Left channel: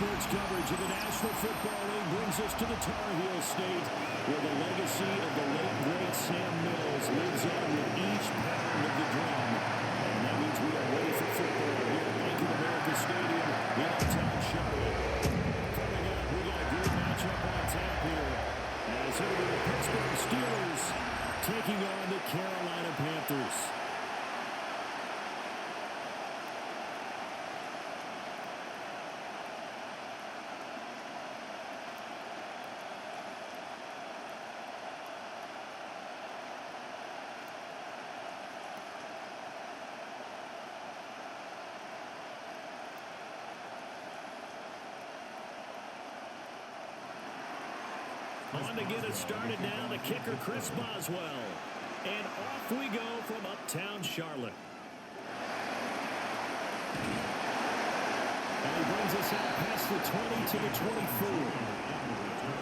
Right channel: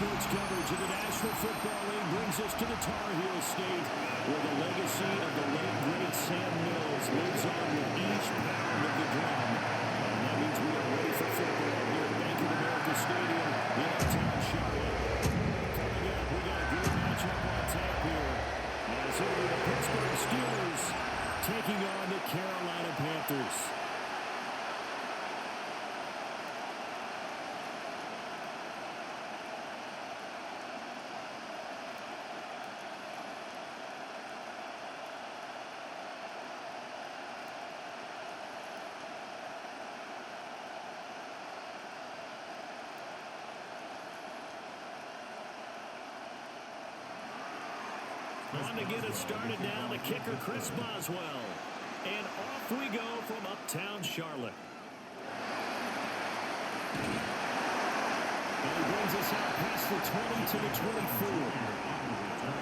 sports coverage of the National Football League brings us to the Tar Heel State, where the legacy of the late, great Sam Mills lives on with each pound of the drum. And that means we are ready for football here at Bank of America Stadium in uptown Charlotte. Coming up, we got a good matchup on tap here, as it will be the Pittsburgh Steelers taking on the Carolina Panthers. On to get us started now, the kicker, Chris Boswell. And off we go from uptown Charlotte. And he brings us out past the 20 to the 24.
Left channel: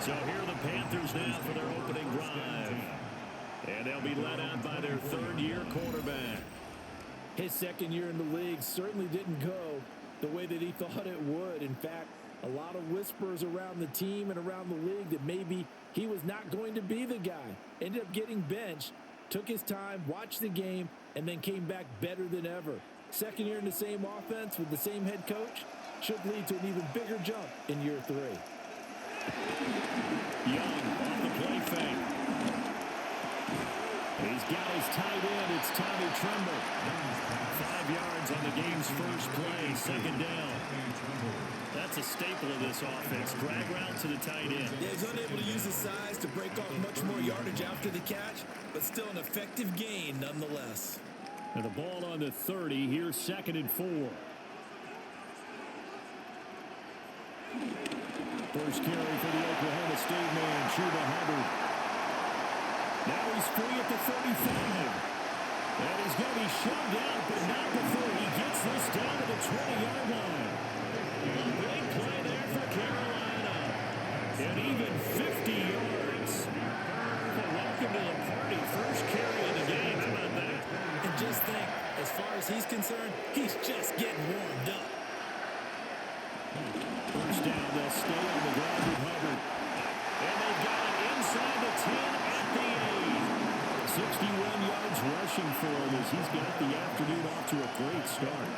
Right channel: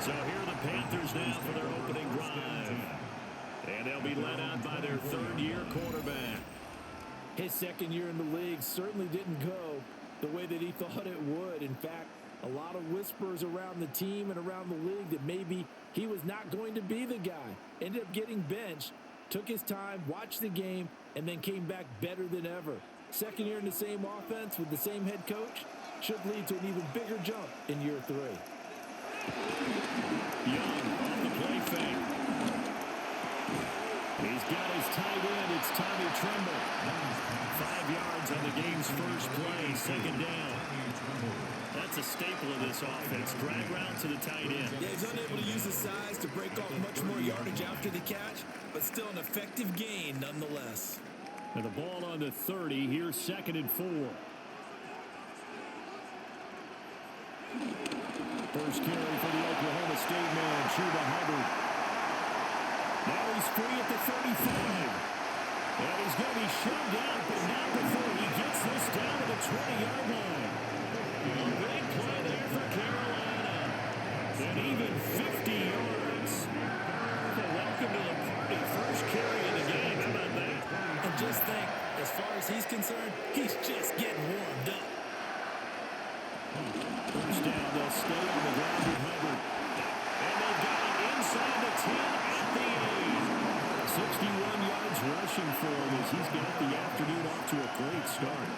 So here are the Panthers now for their opening drive. And they'll be led out by their third-year quarterback. His second year in the league certainly didn't go the way that he thought it would. In fact, a lot of whispers around the team and around the league that maybe he was not going to be the guy. Ended up getting benched, took his time, watched the game, and then came back better than ever. Second year in the same offense with the same head coach should lead to an even bigger jump in year 3. Young on the play fake. He's got his tight end. It's Tommy Tremble. 5 yards on the game's first play. Second down. That's a staple of this offense. Drag route to the tight end. Yeah, he's unable to use his size to break off much more yardage after the catch, but still an effective gain nonetheless. And the ball on the 30. Here's 2nd and 4. First carry for the Oklahoma State man, Chuba Hubbard. Now he's free at the 35. And he's going to be shoved out, but not before he gets this down to the 20-yard line. A big play there for Carolina. And even 50 yards. Well, welcome to the party. First carry of the game. How about that? And just think, as far as he's concerned, he's just getting warmed up. First down, they'll stay on the ground with Hubbard. And they've got it inside the 10 at the 8. 61 yards rushing for him as he's got the afternoon off to a great start.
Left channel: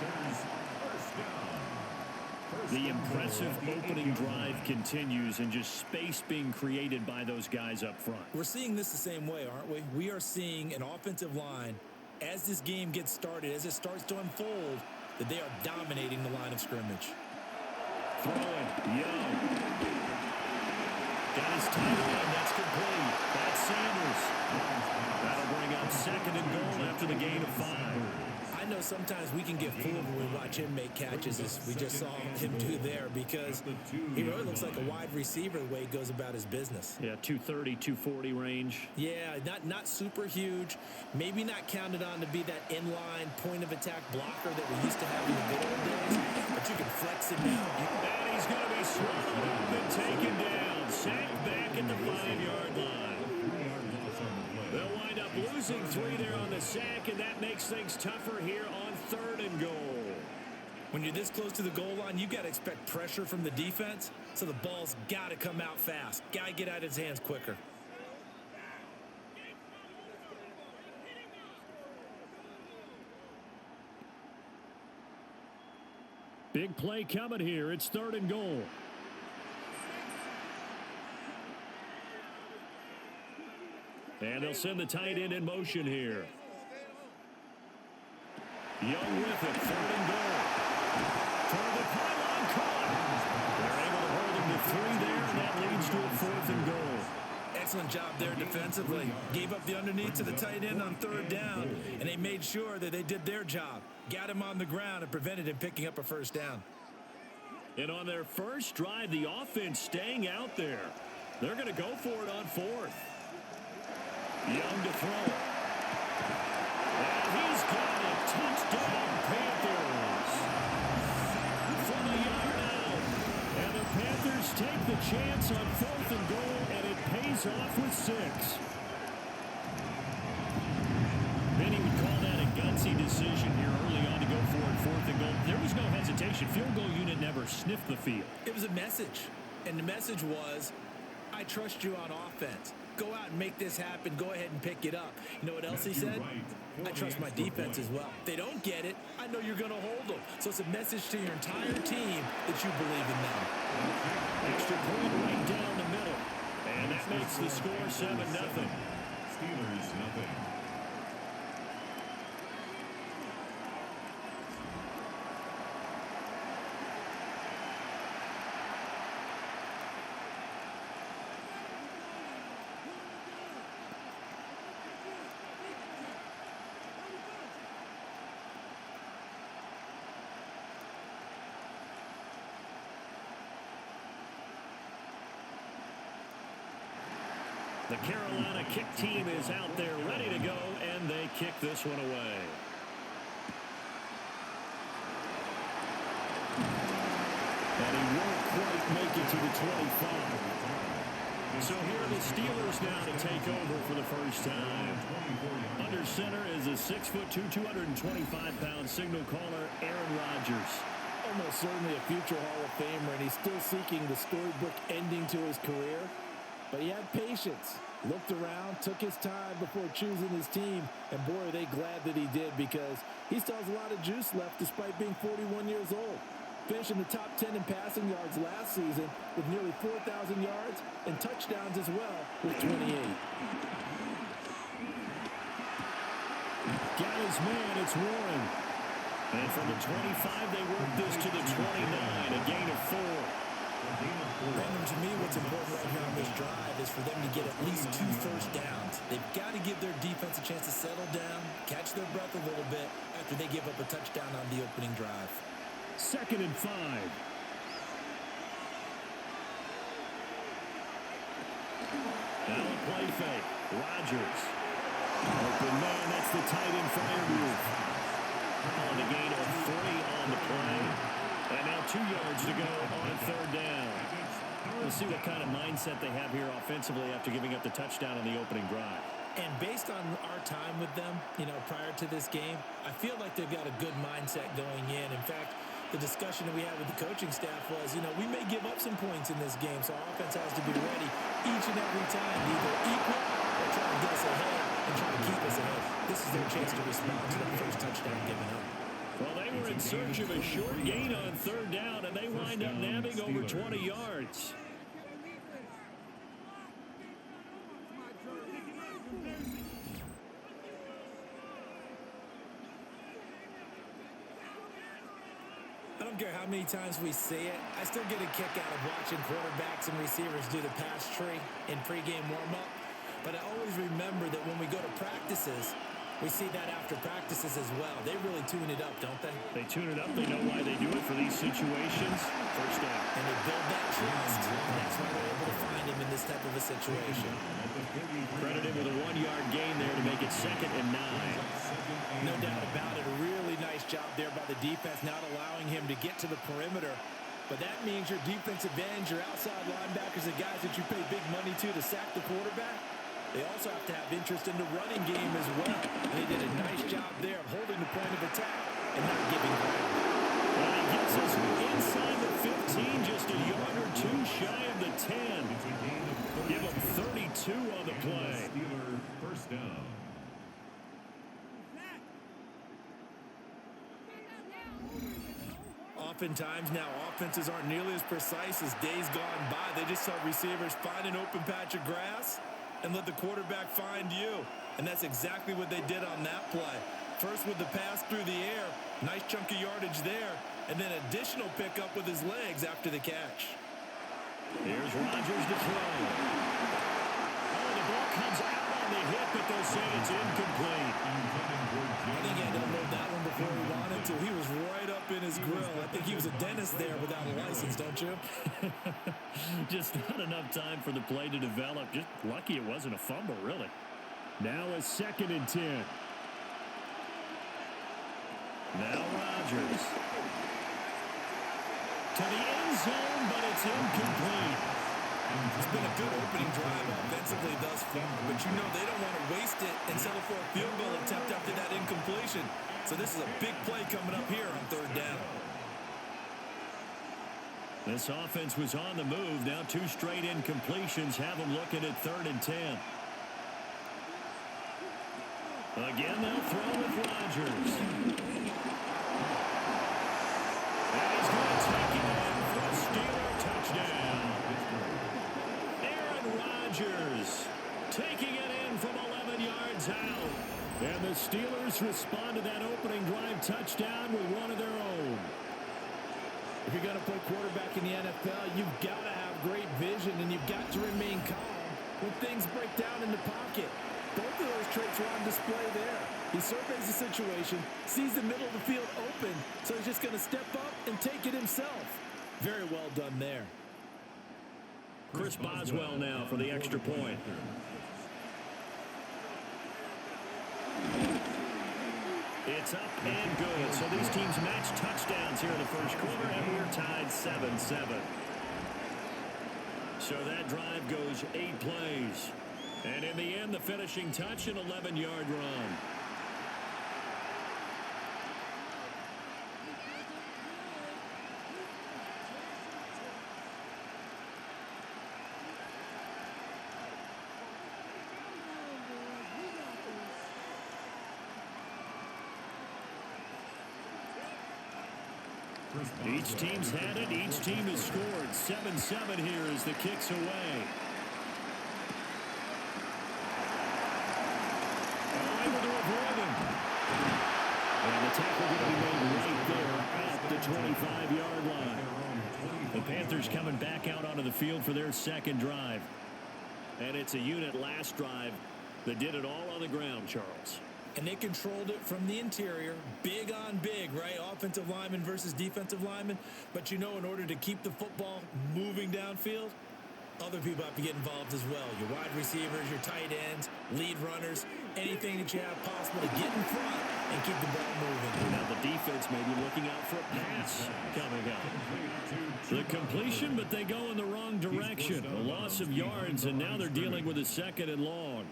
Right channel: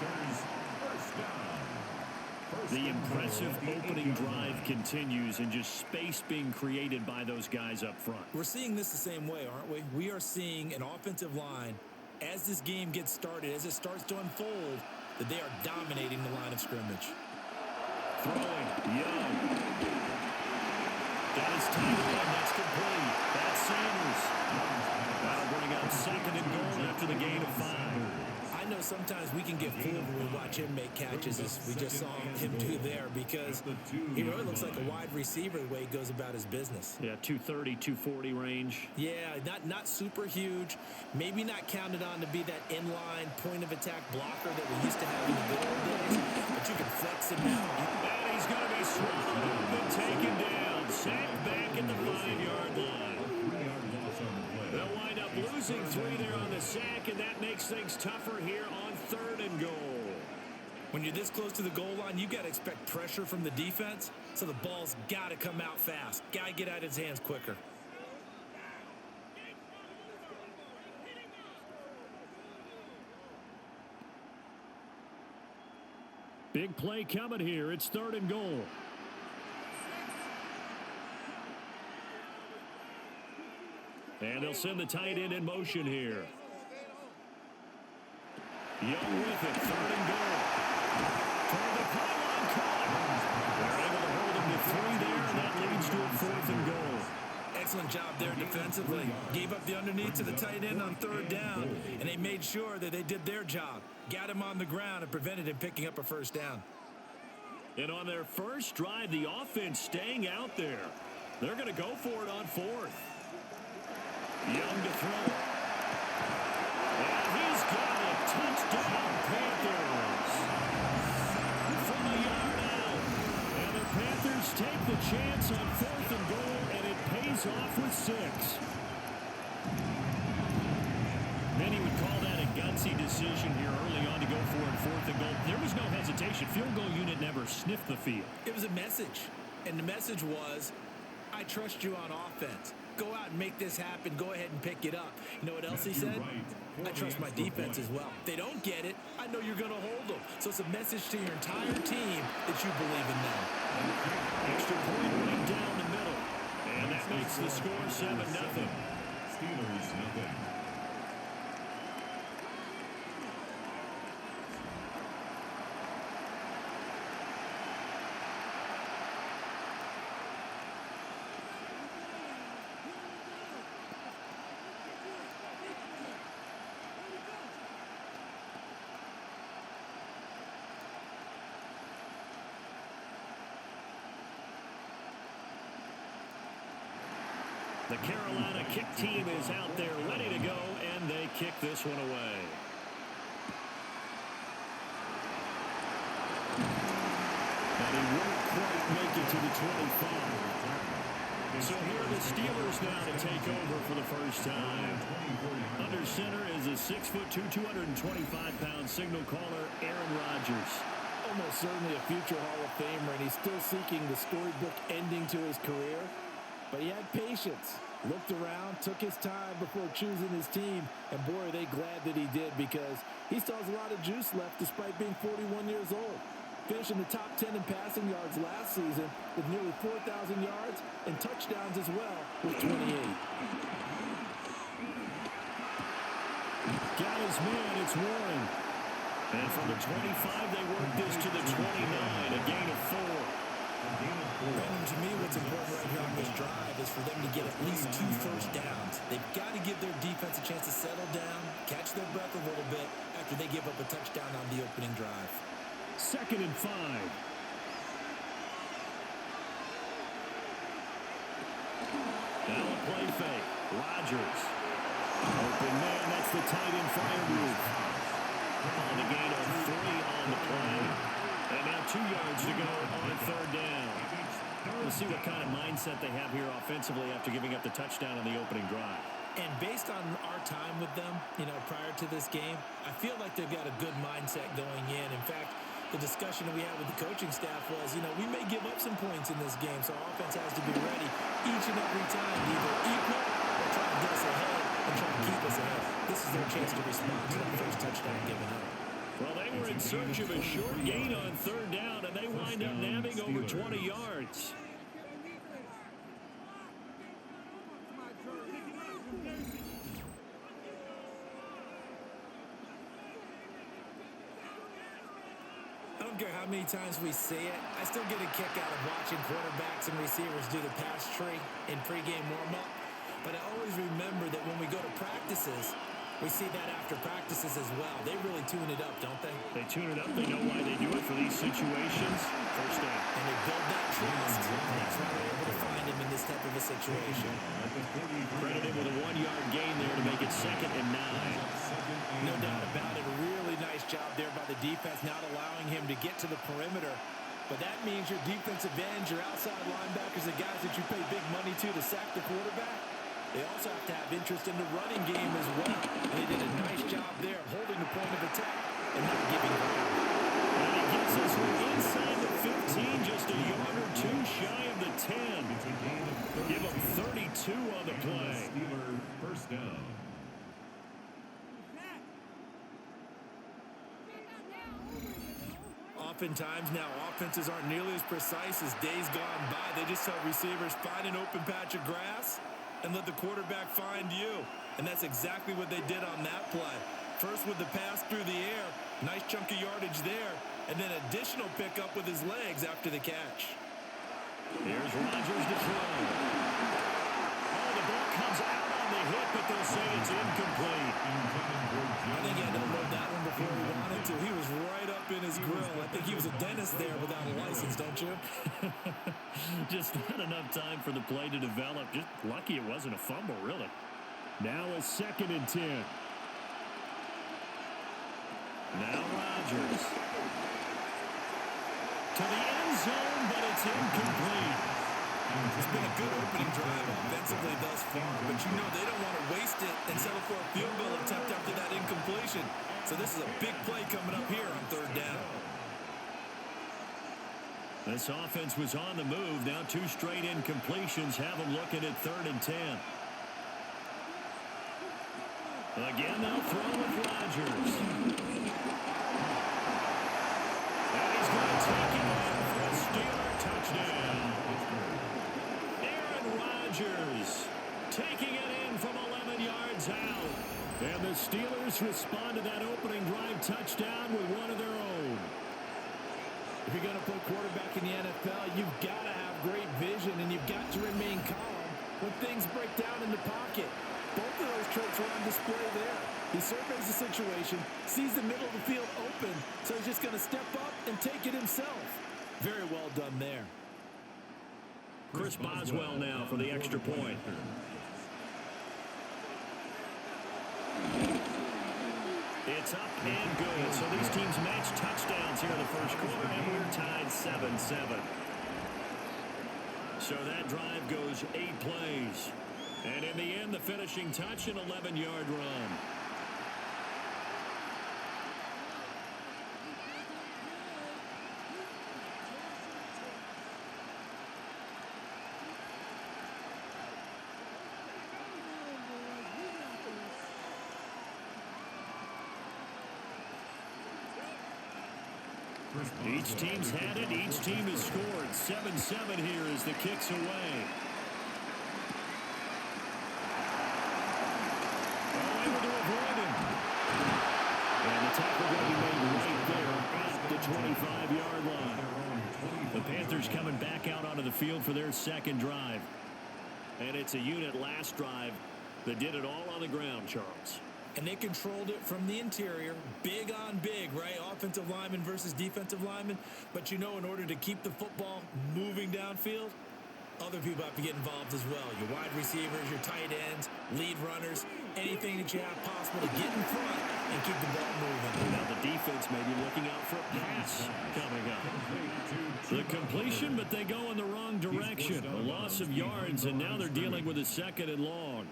Panthers, first down. The impressive opening drive continues, and just space being created by those guys up front. We're seeing this the same way, aren't we? We are seeing an offensive line, as this game gets started, as it starts to unfold, that they are dominating the line of scrimmage. Throwing, Young. Got his tight end, that's complete. That's Sanders. That'll bring up 2nd and goal after the gain of 5. I know sometimes we can get fooled when we watch him make catches, as we just saw him do there, because he really looks like a wide receiver the way he goes about his business. Yeah, 230, 240 range. Yeah, not super huge. Maybe not counted on to be that inline point-of-attack blocker that we used to have in the good old days, but you can flex him out. And he's going to be swallowed up and taken down. Sacked back at the 5-yard line. They'll wind up losing 3 there on the sack, and that makes things tougher here on 3rd and goal. When you're this close to the goal line, you've got to expect pressure from the defense, so the ball's got to come out fast. Got to get out of his hands quicker. Big play coming here. It's 3rd and goal. And they'll send the tight end in motion here. Young with it, 3rd and goal. Toward the pylon, caught. They're able to hold him to 3 there, and that leads to a 4th and goal. Excellent job there defensively. Gave up the underneath to the tight end on 3rd down, and they made sure that they did their job. Got him on the ground and prevented him picking up a 1st down. And on their first drive, the offense staying out there. They're going to go for it on 4th. Young to throw it. And he's got it. Touchdown, Panthers. From a yard out. And the Panthers take the chance on 4th and goal, and it pays off with 6. Many would call that a gutsy decision here early on to go for it 4th and goal. There was no hesitation. Field goal unit never sniffed the field. It was a message, and the message was, I trust you on offense. Go out and make this happen. Go ahead and pick it up. You know what else he said? I trust my defense as well. If they don't get it, I know you're going to hold them. So it's a message to your entire team that you believe in them. Extra point right down the middle. And that makes the score 7-0. Steelers nothing. The Carolina kick team is out there ready to go, and they kick this one away. And he won't quite make it to the 25. So here are the Steelers now to take over for the first time. Under center is a 6'2", 225-pound signal caller, Aaron Rodgers. Almost certainly a future Hall of Famer, and he's still seeking the storybook ending to his career. But he had patience, looked around, took his time before choosing his team, and boy, are they glad that he did, because he still has a lot of juice left despite being 41 years old. Finishing the top 10 in passing yards last season with nearly 4,000 yards and touchdowns as well with 28. Got his man, it's Warren. And from the 25, they work this to the 29, a gain of 4. Random, to me, what's important right here on this drive is for them to get at least 2 first downs. They've got to give their defense a chance to settle down, catch their breath a little bit after they give up a touchdown on the opening drive. 2nd and 5. Now a play fake. Rodgers. Open man, that's the tight end flyer move. On the gain of 3 on the play. And now 2 yards to go on 3rd down. We'll see what kind of mindset they have here offensively after giving up the touchdown on the opening drive. And based on our time with them, prior to this game, I feel like they've got a good mindset going in. In fact, the discussion that we had with the coaching staff was, we may give up some points in this game, so our offense has to be ready each and every time to either equal or try and get us ahead and try to keep us ahead. This is their chance to respond to the first touchdown given up. Well, they were in search of a short gain on 3rd down, and they wind up nabbing over 20 yards. I don't care how many times we see it, I still get a kick out of watching quarterbacks and receivers do the pass tree in pregame warm-up. But I always remember that when we go to practices, we see that after practices as well. They really tune it up, don't they? They tune it up. They know why they do it for these situations. First down. And they build that trust. And that's why they're able to find him in this type of a situation. Credited with a 1-yard gain there to make it 2nd and 9. No doubt about it. A really nice job there by the defense, not allowing him to get to the perimeter. But that means your defensive ends, your outside linebackers, the guys that you pay big money to sack the quarterback, they also have to have interest in the running game as well. And they did a nice job there of holding the point of attack and not giving ground. And he gets us inside the 15, just a yard or 2 shy of the 10. Give him 32 on the play. Steeler first down. Oftentimes now, offenses aren't nearly as precise as days gone by. They just tell receivers, find an open patch of grass and let the quarterback find you. And that's exactly what they did on that play. First with the pass through the air, nice chunk of yardage there, and then additional pickup with his legs after the catch. Here's Rodgers to throw. Oh, the ball comes out on the hit, but they'll say it's incomplete. I think he had to unload that one before he wanted to. He was right up in his grill. I think he was a dentist there without a license, don't you? Just not enough time for the play to develop. Just lucky it wasn't a fumble, really. Now a 2nd and 10. Now Rodgers. To the end zone, but it's incomplete. It's been a good opening drive offensively thus far, but you know they don't want to waste it and settle for a field goal attempt after that incompletion. So this is a big play coming up here on third down. This offense was on the move. Now 2 straight incompletions have them looking at 3rd and 10. Again, they'll throw with Rodgers. And he's going to take it in for a Steeler touchdown. Aaron Rodgers taking it in from 11 yards out. And the Steelers respond to that opening drive touchdown with one of their own. If you're going to play quarterback in the NFL, you've got to have great vision, and you've got to remain calm when things break down in the pocket. Both of those traits were on display there. He surveys the situation, sees the middle of the field open, so he's just going to step up and take it himself. Very well done there. Chris Boswell now for the extra point. It's up and good. So these teams match touchdowns here in the first quarter, and we're tied 7-7. So that drive goes 8 plays. And in the end, the finishing touch, an 11-yard run. Each team's had it. Each team has scored. 7-7 here as the kick's away. Oh, able to avoid him. And the tackle going to be made right there at the 25-yard line. The Panthers coming back out onto the field for their second drive. And it's a unit last drive that did it all on the ground, Charles. And they controlled it from the interior, big on big, right? Offensive lineman versus defensive lineman. But you know, in order to keep the football moving downfield, other people have to get involved as well. Your wide receivers, your tight ends, lead runners, anything that you have possible to get in front and keep the ball moving. Now the defense may be looking out for a pass coming up. The completion, but they go in the wrong direction. A loss of yards, and now they're dealing with a 2nd and long.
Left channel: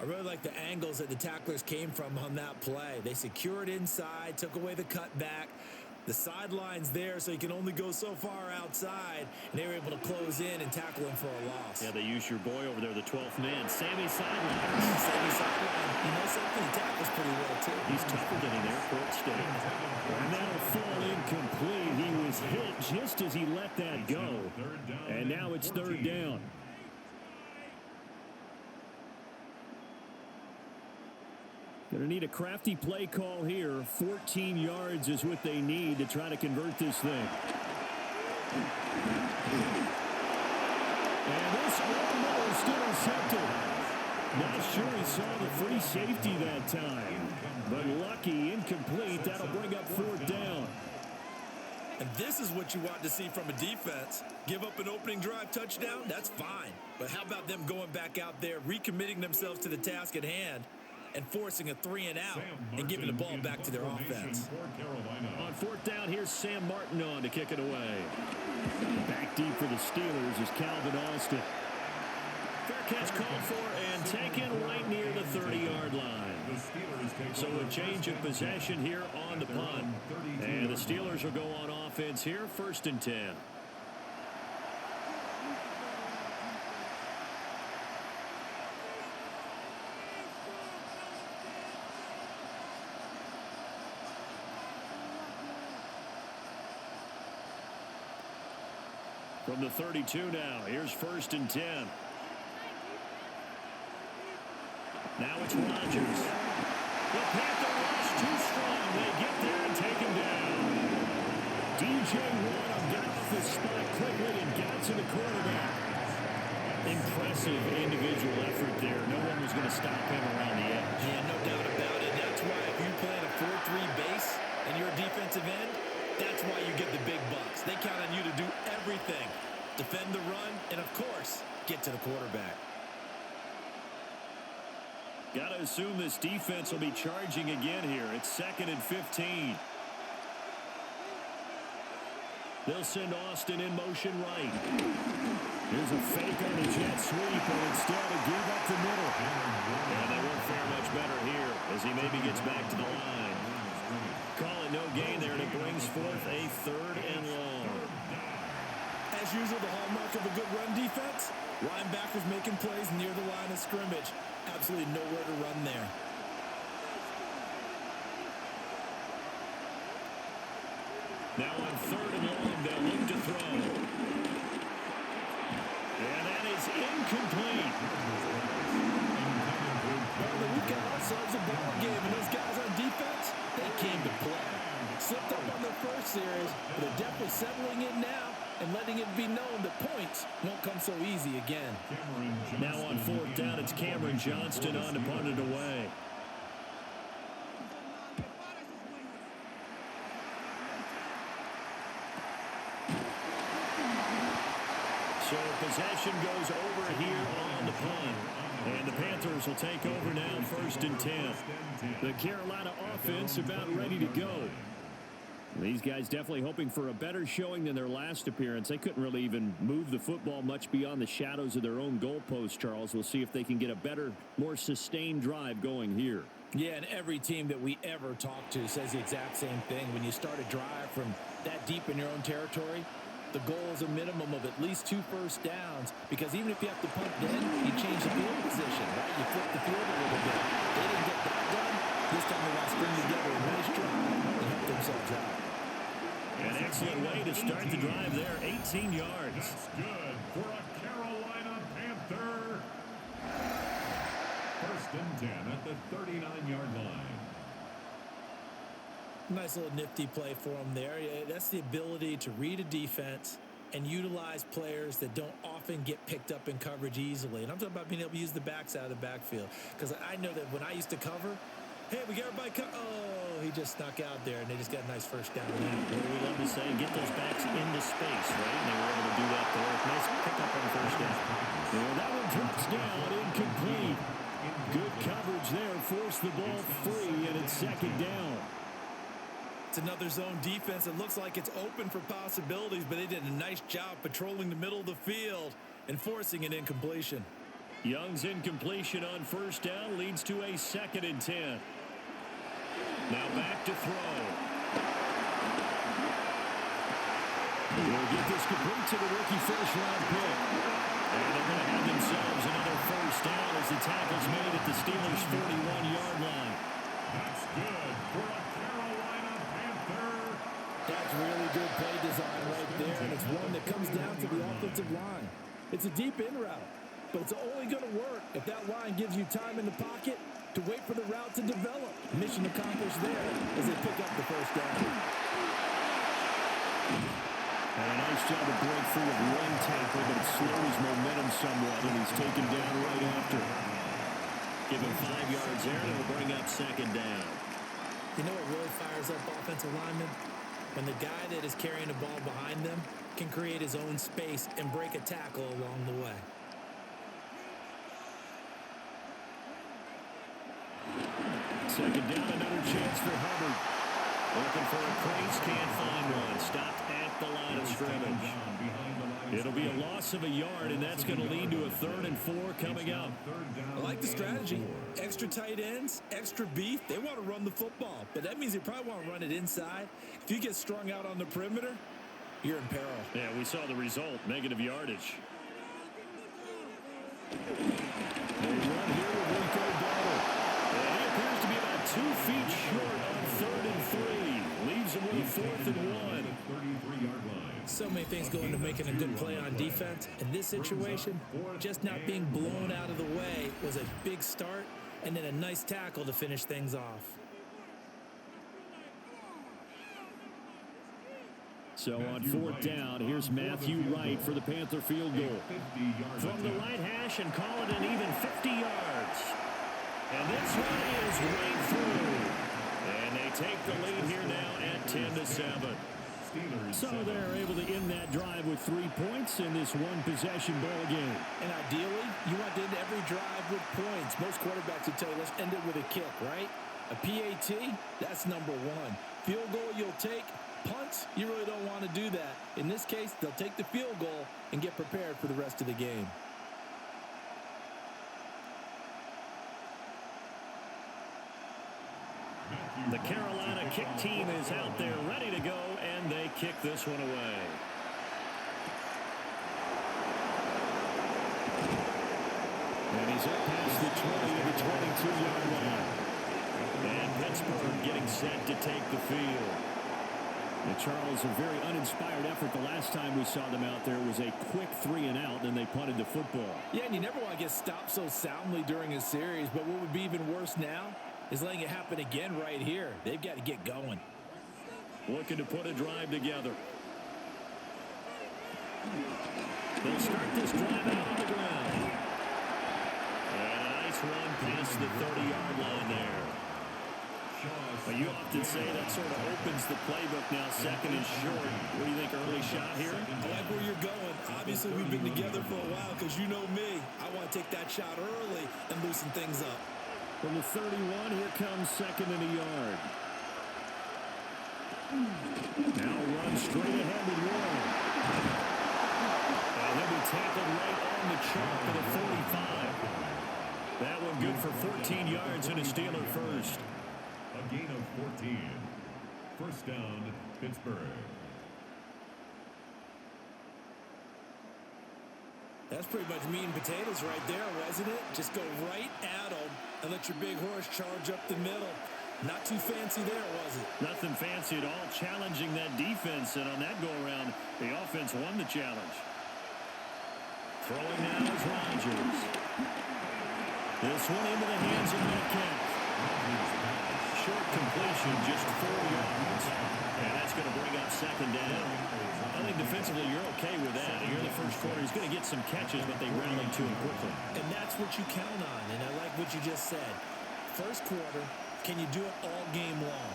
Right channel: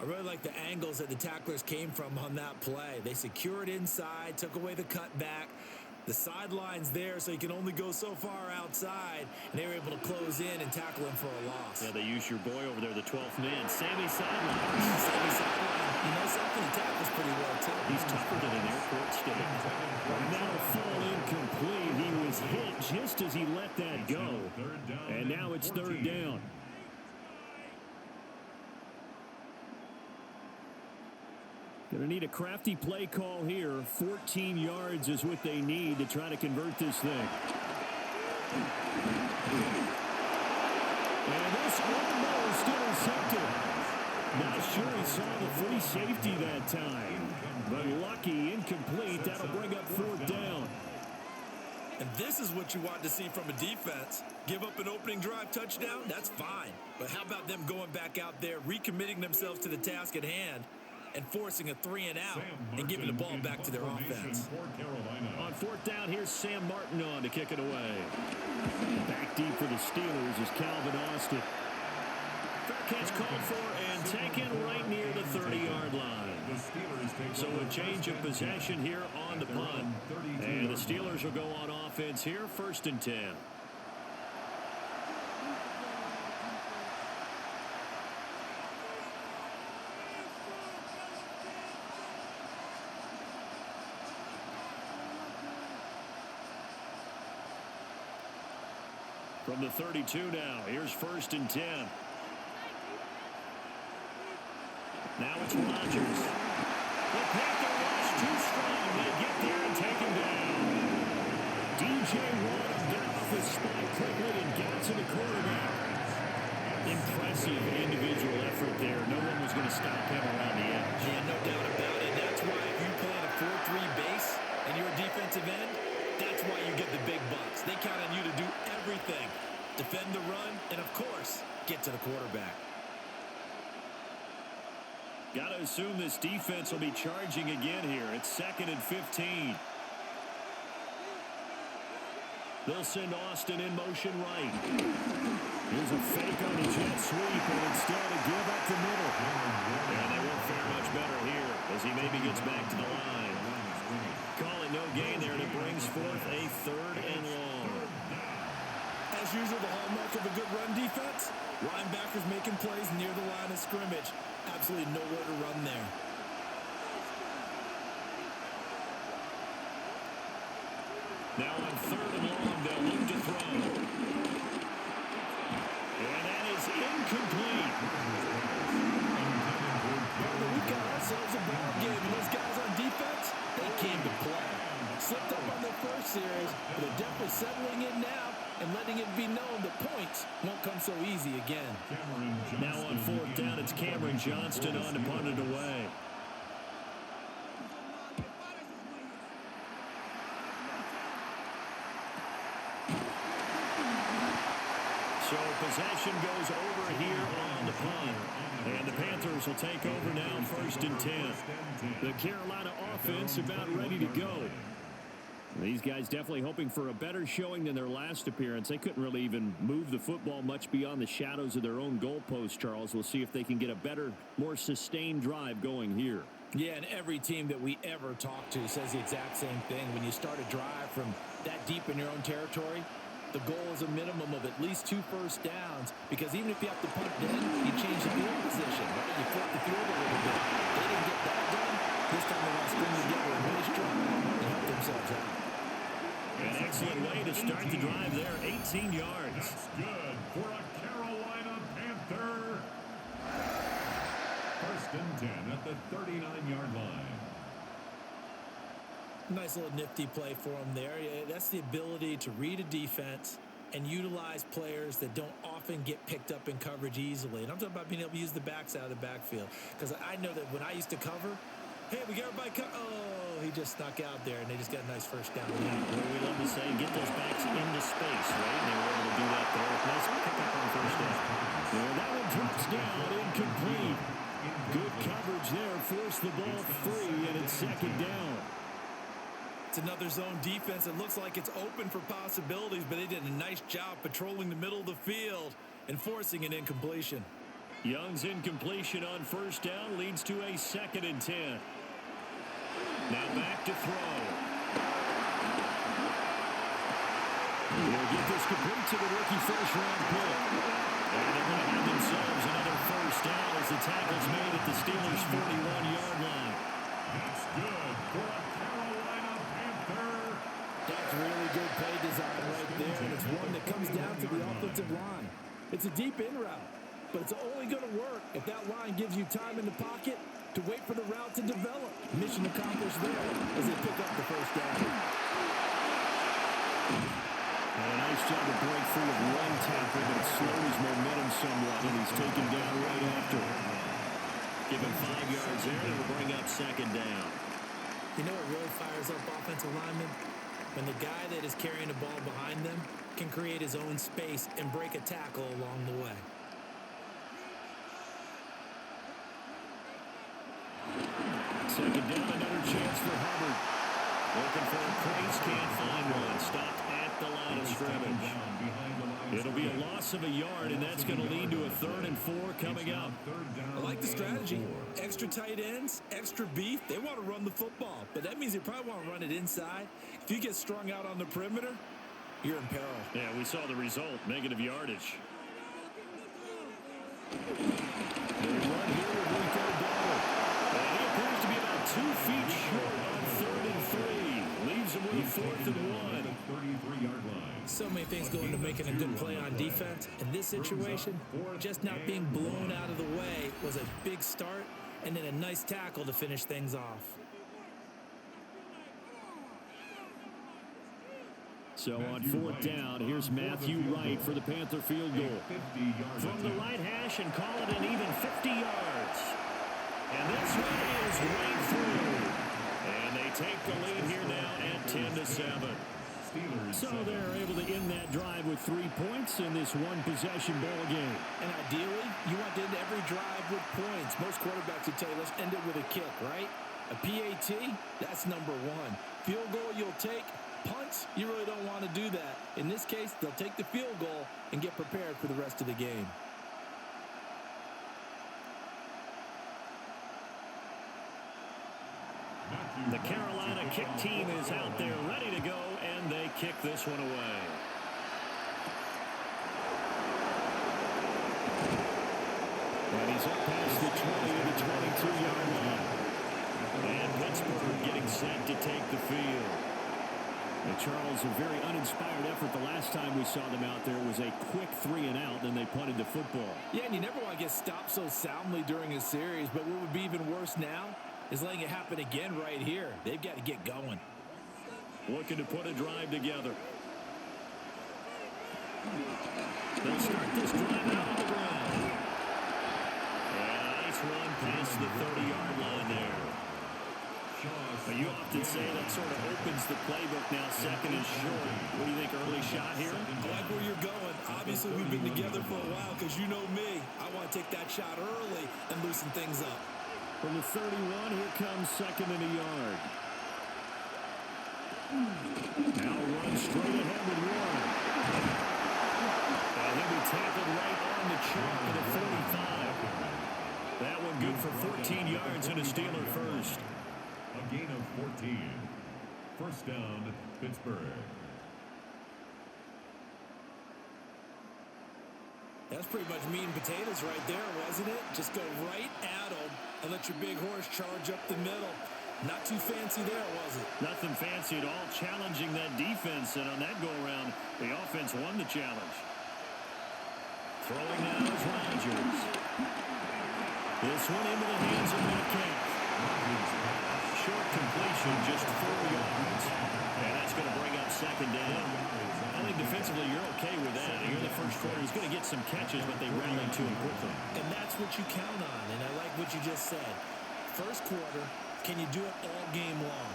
I really like the angles that the tacklers came from on that play. They secured inside, took away the cutback. The sideline's there, so you can only go so far outside, and they were able to close in and tackle him for a loss. Yeah, they used your boy over there, the 12th man, Sammy Sideline. Sammy Sideline. You know something? He tackles pretty well, too. He's tougher than an airport steak. And that'll fall incomplete. He was hit just as he let that go. And now it's 3rd down. Going to need a crafty play call here. 14 yards is what they need to try to convert this thing. And this almost intercepted. Not sure he saw the free safety that time. But lucky, incomplete. That'll bring up 4th down. And this is what you want to see from a defense. Give up an opening drive touchdown, that's fine. But how about them going back out there, recommitting themselves to the task at hand, and forcing a 3 and out and giving the ball back to their offense. On 4th down, here's Sam Martin on to kick it away. Back deep for the Steelers is Calvin Austin. Fair catch called for and taken right near the 30-yard line. So a change of possession here on the punt. And the Steelers will go on offense here, 1st and 10. From the 32 now, here's 1st and 10. Now it's Rodgers. The Panther rush too strong. They get there and take him down. DJ Waddle got off his spot quickly and got to the quarterback. Impressive individual effort there. No one was going to stop him around the edge. Yeah, no doubt about it. That's why if you play in a 4-3 base and you're a defensive end, that's why you get the big bucks. They count on you to do everything. Defend the run, and of course, get to the quarterback. Got to assume this defense will be charging again here. It's 2nd and 15. They'll send Austin in motion right. Here's a fake on the jet sweep, and instead a give up the middle. And they won't fare much better here as he maybe gets back to the line. Call it no gain there, and it brings forth a 3rd and long. As usual, the hallmark of a good run defense, linebackers making plays near the line of scrimmage. Absolutely nowhere to run there. Now on 3rd and long, they'll look to throw. And that is incomplete. Partner, we've got ourselves a ball game, and those guys on defense, they came to play. Slipped up on their first series, but they're definitely settling in now and letting it be known that points won't come so easy again. Now on 4th down, it's Cameron Johnston on to punt it away. So possession goes over here on the punt. And the Panthers will take over now, 1st and 10. The Carolina offense about ready to go. These guys definitely hoping for a better showing than their last appearance. They couldn't really even move the football much beyond the shadows of their own goalpost, Charles. We'll see if they can get a better, more sustained drive going here. Yeah, and every team that we ever talk to says the exact same thing. When you start a drive from that deep in your own territory, the goal is a minimum of at least 2 first downs, because even if you have to punt then, you change the field position, right? You flip the field a little bit. They didn't get that done. This time they want to string together a nice drive and help themselves out. An excellent way to start the drive there, 18 yards. That's good for a Carolina Panther. 1st and 10 at the 39-yard line. Nice little nifty play for him there. Yeah, that's the ability to read a defense and utilize players that don't often get picked up in coverage easily. And I'm talking about being able to use the backs out of the backfield. Because I know that when I used to cover, hey, we got everybody oh, he just snuck out there, and they just got a nice first down. Well, we love to say get those backs into space, right? And they were able to do that there. Nice pickup on 1st down. And that one drops down, incomplete. Good coverage there, forced the ball free, and it's 2nd down. It's another zone defense. It looks like it's open for possibilities, but they did a nice job patrolling the middle of the field and forcing an incompletion. Young's incompletion on 1st down leads to a 2nd and 10. Now back to throw. He'll get this complete to the rookie 1st-round pick. And they're going to have themselves another 1st down as the tackle's made at the Steelers' 41-yard line. That's good for a Carolina Panther. That's really good play design right there, and it's one that comes down to the offensive line. It's a deep in route, but it's only going to work if that line gives you time in the pocket to wait for the route to develop. Mission accomplished there as they pick up the 1st down. And a nice job to break free of one tackle, but it slowed his momentum somewhat, and he's taken down right after. Give him 5 yards there, and it'll bring up 2nd down. You know what really fires up offensive linemen? When the guy that is carrying the ball behind them can create his own space and break a tackle along the way. Second down, another chance for Hubbard. Looking for a crease, can't find one. Stopped at the line of scrimmage. It'll be a loss of a yard, and that's going to lead to a 3rd and 4 coming up. I like the strategy. Extra tight ends, extra beef. They want to run the football, but that means they probably want to run it inside. If you get strung out on the perimeter, you're in peril. Yeah, we saw the result, negative yardage. They run here with Rico Dowdle. And he appears to be about 2 feet short on 3rd and 3. Leaves him with a 4th and 1. 33-yard line. So many things go into making a good play on defense. In this situation, just not being blown out of the way was a big start, and then a nice tackle to finish things off. So on 4th down, here's Matthew Wright for the Panther field goal. From the right hash and call it an even 50 yards. And this one is right through. And they take the lead here now at 10-7. So they're able to end that drive with 3 points in this one-possession ball game. And ideally, you want to end every drive with points. Most quarterbacks would tell you, let's end it with a kick, right? A PAT, that's number 1. Field goal you'll take, Punts, you really don't want to do that. In this case, they'll take the field goal and get prepared for the rest of the game. The Carolina kick team is out there ready to go, and they kick this one away. And he's up past the 20 to the 22-yard line. And Pittsburgh getting set to take the field. Now, Charles, a very uninspired effort the last time we saw them out there was a quick 3-and-out, and they punted the football. Yeah, and you never want to get stopped so soundly during a series, but what would be even worse now is letting it happen again right here. They've got to get going. Looking to put a drive together. They'll start this drive out on the ground. And a nice run past the 30-yard line there. You often say that sort of opens the playbook now, second and short. What do you think, early shot here? I like where you're going. Obviously, we've been together for a while because you know me. I want to take that shot early and loosen things up. From the 31, here comes second and a yard. Now run straight ahead with Warren. And he'll be tackled right on the chalk of the 45. That one good for 14 yards and a Steeler first. A gain of 14. First down, Pittsburgh. That's pretty much meat and potatoes right there, wasn't it? Just go right at them and let your big horse charge up the middle. Not too fancy there, was it? Nothing fancy at all, challenging that defense, and on that go-around, the offense won the challenge. Throwing now is Rodgers. This one into the hands of Metcalf. Short completion, just 4 yards. And that's going to bring up second down. I think defensively you're okay with that. Here in the first quarter, he's going to get some catches, but they rallied to him quickly. And that's what you count on, and I like what you just said. First quarter, can you do it all game long?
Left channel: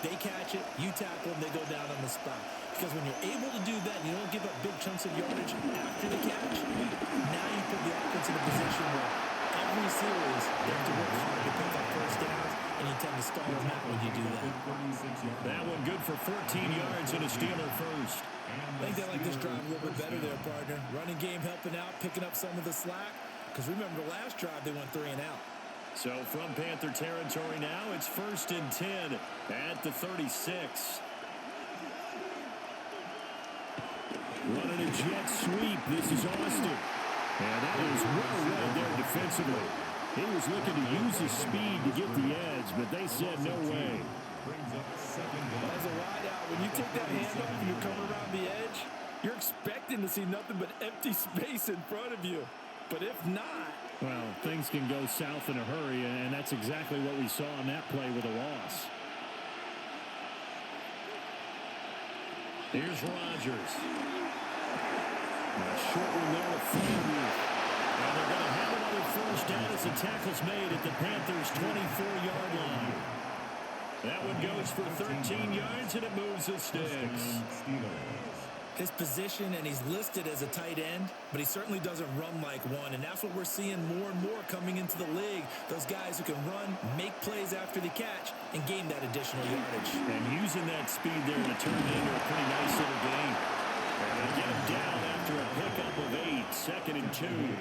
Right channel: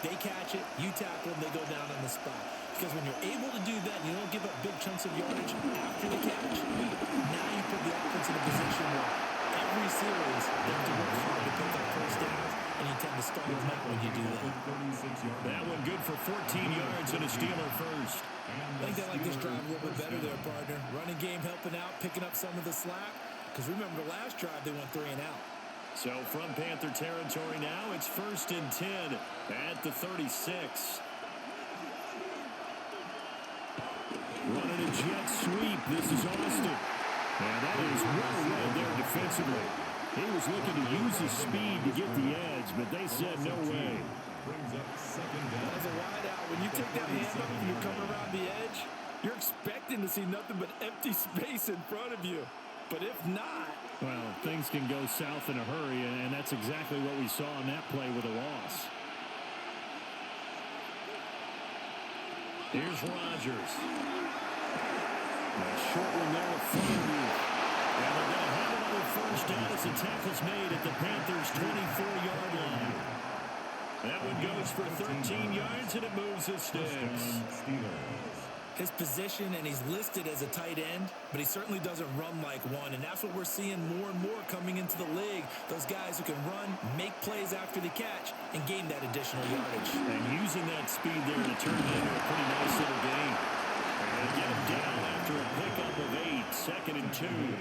They catch it, you tackle them, they go down on the spot. Because when you're able to do that and you don't give up big chunks of yardage after the catch, now you put the offense in a position where every series they have to work hard to pick up first downs, and you tend to stall them out when you do that. That one good for 14 yards and a Steeler first. I think they like this drive a little bit better there, partner. Running game helping out, picking up some of the slack. Because remember the last drive, they went 3-and-out. So from Panther territory now, it's 1st and 10 at the 36. Running a jet sweep. This is Austin. And that is well read there defensively. He was looking to use his speed to get the edge, but they said no way. Brings up second down. As a wideout, when you take that handoff and you're coming around the edge, you're expecting to see nothing but empty space in front of you. But if not... Well, things can go south in a hurry, and that's exactly what we saw on that play with a loss. Here's Rodgers. A short one there to Freiermuth. And they're going to have another first down as the tackle's made at the Panthers' 24-yard line. That one goes for 13 yards, and it moves the sticks. His position, and he's listed as a tight end, but he certainly doesn't run like one, and that's what we're seeing more and more coming into the league. Those guys who can run, make plays after the catch, and gain that additional yardage. And using that speed there to turn it into a pretty nice little game. And they'll get him down after a pickup of 8, 2nd and 2.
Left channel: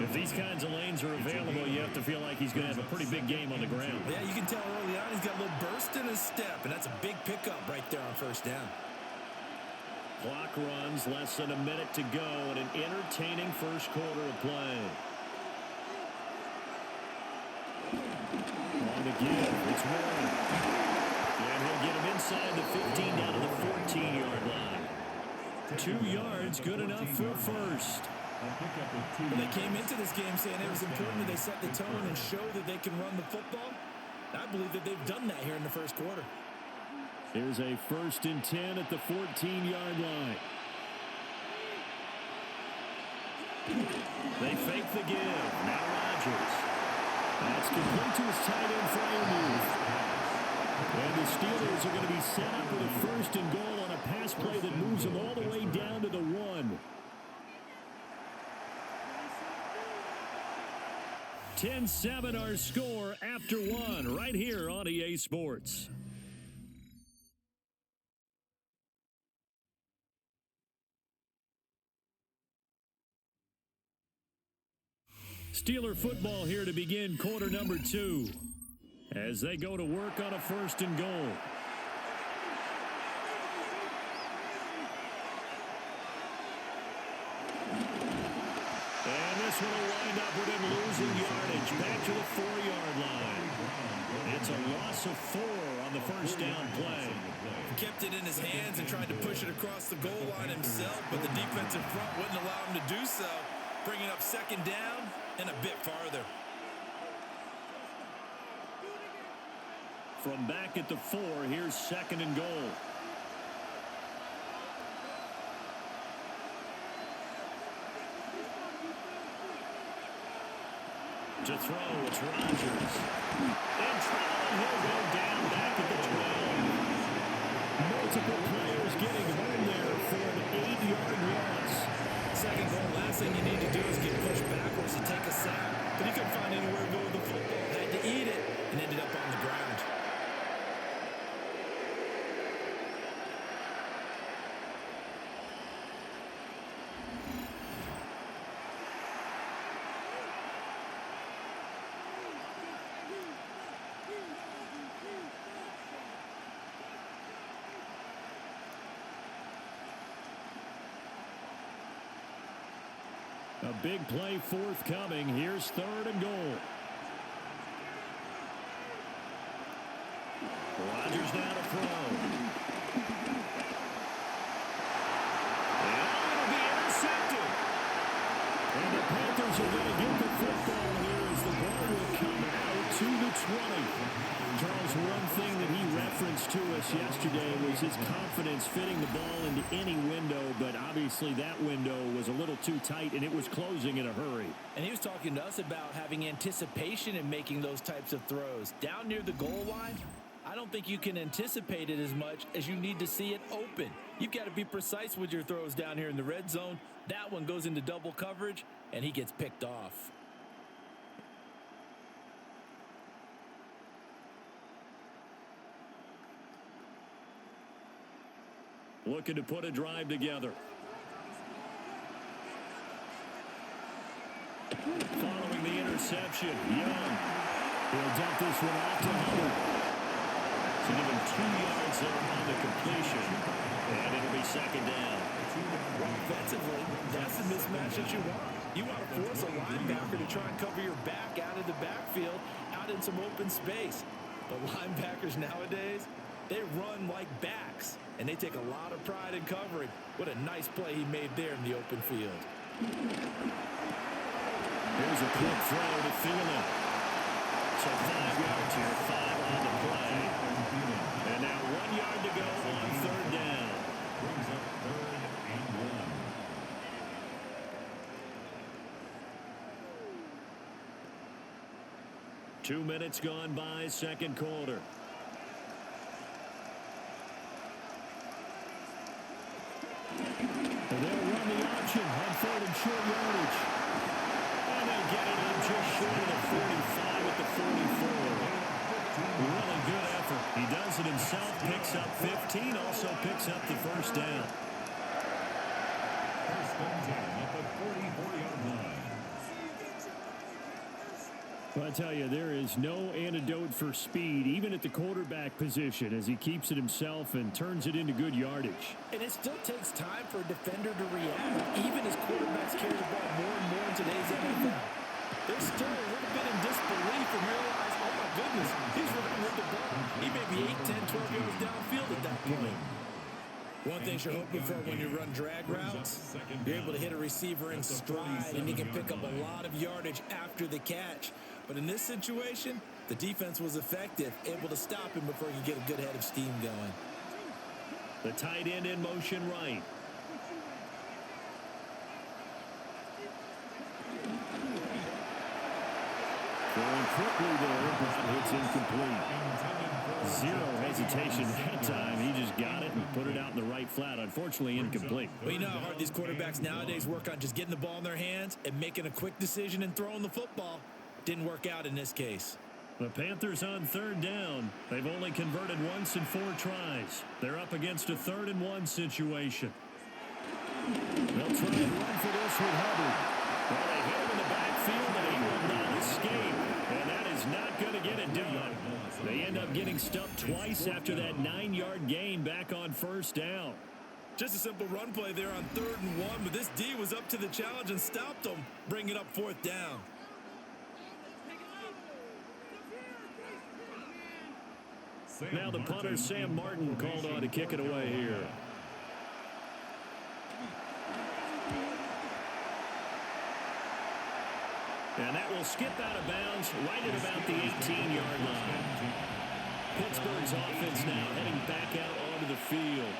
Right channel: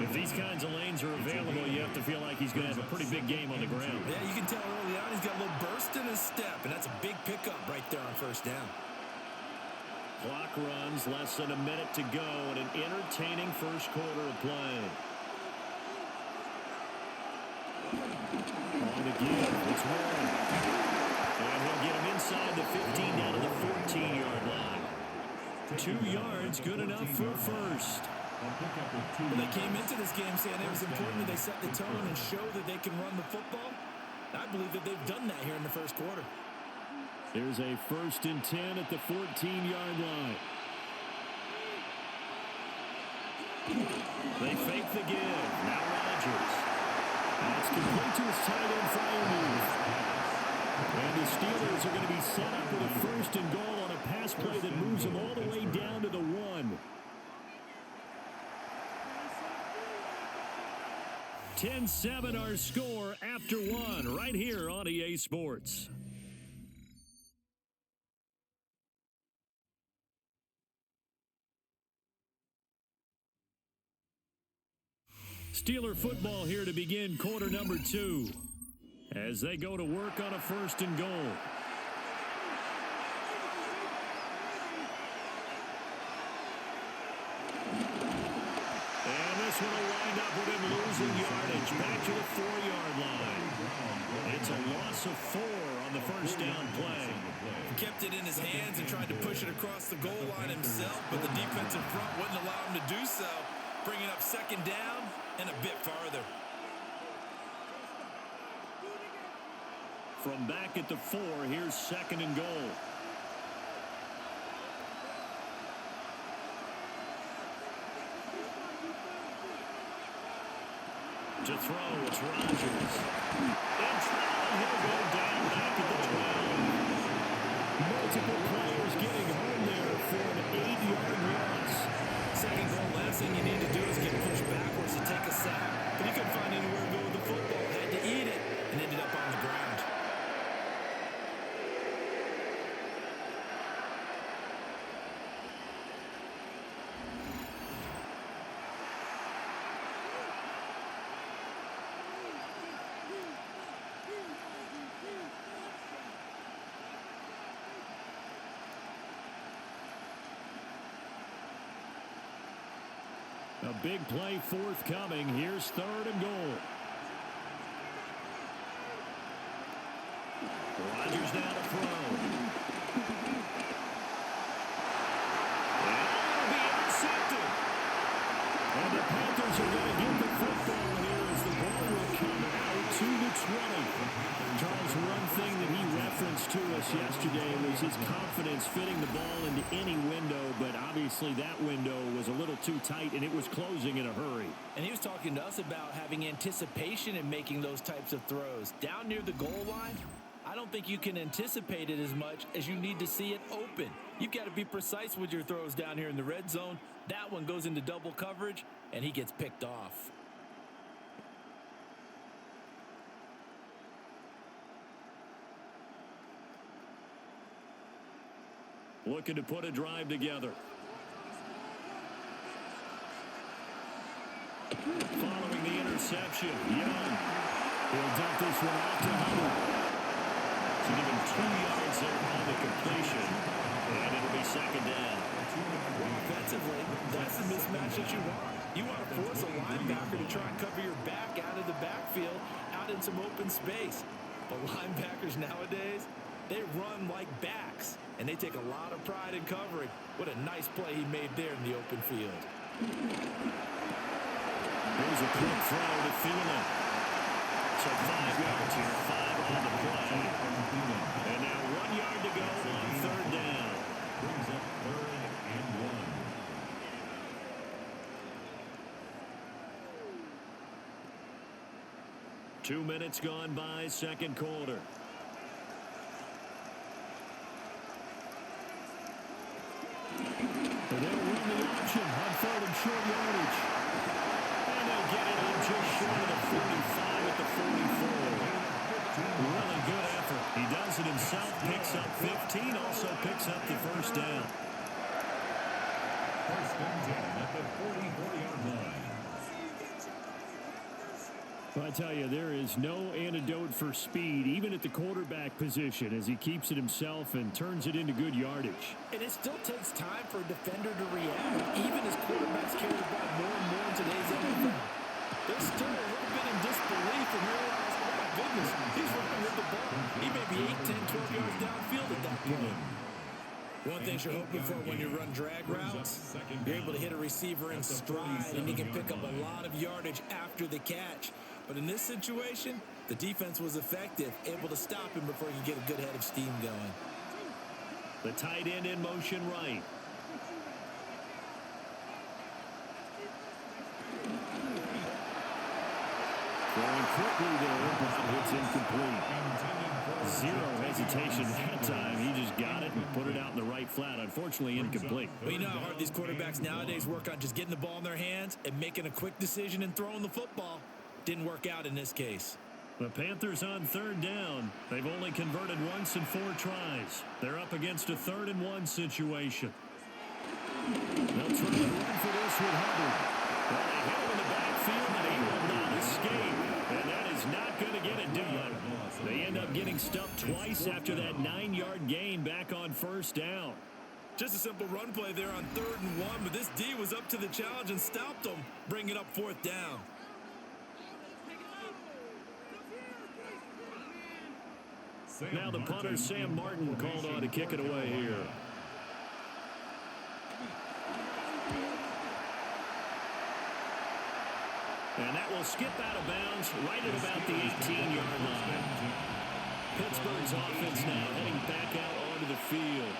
If these kinds of lanes are available, you have to feel like he's going to have a pretty big game on the ground. Yeah, you can tell early on he's got a little burst in his step, and that's a big pickup right there on first down. Clock runs, less than a minute to go, and an entertaining first quarter of play. On the give, it's Warren. And he'll get him inside the 15 down to the 14-yard line. 2 yards, good enough for a first. Well, they came into this game saying it was important that they set the tone and show that they can run the football. I believe that they've done that here in the first quarter. Here's a 1st and 10 at the 14-yard line. They fake the give. Now Rodgers. That's complete to his tight end, Freiermuth. And the Steelers are going to be set up with a 1st and goal on a pass play that moves them all the way down to the 1. 10-7 our score after 1 right here on EA Sports. Steeler football here to begin quarter number 2 as they go to work on a 1st and goal. And this one will wind up with him losing yardage back to the 4-yard line. It's a loss of 4 on the first down play. He kept it in his hands and tried to push it across the goal line himself, but the defensive front wouldn't allow him to do so, bringing up 2nd down and a bit farther. From back at the 4, here's 2nd and goal. To throw, it's Rodgers. In trouble, and he'll go down back at the 12. Multiple players getting home there for an 8-yard loss. 2nd goal, last thing you need to do is get pushed backwards to take a sack. But he couldn't find anywhere to go with the football. Had to eat it and ended up on the ground. A big play forthcoming. Here's 3rd and goal. Rodgers now to throw. And it'll be intercepted. And the Panthers are going to get the football here as the ball will come out to the 20. Charles, one thing that he referenced to us yesterday was his confidence fitting the ball into any window, but obviously that window was a little too tight, and it was closing in a hurry. And he was talking to us about having anticipation in making those types of throws. Down near the goal line, I don't think you can anticipate it as much as you need to see it open. You've got to be precise with your throws down here in the red zone. That one goes into double coverage, and he gets picked off. Looking to put a drive together. Following the interception, Young. He'll dump this one off to Hubbard. So give him 2 yards there on the completion. And it'll be 2nd down. Well, offensively, that's the mismatch that you want. You want to force a linebacker to try and cover your back out of the backfield, out in some open space. But linebackers nowadays, they run like backs, and they take a lot of pride in covering. What a nice play he made there in the open field. Here's a quick throw to Thielen. So 5 yards here, 5 on the play. And now 1 yard to go on 3rd down. Brings up 3rd and 1. Two minutes gone by, 2nd quarter. They'll run the option on 3rd and short yardage. And they'll get it up just short of the 45 at the 44. Really good effort. He does it himself, picks up 15, also picks up the 1st down. 1st and 10 at the 44-yard line. Well, I tell you, there is no antidote for speed, even at the quarterback position, as he keeps it himself and turns it into good yardage. And it still takes time for a defender to react. Even as quarterbacks carry the ball more and more in today's NFL, they're still a little bit in disbelief and realize, oh my goodness, he's running with the ball. He may be 8, 10, 12 yards downfield at that point. One thing you're hoping for when you run drag routes, you're able to hit a receiver in stride, and he can pick up a lot of yardage after the catch. But in this situation, the defense was effective, able to stop him before he could get a good head of steam going. The tight end in motion right. Throwing quickly there, but it's incomplete. Zero hesitation that time. He just got it and put it out in the right flat. Unfortunately, incomplete. Well, you know how hard these quarterbacks nowadays work on just getting the ball in their hands and making a quick decision and throwing the football. Didn't work out in this case. The Panthers on 3rd down. They've only converted once in 4 tries. They're up against a 3rd and 1 situation. They'll try and run for this with Hubbard. Well, they hit him in the backfield, and he will not escape. And that is not going to get it done. They end up getting stuffed twice after that 9-yard gain back on first down. Just a simple run play there on 3rd and 1, but this D was up to the challenge and stopped them, bringing up 4th down. Now the punter, Sam Martin, called on to kick it away here. And that will skip out of bounds right at about the 18-yard line. Pittsburgh's offense now heading back out onto the field.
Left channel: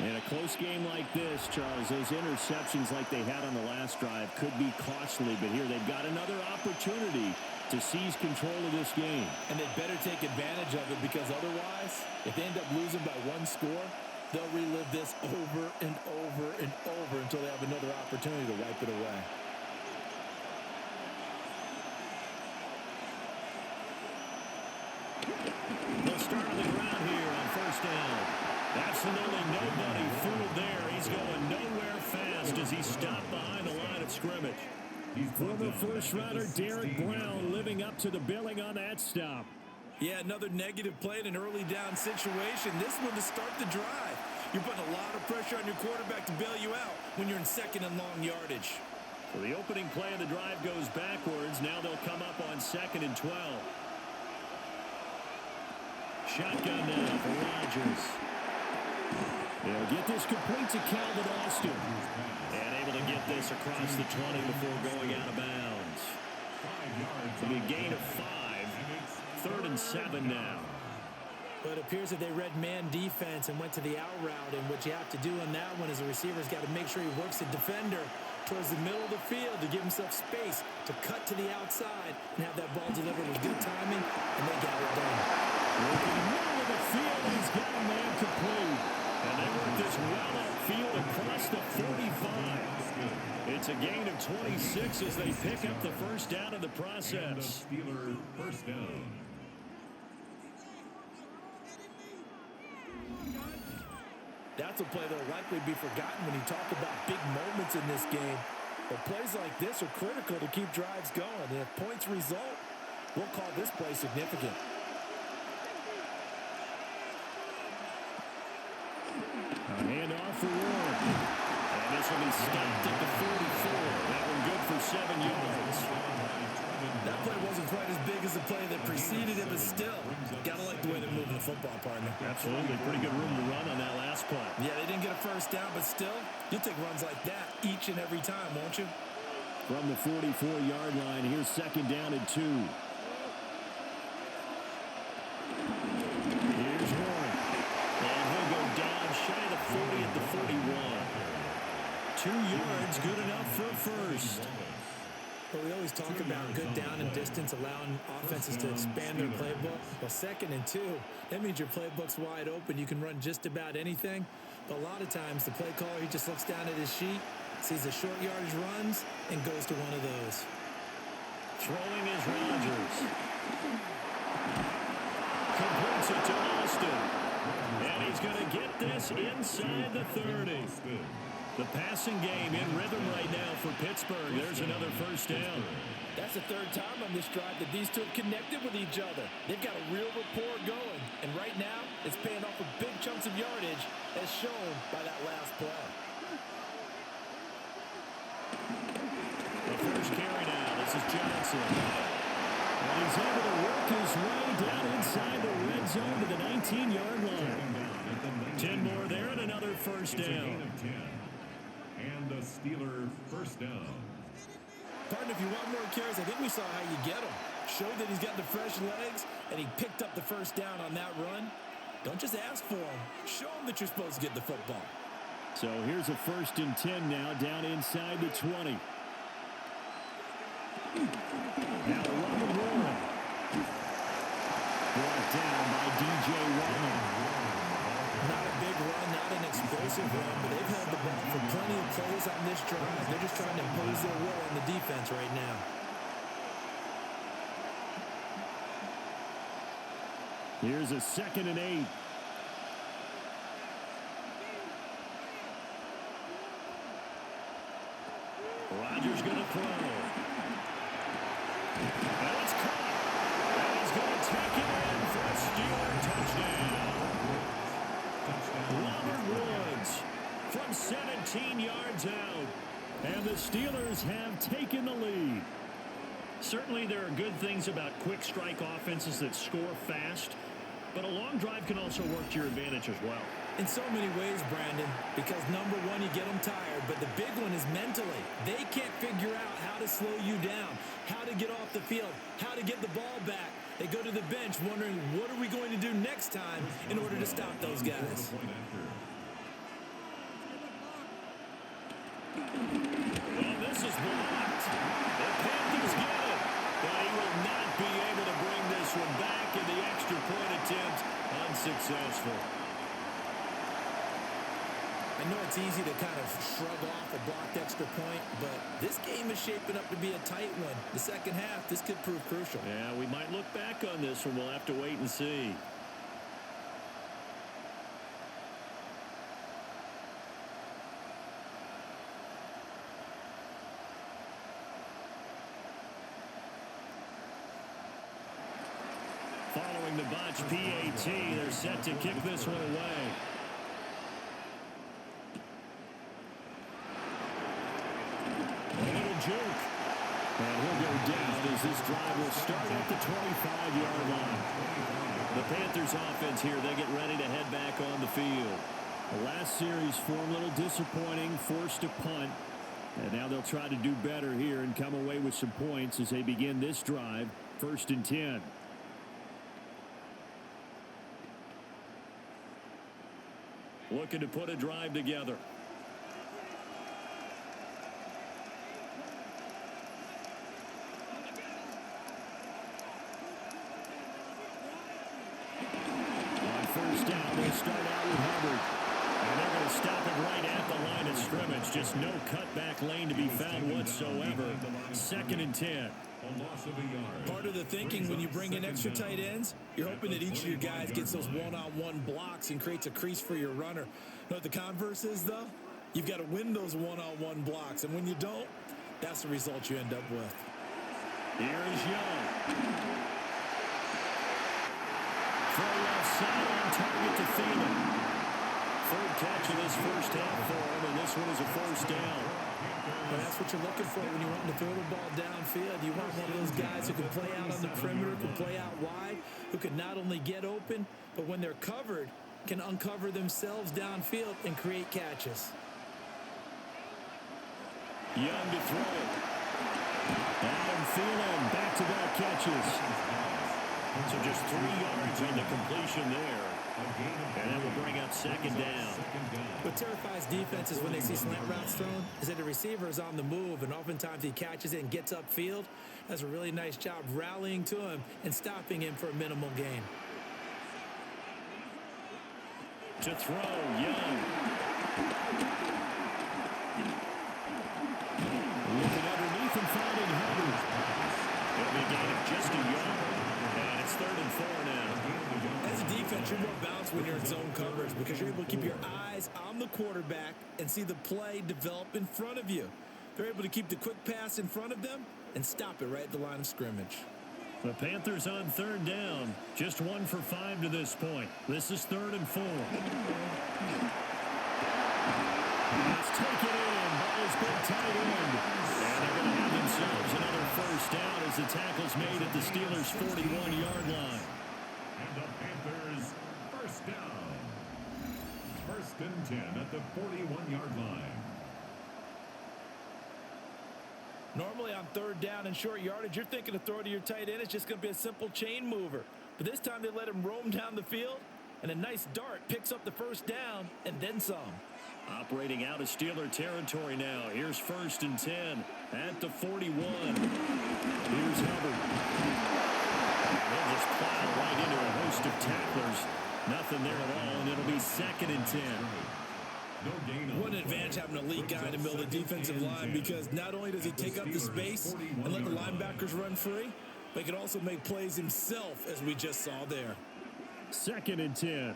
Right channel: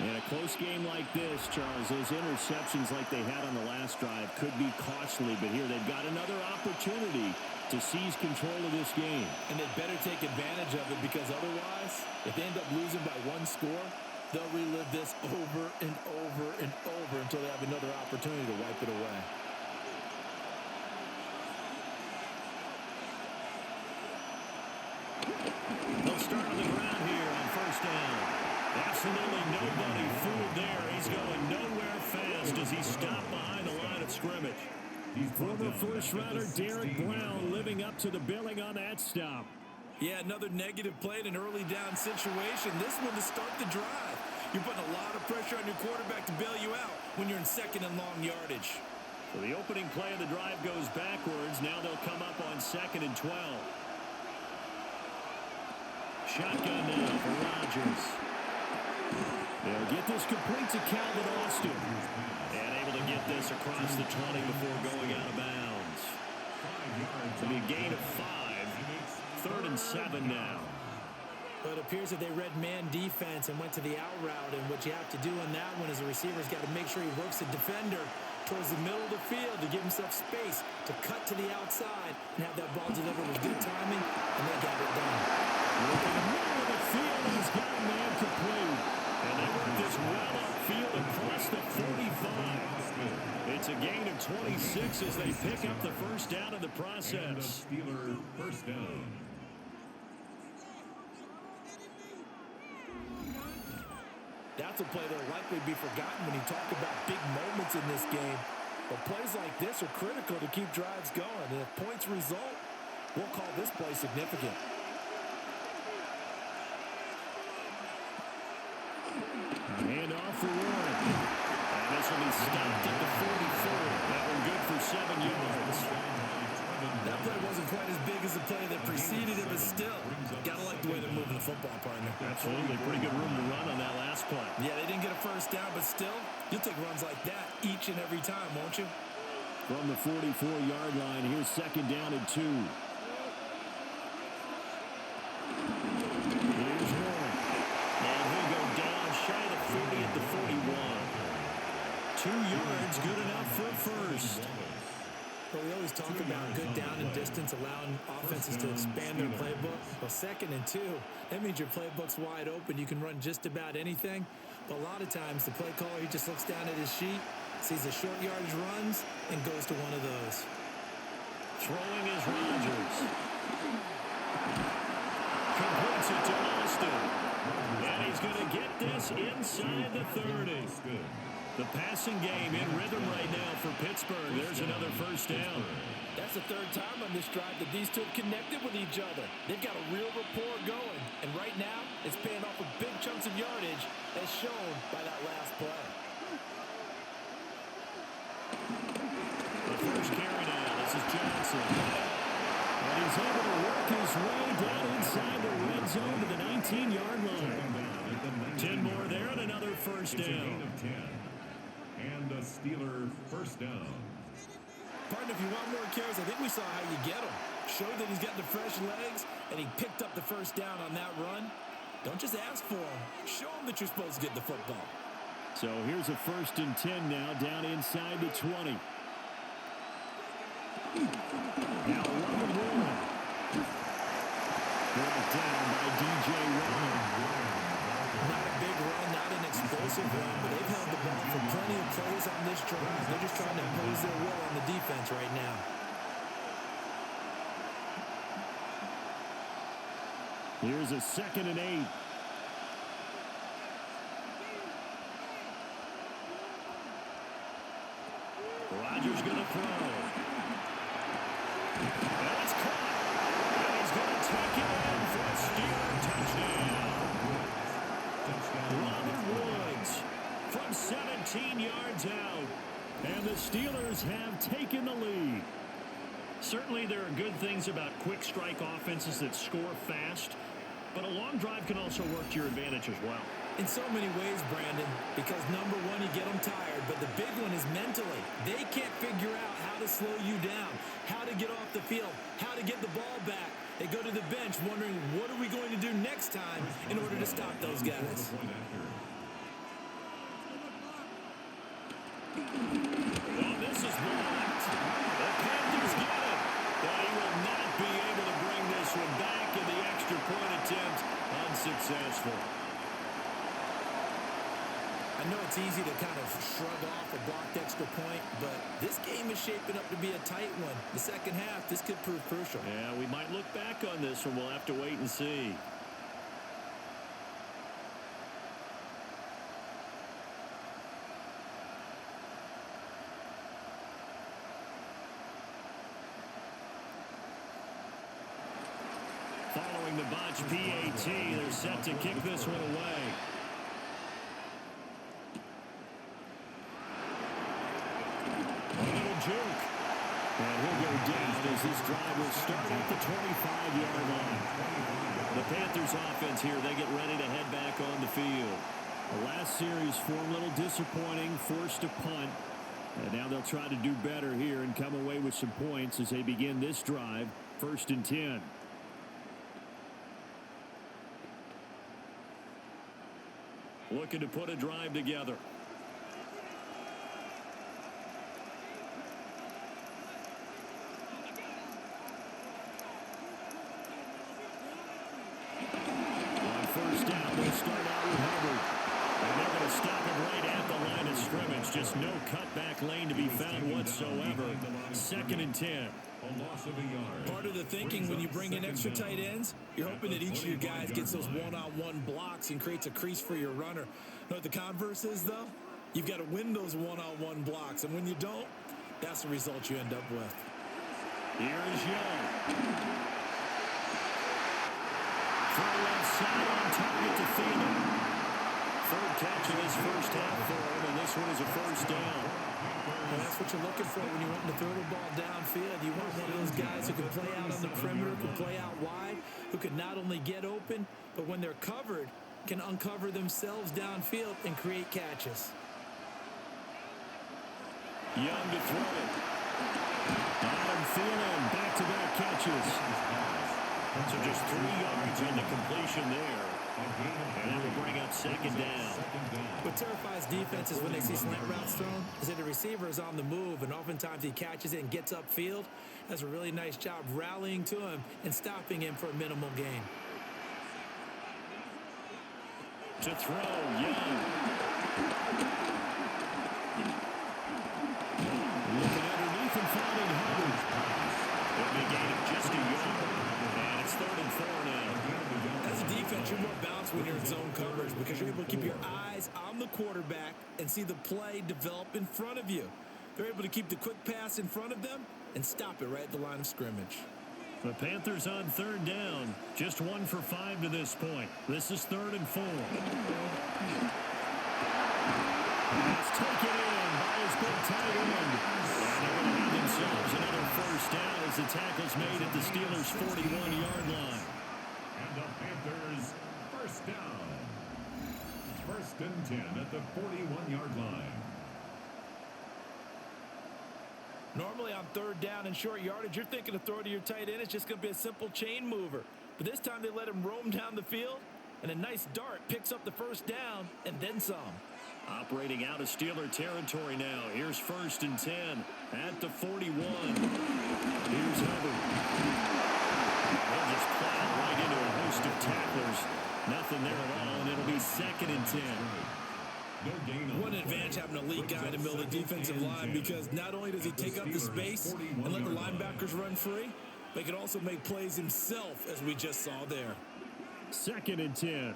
In a close game like this, Charles, those interceptions like they had on the last drive could be costly. But here they've got another opportunity to seize control of this game. And they'd better take advantage of it, because otherwise, if they end up losing by 1 score, they'll relive this over and over and over until they have another opportunity to wipe it away. They'll start on the ground here on first down. Absolutely nobody fooled there. He's going nowhere fast as he's stopped behind the line of scrimmage. Former first-rounder Derek Brown living up to the billing on that stop. Yeah, another negative play in an early down situation. This one to start the drive. You're putting a lot of pressure on your quarterback to bail you out when you're in 2nd and long yardage. So the opening play of the drive goes backwards. Now they'll come up on 2nd and 12. Shotgun now for Rodgers. He'll get this complete to Calvin Austin. And able to get this across the 20 before going out of bounds. It'll be a gain of 5. 3rd and 7 now. Well, it appears that they read man defense and went to the out route. And what you have to do on that one is the receiver's got to make sure he works the defender towards the middle of the field to give himself space to cut to the outside and have that ball delivered with good timing, and they got it done. Work in the middle of the field, and he's got a man complete. And they work this well upfield across the 45. It's a gain of 26 as they pick up the first down in the process. Steeler first down. That's a play that will likely be forgotten when you talk about big moments in this game. But plays like this are critical to keep drives going. And if points result, we'll call this play significant. A handoff for Warren. And this will be stopped at the 44. That one good for 7 yards. That play wasn't quite as big as the play that preceded it, but still, gotta like the way they're moving the football, partner. Absolutely. Pretty good room to run on that last play. Yeah, they didn't get a first down, but still, you'll take runs like that each and every time, won't you? From the 44-yard line, here's 2nd down and 2. Here's Warren. And he'll go down shy of the 40 at the 41. 2 yards, good enough for a first. Well, we always talk about good down and distance, allowing offenses to expand their playbook. Well, 2nd and 2, that means your playbook's wide open. You can run just about anything. But a lot of times, the play caller, he just looks down at his sheet, sees the short yardage runs, and goes to one of those. Throwing is Rodgers. Completes it to Austin. And he's going to get this inside the 30. The passing game in rhythm right now for Pittsburgh. There's another first down. That's the 3rd time on this drive that these two have connected with each other. They've got a real rapport going. And right now, it's paying off with big chunks of yardage, as shown by that last play. The first carry now. This is Johnson. And he's able to work his way down inside the red zone to the 19-yard line. 10 more there and another first down. And a Steeler first down. Partner, if you want more carries, I think we saw how you get them. Showed that he's got the fresh legs, and he picked up the first down on that run. Don't just ask for them. Show them that you're supposed to get the football. So here's a 1st and 10 now, down inside the 20. Now Robert Warren. Brought down by D.J. Watt. Not a big run, not an explosive run, but they've held the ball for plenty of plays on this drive. They're just trying to impose their will on the defense right now. Here's a 2nd and 8. Rodgers going to throw. And it's caught. And he's going to take it in for a Steeler touchdown. Robert Woods from 17 yards out. And the Steelers have taken the lead. Certainly there are good things about quick strike offenses that score fast, but a long drive can also work to your advantage as well. In so many ways, Brandon, because number one, you get them tired, but the big one is mentally. They can't figure out how to slow you down, how to get off the field, how to get the ball back. They go to the bench wondering, what are we going to do next time in order to stop those guys? Oh, this is blocked. The Panthers get it, but he will not be able to bring this one back, and the extra point attempt unsuccessful. I know it's easy to kind of shrug off a blocked extra point, but this game is shaping up to be a tight one. The second half, this could prove crucial. Yeah, we might look back on this one. We'll have to wait and see. Following the botch PAT, they're set to kick this one away. A little juke. And he'll go down as this drive will start at the 25-yard line. The Panthers offense here, they get ready to head back on the field. The last series for them, a little disappointing, forced a punt. And now they'll try to do better here and come away with some points as they begin this drive, 1st and 10. Looking to put a drive together. On 1st down, they start out with Hubbard. And they're going to stop him right at the line of scrimmage. Just no cutback lane to be found whatsoever. 2nd and 10. Part of the thinking when you bring in extra tight ends, you're hoping that each of your guys gets those one-on-one blocks and creates a crease for your runner. You know what the converse is, though? You've got to win those one-on-one blocks, and when you don't, that's the result you end up with. Here is Young. Throw left side on target to Thielen. 3rd catch of this first half for him, and this one is a 1st down. But that's what you're looking for when you want to throw the ball downfield. You want one of those guys who can play out on the perimeter, can play out wide, who can not only get open, but when they're covered, can uncover themselves downfield and create catches. Young to throw it. Adam Thielen, back-to-back catches. So just 3 yards on the completion there. And that will bring up 2nd down. What terrifies defenses when they see slant routes thrown is that the receiver is on the move, and oftentimes he catches it and gets upfield. Does a really nice job rallying to him and stopping him for a minimal gain. To throw, Young. Looking underneath and finding Hubbard. It'll be a gain of just a yard. And it's 3rd and 4 now. As a defense, you're more balanced when you're in zone coverage because you're able to keep your eyes on the quarterback and see the play develop in front of you. They're able to keep the quick pass in front of them and stop it right at the line of scrimmage. The Panthers on 3rd down. Just 1 for 5 to this point. This is 3rd and 4. Pass taken in by his big tight end. And they're going to have themselves another 1st down as the tackle's made at the Steelers' 41-yard line. And the Panthers, 1st down. 1st and 10 at the 41-yard line. Normally on 3rd down and short yardage, you're thinking to throw to your tight end. It's just going to be a simple chain mover. But this time they let him roam down the field, and a nice dart picks up the 1st down and then some. Operating out of Steeler territory now. Here's 1st and 10 at the 41. Here's Hubbard. And he'll just plow right into a host of tacklers. Nothing there at all, and it'll be 2nd and 10. What an advantage having a lead guy in the middle of the defensive line, because not only does he take up the space and let the linebackers run free, but he can also make plays himself, as we just saw there. 2nd and 10.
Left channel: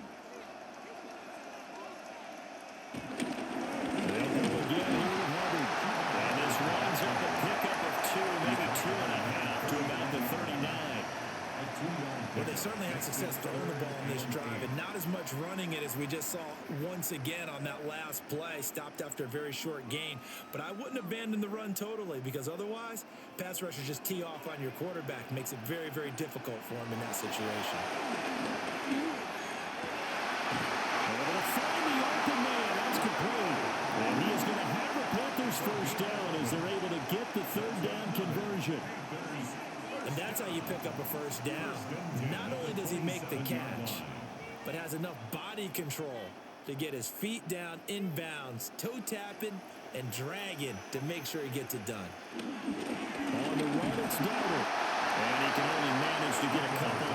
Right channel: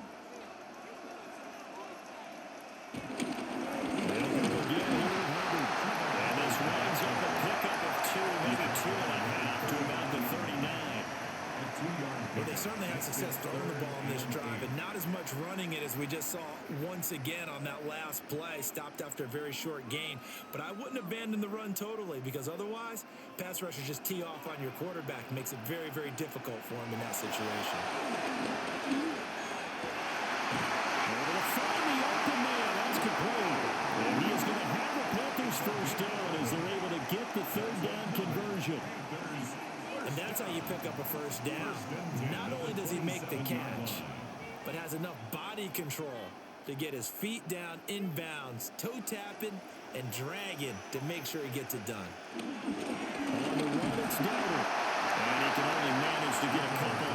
They'll go again here with Hubbard. And this winds up a pickup of 2, maybe 2.5 to about certainly had success throwing the ball in this drive, and not as much running it as we just saw once again on that last play. Stopped after a very short gain. But I wouldn't abandon the run totally, because otherwise, pass rushers just tee off on your quarterback. Makes it very, very difficult for him in that situation. Able to find the open man. That's complete. And he is going to have a Panthers first down as they're able to get the third down conversion. And that's how you pick up a first down. Not only does he make the catch, but has enough body control to get his feet down inbounds, toe tapping and dragging to make sure he gets it done. On the run, it's Dowdle. And he can only manage to get a couple.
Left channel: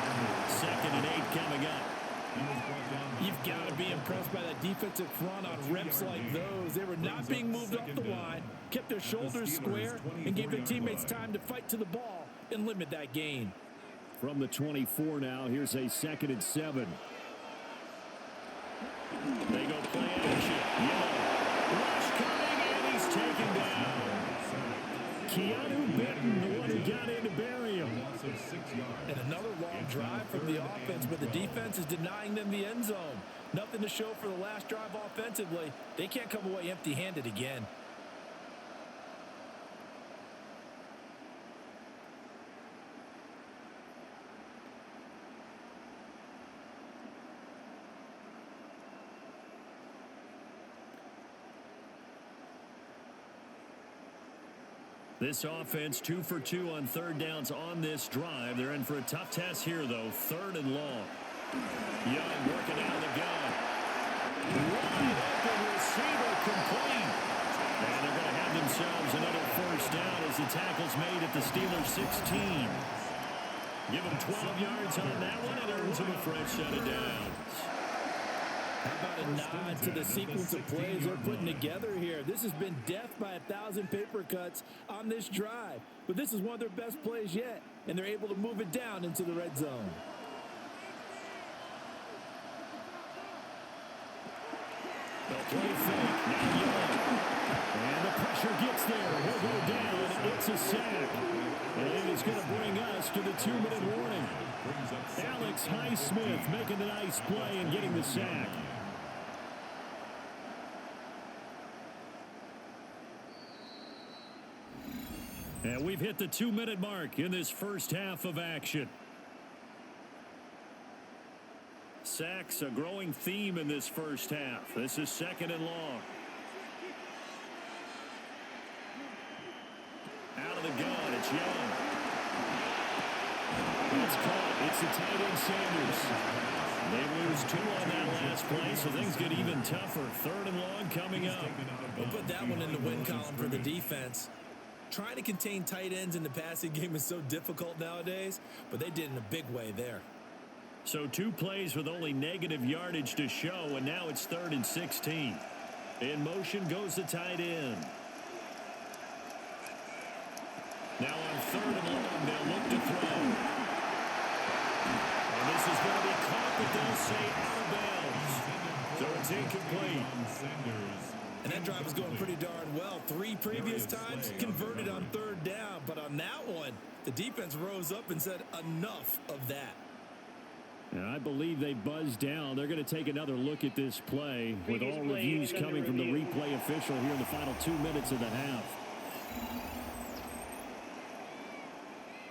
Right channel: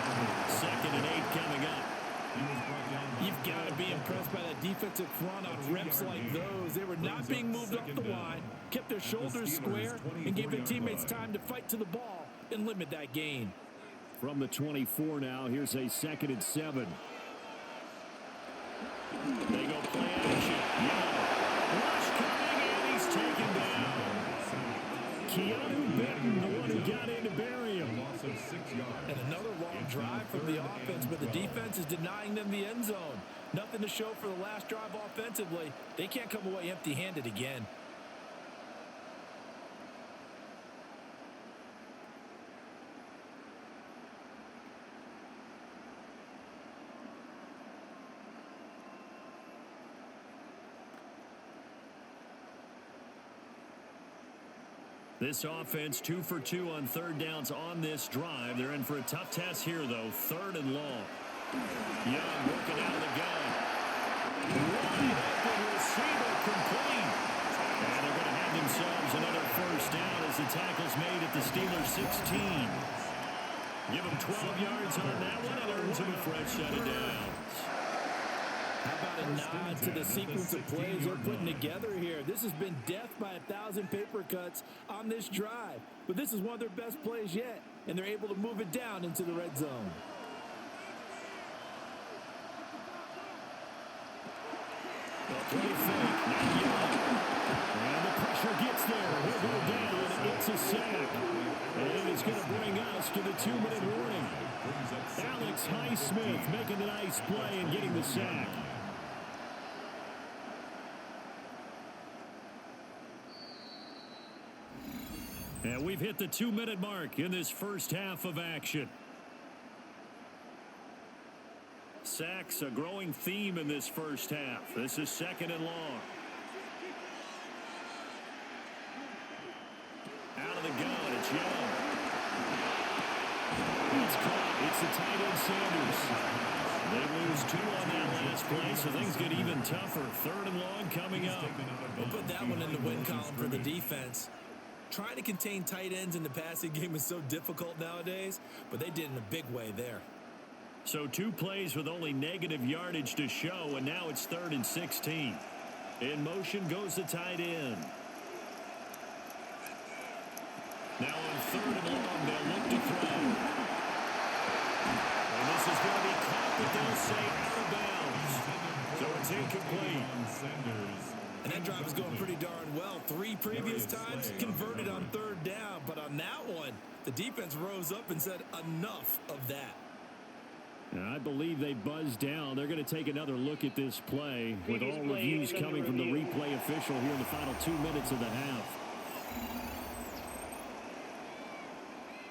2nd and 8 coming up. You've got to be impressed by that defensive front on reps like those. They were not being moved off the line, kept their shoulders square, and gave their teammates time to fight to the ball and limit that gain. From the 24 now, here's a 2nd and 7. They go play action. Young. Rush coming, and he's taken down. Keanu Benton, the one who got in to bury him. And another long drive from the offense, but the defense is denying them the end zone. Nothing to show for the last drive offensively. They can't come away empty-handed again. This offense 2 for 2 on third downs on this drive. They're in for a tough test here, though. 3rd and long. Young working out of the gun. Wide open receiver complete. And they're going to have themselves another first down as the tackle's made at the Steelers' 16. Give them 12 yards on that one and earns them a fresh set of downs. How about a nod to the sequence of plays they're putting together here? This has been death by 1,000 paper cuts on this drive. But this is one of their best plays yet, and they're able to move it down into the red zone. The play fake. Now Young. And the pressure gets there. He'll go down. It's a sack. And it is going to bring us to the 2-minute warning. Alex Highsmith making the nice play and getting the sack. And we've hit the 2-minute mark in this first half of action. Sacks, a growing theme in this first half. This is 2nd and long. Out of the gun, it's Young. That's caught. It's the tight end Sanders. They lose 2 on that last play, so things get even tougher. 3rd and long coming up. We'll put that one in the win column for the defense. Trying to contain tight ends in the passing game is so difficult nowadays, but they did in a big way there. So 2 plays with only negative yardage to show, and now it's 3rd and 16. In motion goes the tight end. Now on 3rd and long, they'll look to throw. And this is going to be caught, but they'll say out of bounds. So it's incomplete. And that drive was going pretty darn well. 3 previous times converted on 3rd down. But on that one, the defense rose up and said enough of that. And I believe they buzzed down. They're going to take another look at this play with all reviews coming from the replay official here in the final 2 minutes of the half.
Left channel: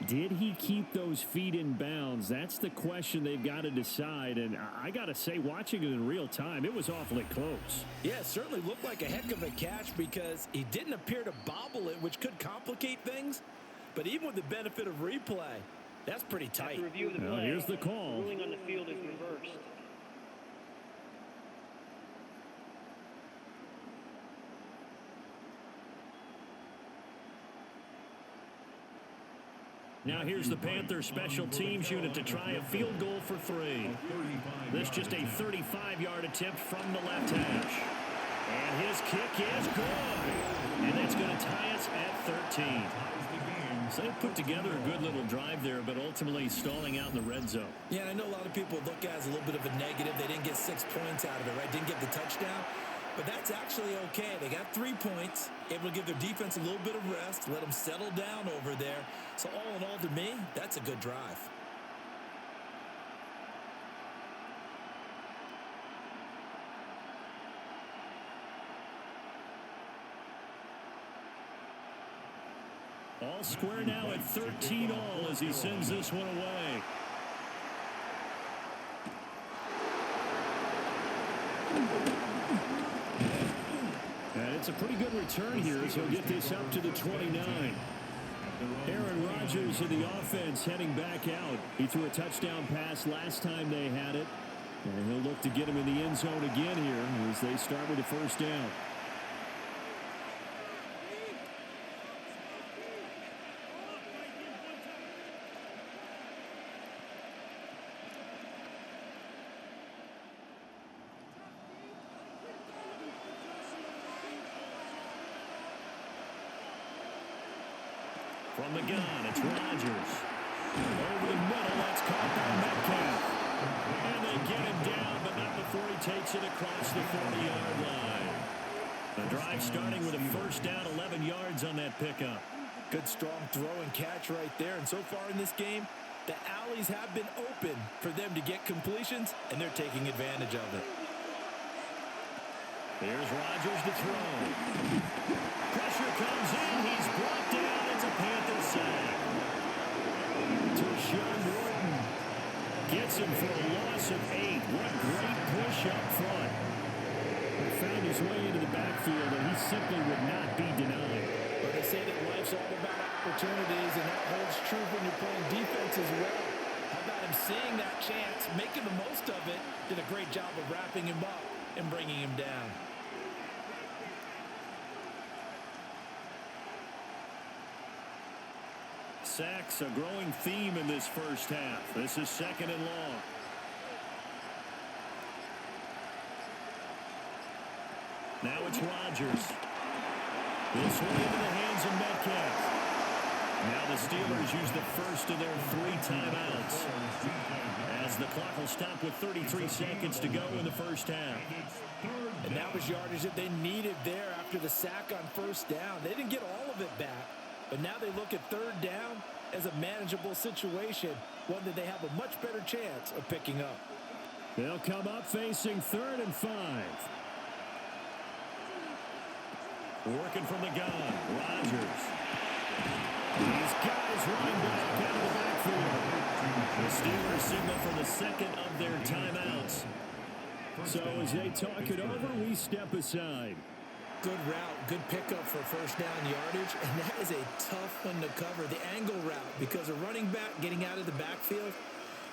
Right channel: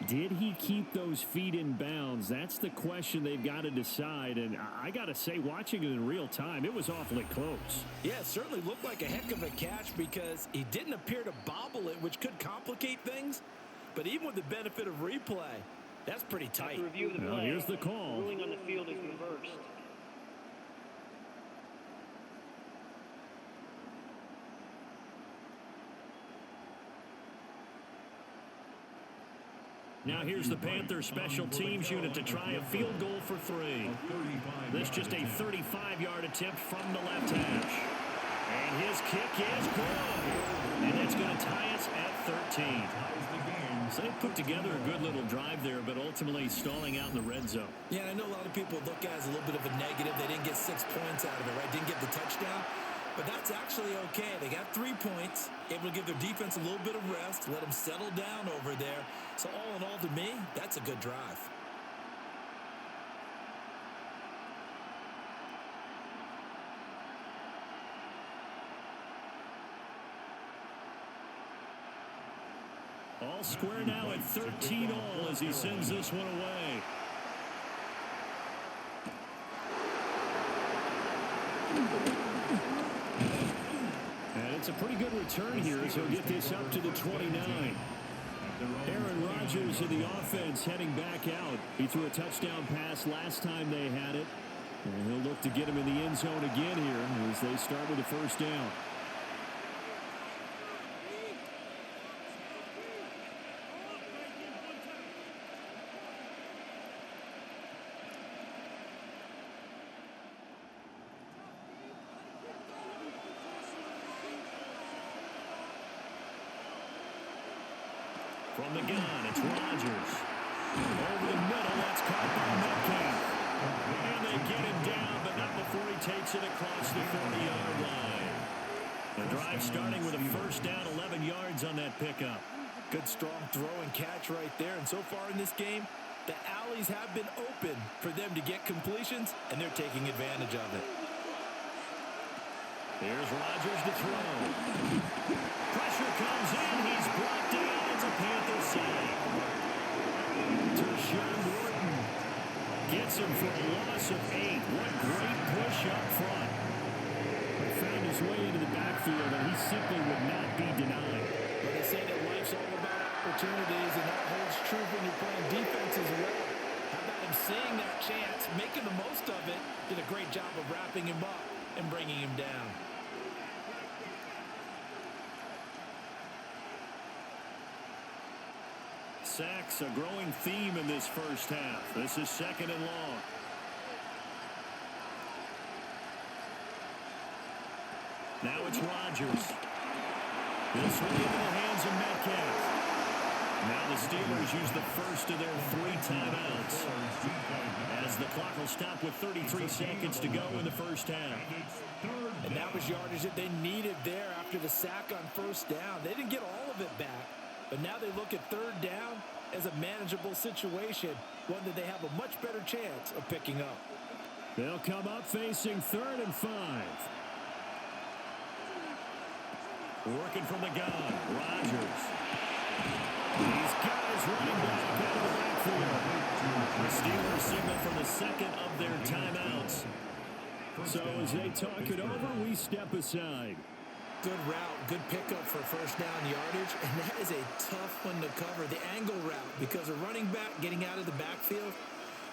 Did he keep those feet in bounds? That's the question they've got to decide. And I got to say, watching it in real time, it was awfully close. Yeah, it certainly looked like a heck of a catch because he didn't appear to bobble it, which could complicate things. But even with the benefit of replay, that's pretty tight. After review of the play, here's the call. Ruling on the field is reversed. Now here's the Panthers special teams unit to try a field goal for 3. This just a 35-yard attempt from the left hash. And his kick is good. And that's going to tie us at 13. So they put together a good little drive there, but ultimately stalling out in the red zone. Yeah, I know a lot of people look at it as a little bit of a negative. They didn't get 6 points out of it, right? Didn't get the touchdown. But that's actually okay. They got 3 points, able to give their defense a little bit of rest, let them settle down over there. So all in all, to me, that's a good drive. All square now at 13 all as he sends this one away. And it's a pretty good return here as he'll get this up to the 29. Aaron Rodgers in the offense heading back out. He threw a touchdown pass last time they had it. And he'll look to get him in the end zone again here as they start with a first down. From the gun, it's Rodgers. Over the middle, that's caught by Metcalf. And they get him down, but not before he takes it across the 40-yard line. The drive starting with a first down, 11 yards on that pickup. Good strong throw and catch right there. And so far in this game, the alleys have been open for them to get completions, and they're taking advantage of it. Here's Rodgers to throw. Pressure comes in. He's brought down. It's a Panthers sack. Tershawn Wharton gets him for a loss of 8. What great push up front. But found his way into the backfield, and he simply would not be denied. Well, they say that life's all about opportunities, and that holds true when you're playing defense as well. How about him seeing that chance, making the most of it, did a great job of wrapping him up and bringing him down. Sacks, a growing theme in this first half. This is second and long. Now it's Rodgers. This one into the hands of Metcalf. Now the Steelers use the first of their 3 timeouts, as the clock will stop with 33 seconds to go in the first half. And that was yardage that they needed there after the sack on first down. They didn't get all of it back. But now they look at third down as a manageable situation, one that they have a much better chance of picking up. They'll come up facing 3rd and 5. Working from the gun, Rodgers. He's got his running back out of the backfield. The Steelers signal for the second of their timeouts. So as they talk it over, we step aside. Good route, good pickup for first down yardage, and that is a tough one to cover, the angle route, because a running back getting out of the backfield,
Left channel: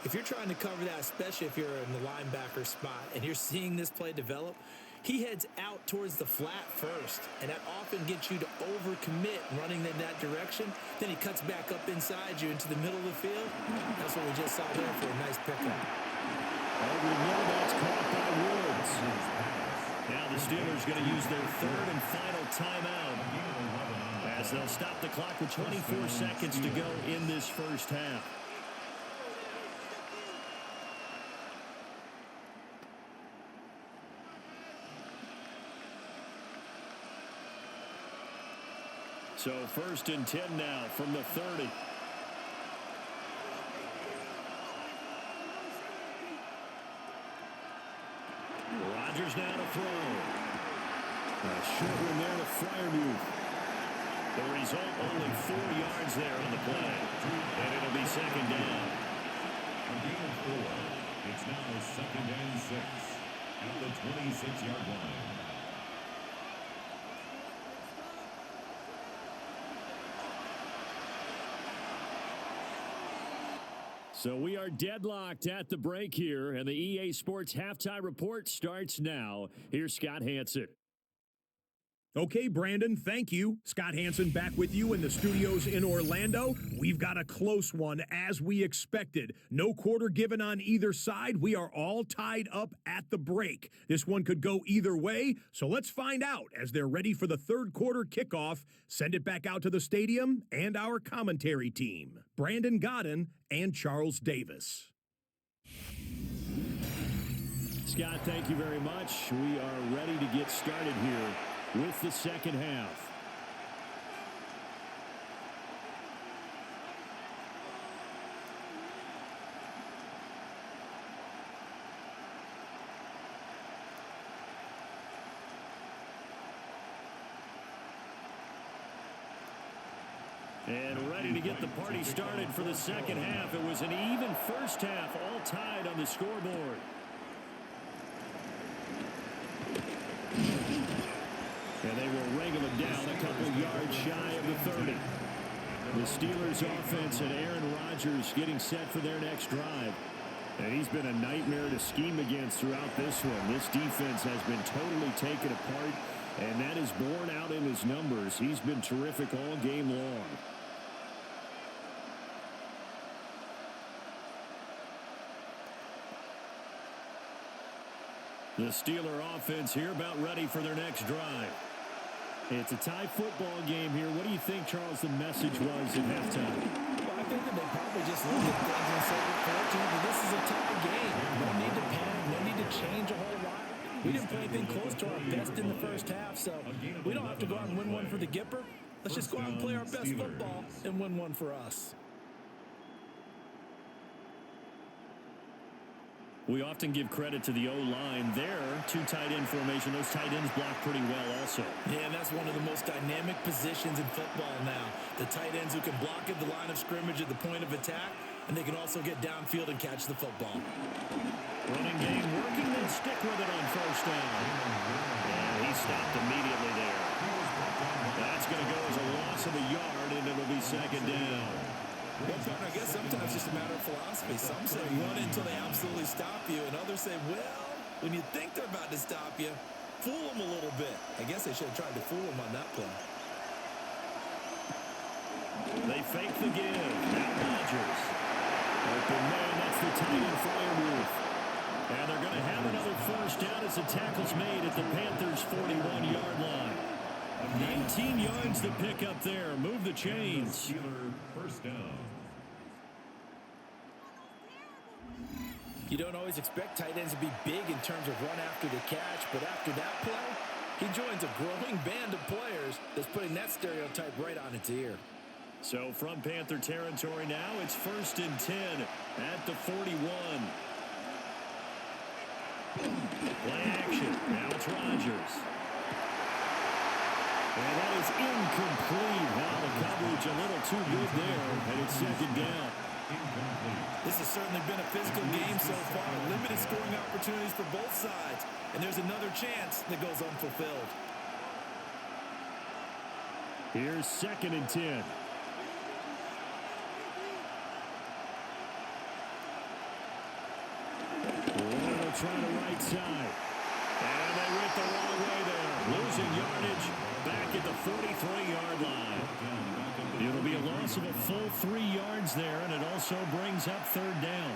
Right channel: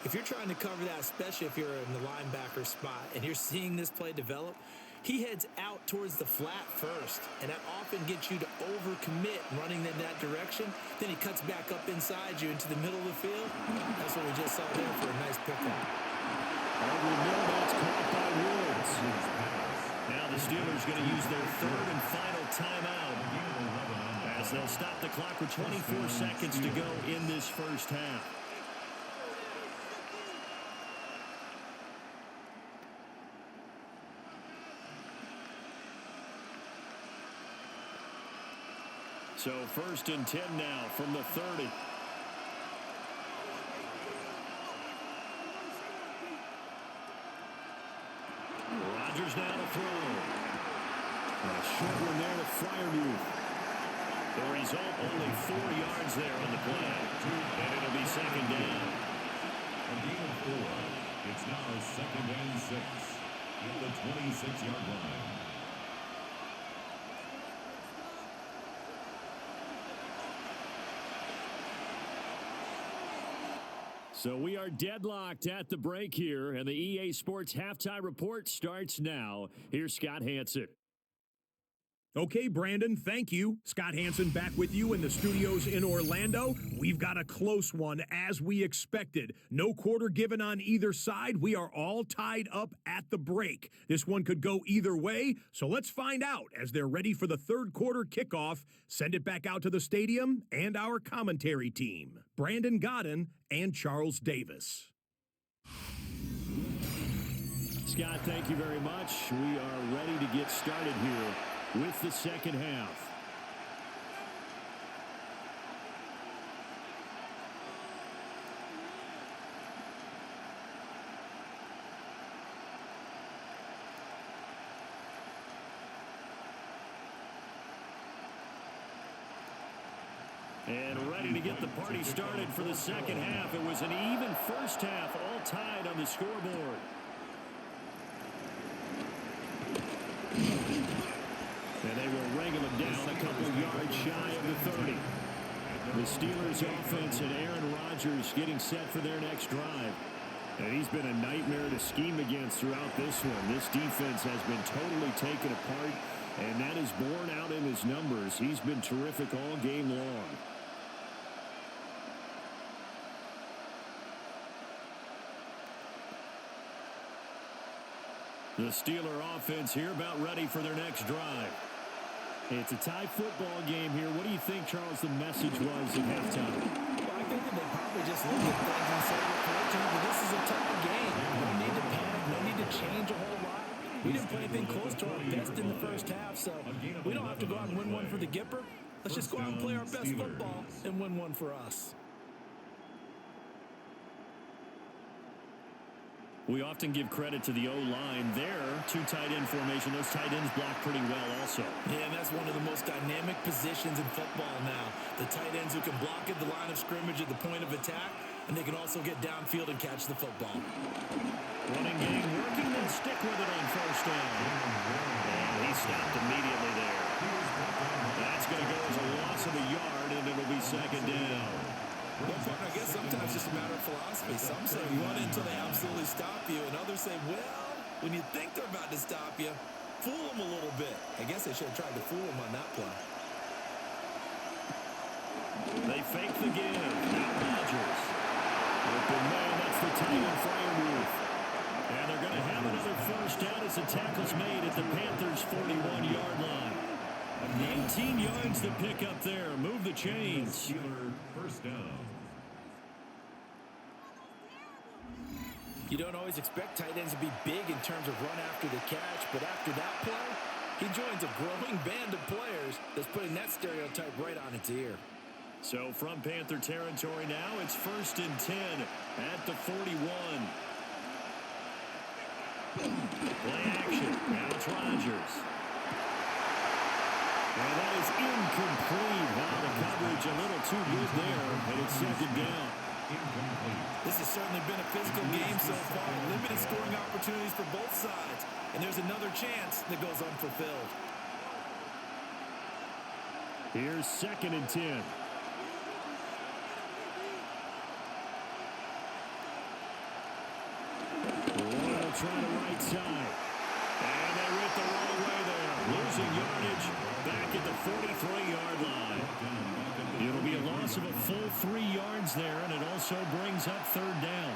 if you're trying to cover that, especially if you're in the linebacker spot and you're seeing this play develop, he heads out towards the flat first, and that often gets you to overcommit running in that direction. Then he cuts back up inside you into the middle of the field. That's what we just saw there for a nice pickup. Over the middle, that's caught by Woods. Now the Steelers going to use their 3rd and final timeout, as they'll stop the clock with 24 seconds to go in this first half. So 1st and 10 now from the 30. Rodgers now to throw. A short one there to Freiermuth. The result, only 4 yards there on the play. And it'll be second down. A gain of 4. It's now 2nd and 6 at the 26-yard line. So we are deadlocked at the break here, and the EA Sports Halftime Report starts now. Here's Scott Hansen. Okay, Brandon, thank you. Scott Hansen back with you in the studios in Orlando. We've got a close one, as we expected. No quarter given on either side. We are all tied up at the break. This one could go either way, so let's find out as they're ready for the third quarter kickoff. Send it back out to the stadium and our commentary team, Brandon Godden and Charles Davis. Scott, thank you very much. We are ready to get started here with the second half. And ready to get the party started for the second half. It was an even first half, all tied on the scoreboard. And they will wrangle it down a couple yards shy of the 30. The Steelers offense and Aaron Rodgers getting set for their next drive. And he's been a nightmare to scheme against throughout this one. This defense has been totally taken apart, and that is borne out in his numbers. He's been terrific all game long. The Steeler offense here about ready for their next drive. It's a tie football game here. What do you think, Charles, the message was at halftime? Well, I think that they probably just looked at things and said, we're fortunate that this is a tie game. No need to panic. No need to change a whole lot. We didn't play anything close to our best in the first half, so we don't have to go out and win one for the Gipper. Let's just go out and play our best football and win one for us. We often give credit to the O-line there. Two tight end formation. Those tight ends block pretty well also. Yeah, and that's one of the most dynamic positions in football now. The tight ends who can block at the line of scrimmage at the point of attack, and they can also get downfield and catch the football. Running game working. They'll stick with it on first down. And he stopped immediately there. That's going to go as a loss of a yard, and it'll be second down. Well, partner, I guess sometimes it's just a matter of philosophy. Some say you want it until they absolutely stop you, and others say, well, when you think they're about to stop you, fool them a little bit. I guess they should have tried to fool them on that play. They fake the give. Now Rodgers. Open man, that's the tight end Freiermuth. And they're going to have another first down as the tackle's made at the Panthers' 41-yard line. 19 yards to pick up there. Move the chains. Steeler first down. You don't always expect tight ends to be big in terms of run after the catch, but after that play, he joins a growing band of players that's putting that stereotype right on its ear. So from Panther territory now, it's 1st and 10 at the 41. Play action. Now it's Rodgers. And that is incomplete. Now the coverage a little too good there, and it's second down. Incomplete. This has certainly been a physical game so far. Limited scoring opportunities for both sides. And there's another chance that goes unfulfilled. Here's 2nd and 10. Royal trying to right side. And they went the wrong way there. Losing yardage back at the 43-yard line. It'll be a loss of a full 3 yards there, and it also brings up 3rd down.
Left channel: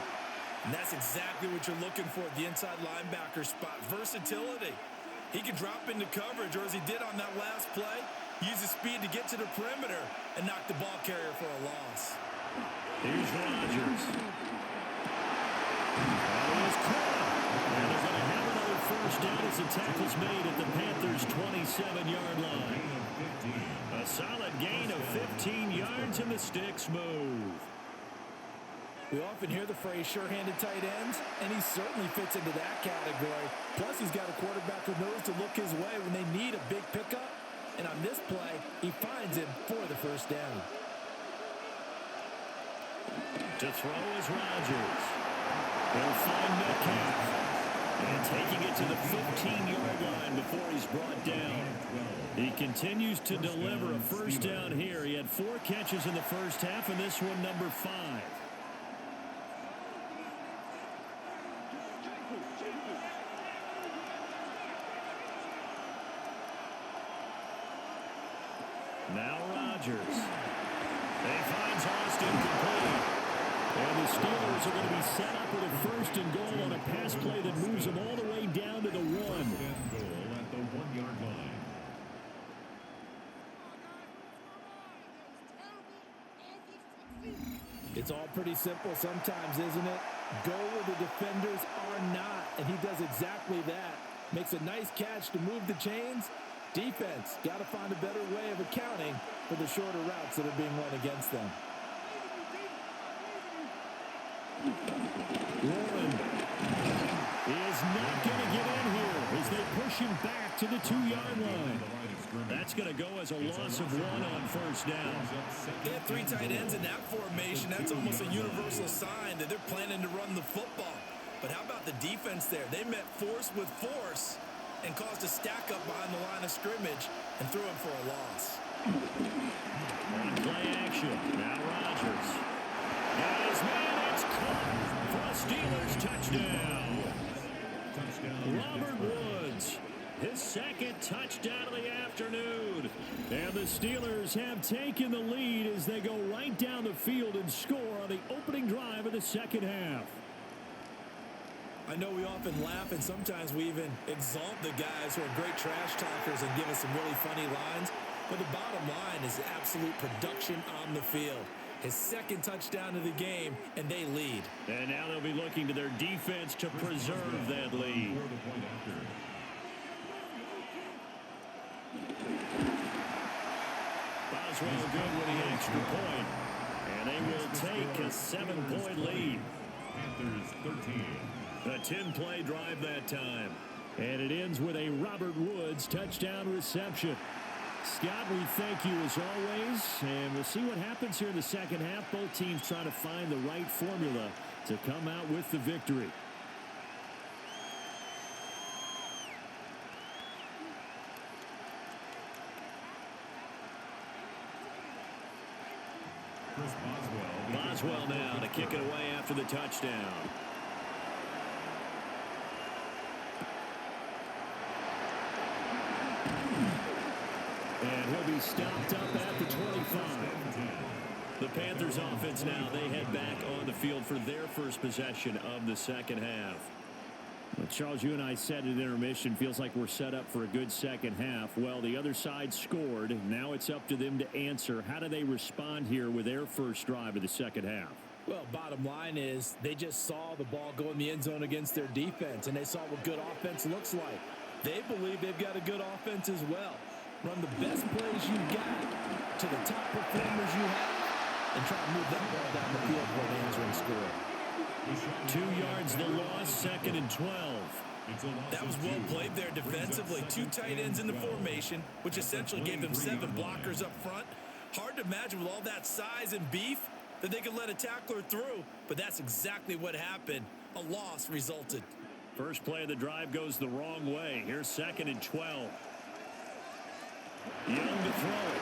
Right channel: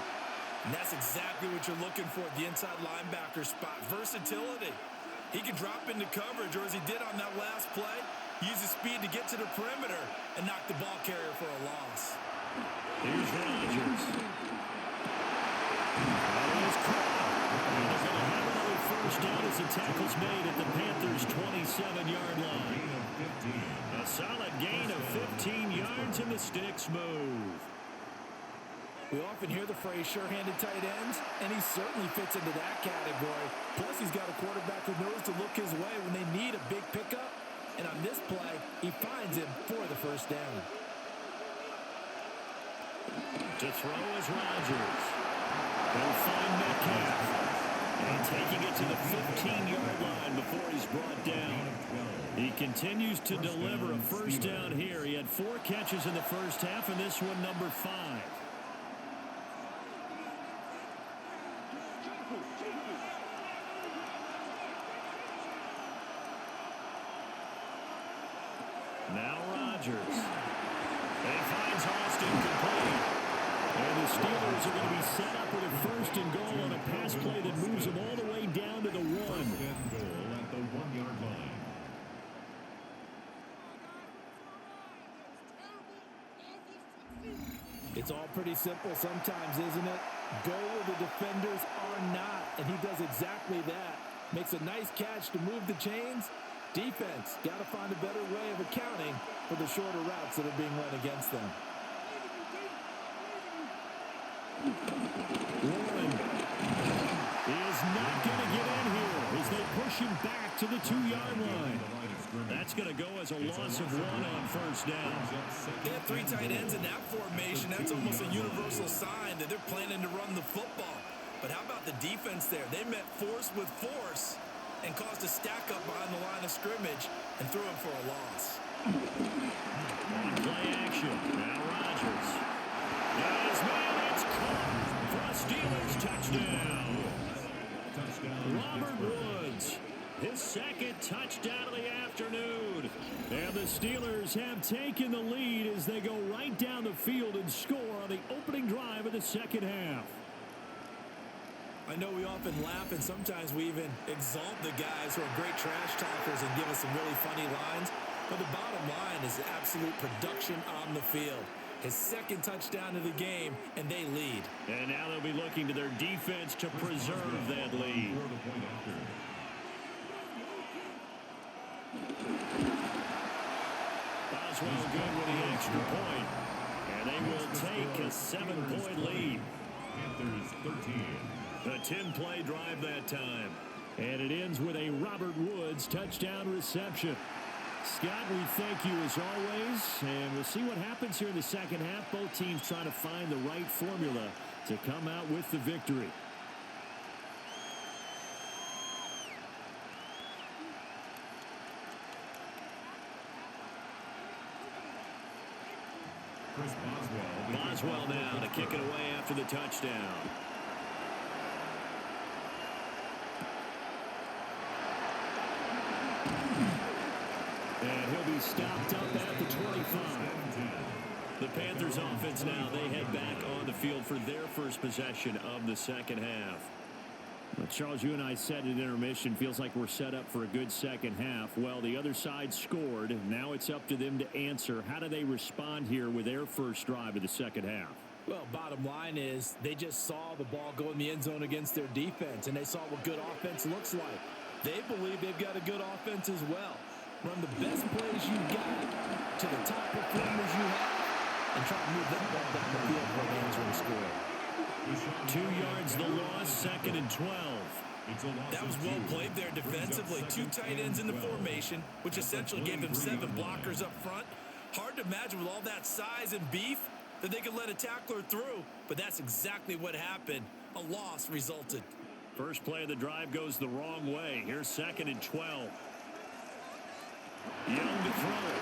And that's exactly what you're looking for at the inside linebacker spot. Versatility. He can drop into coverage, or as he did on that last play, use his speed to get to the perimeter and knock the ball carrier for a loss. Here's Rodgers. That is caught. And they're going to have another first down as the tackle's made at the Panthers' 27-yard line. A solid gain of 15 yards, and the sticks move. We often hear the phrase sure-handed tight ends, and he certainly fits into that category. Plus, he's got a quarterback who knows to look his way when they need a big pickup. And on this play, he finds him for the first down. To throw is Rodgers. He'll find Metcalf. And taking it to the 15-yard line before he's brought down. He continues to deliver a first down here. He had 4 catches in the first half, and this one number 5. Now Rodgers. He finds Austin complete. And the Steelers are going to be set up with a 1st and goal on a pass play that moves them all the way down to the 1. 1st and goal at the 1-yard line. It's all pretty simple sometimes, isn't it? Go where the defenders are not, and he does exactly that. Makes a nice catch to move the chains. Defense, got to find a better way of accounting for the shorter routes that are being run against them. Warren is not going to get in here as they push him back to the 2-yard line. That's going to go as a loss of 1 on first down. They have 3 tight ends in that formation. That's almost a universal sign that they're planning to run the football. But how about the defense there? They met force with force and caused a stack up behind the line of scrimmage and threw him for a loss. On play action, now Rodgers. Got his man, it's caught for a Steelers touchdown. Robert Woods, his second touchdown of the afternoon. And the Steelers have taken the lead as they go right down the field and score on the opening drive of the second half. I know we often laugh and sometimes we even exalt the guys who are great trash talkers and give us some really funny lines. But the bottom line is absolute production on the field. His second touchdown of the game, and they lead. And now they'll be looking to their defense to preserve that lead. Boswell good with the extra point. And they will take a 7-point lead. Panthers 13. A 10-play drive that time. And it ends with a Robert Woods touchdown reception. Scott, we thank you as always, and we'll see what happens here in the second half. Both teams trying to find the right formula to come out with the victory. Chris Boswell now to kick it away after the touchdown. And he'll be stopped up at the 25. The Panthers offense now, they head back on the field for their first possession of the second half. Well, Charles, you and I said at intermission, feels like we're set up for a good second half. Well, the other side scored. Now it's up to them to answer. How do they respond here with their first drive of the second half? Well, bottom line is they just saw the ball go in the end zone against their defense, and they saw what good offense looks like. They believe they've got a good offense as well. Run the best plays you got to the top performers you have and try to move that ball down the field for an answering score. 2 yards the loss, 2nd and 12. That was well played there defensively. 2 tight ends in the formation, which essentially gave them 7 blockers up front. Hard to imagine with all that size and beef that they could let a tackler through, but that's exactly what happened. A loss resulted. First play of the drive goes the wrong way. Here's 2nd and 12. Young to throw it.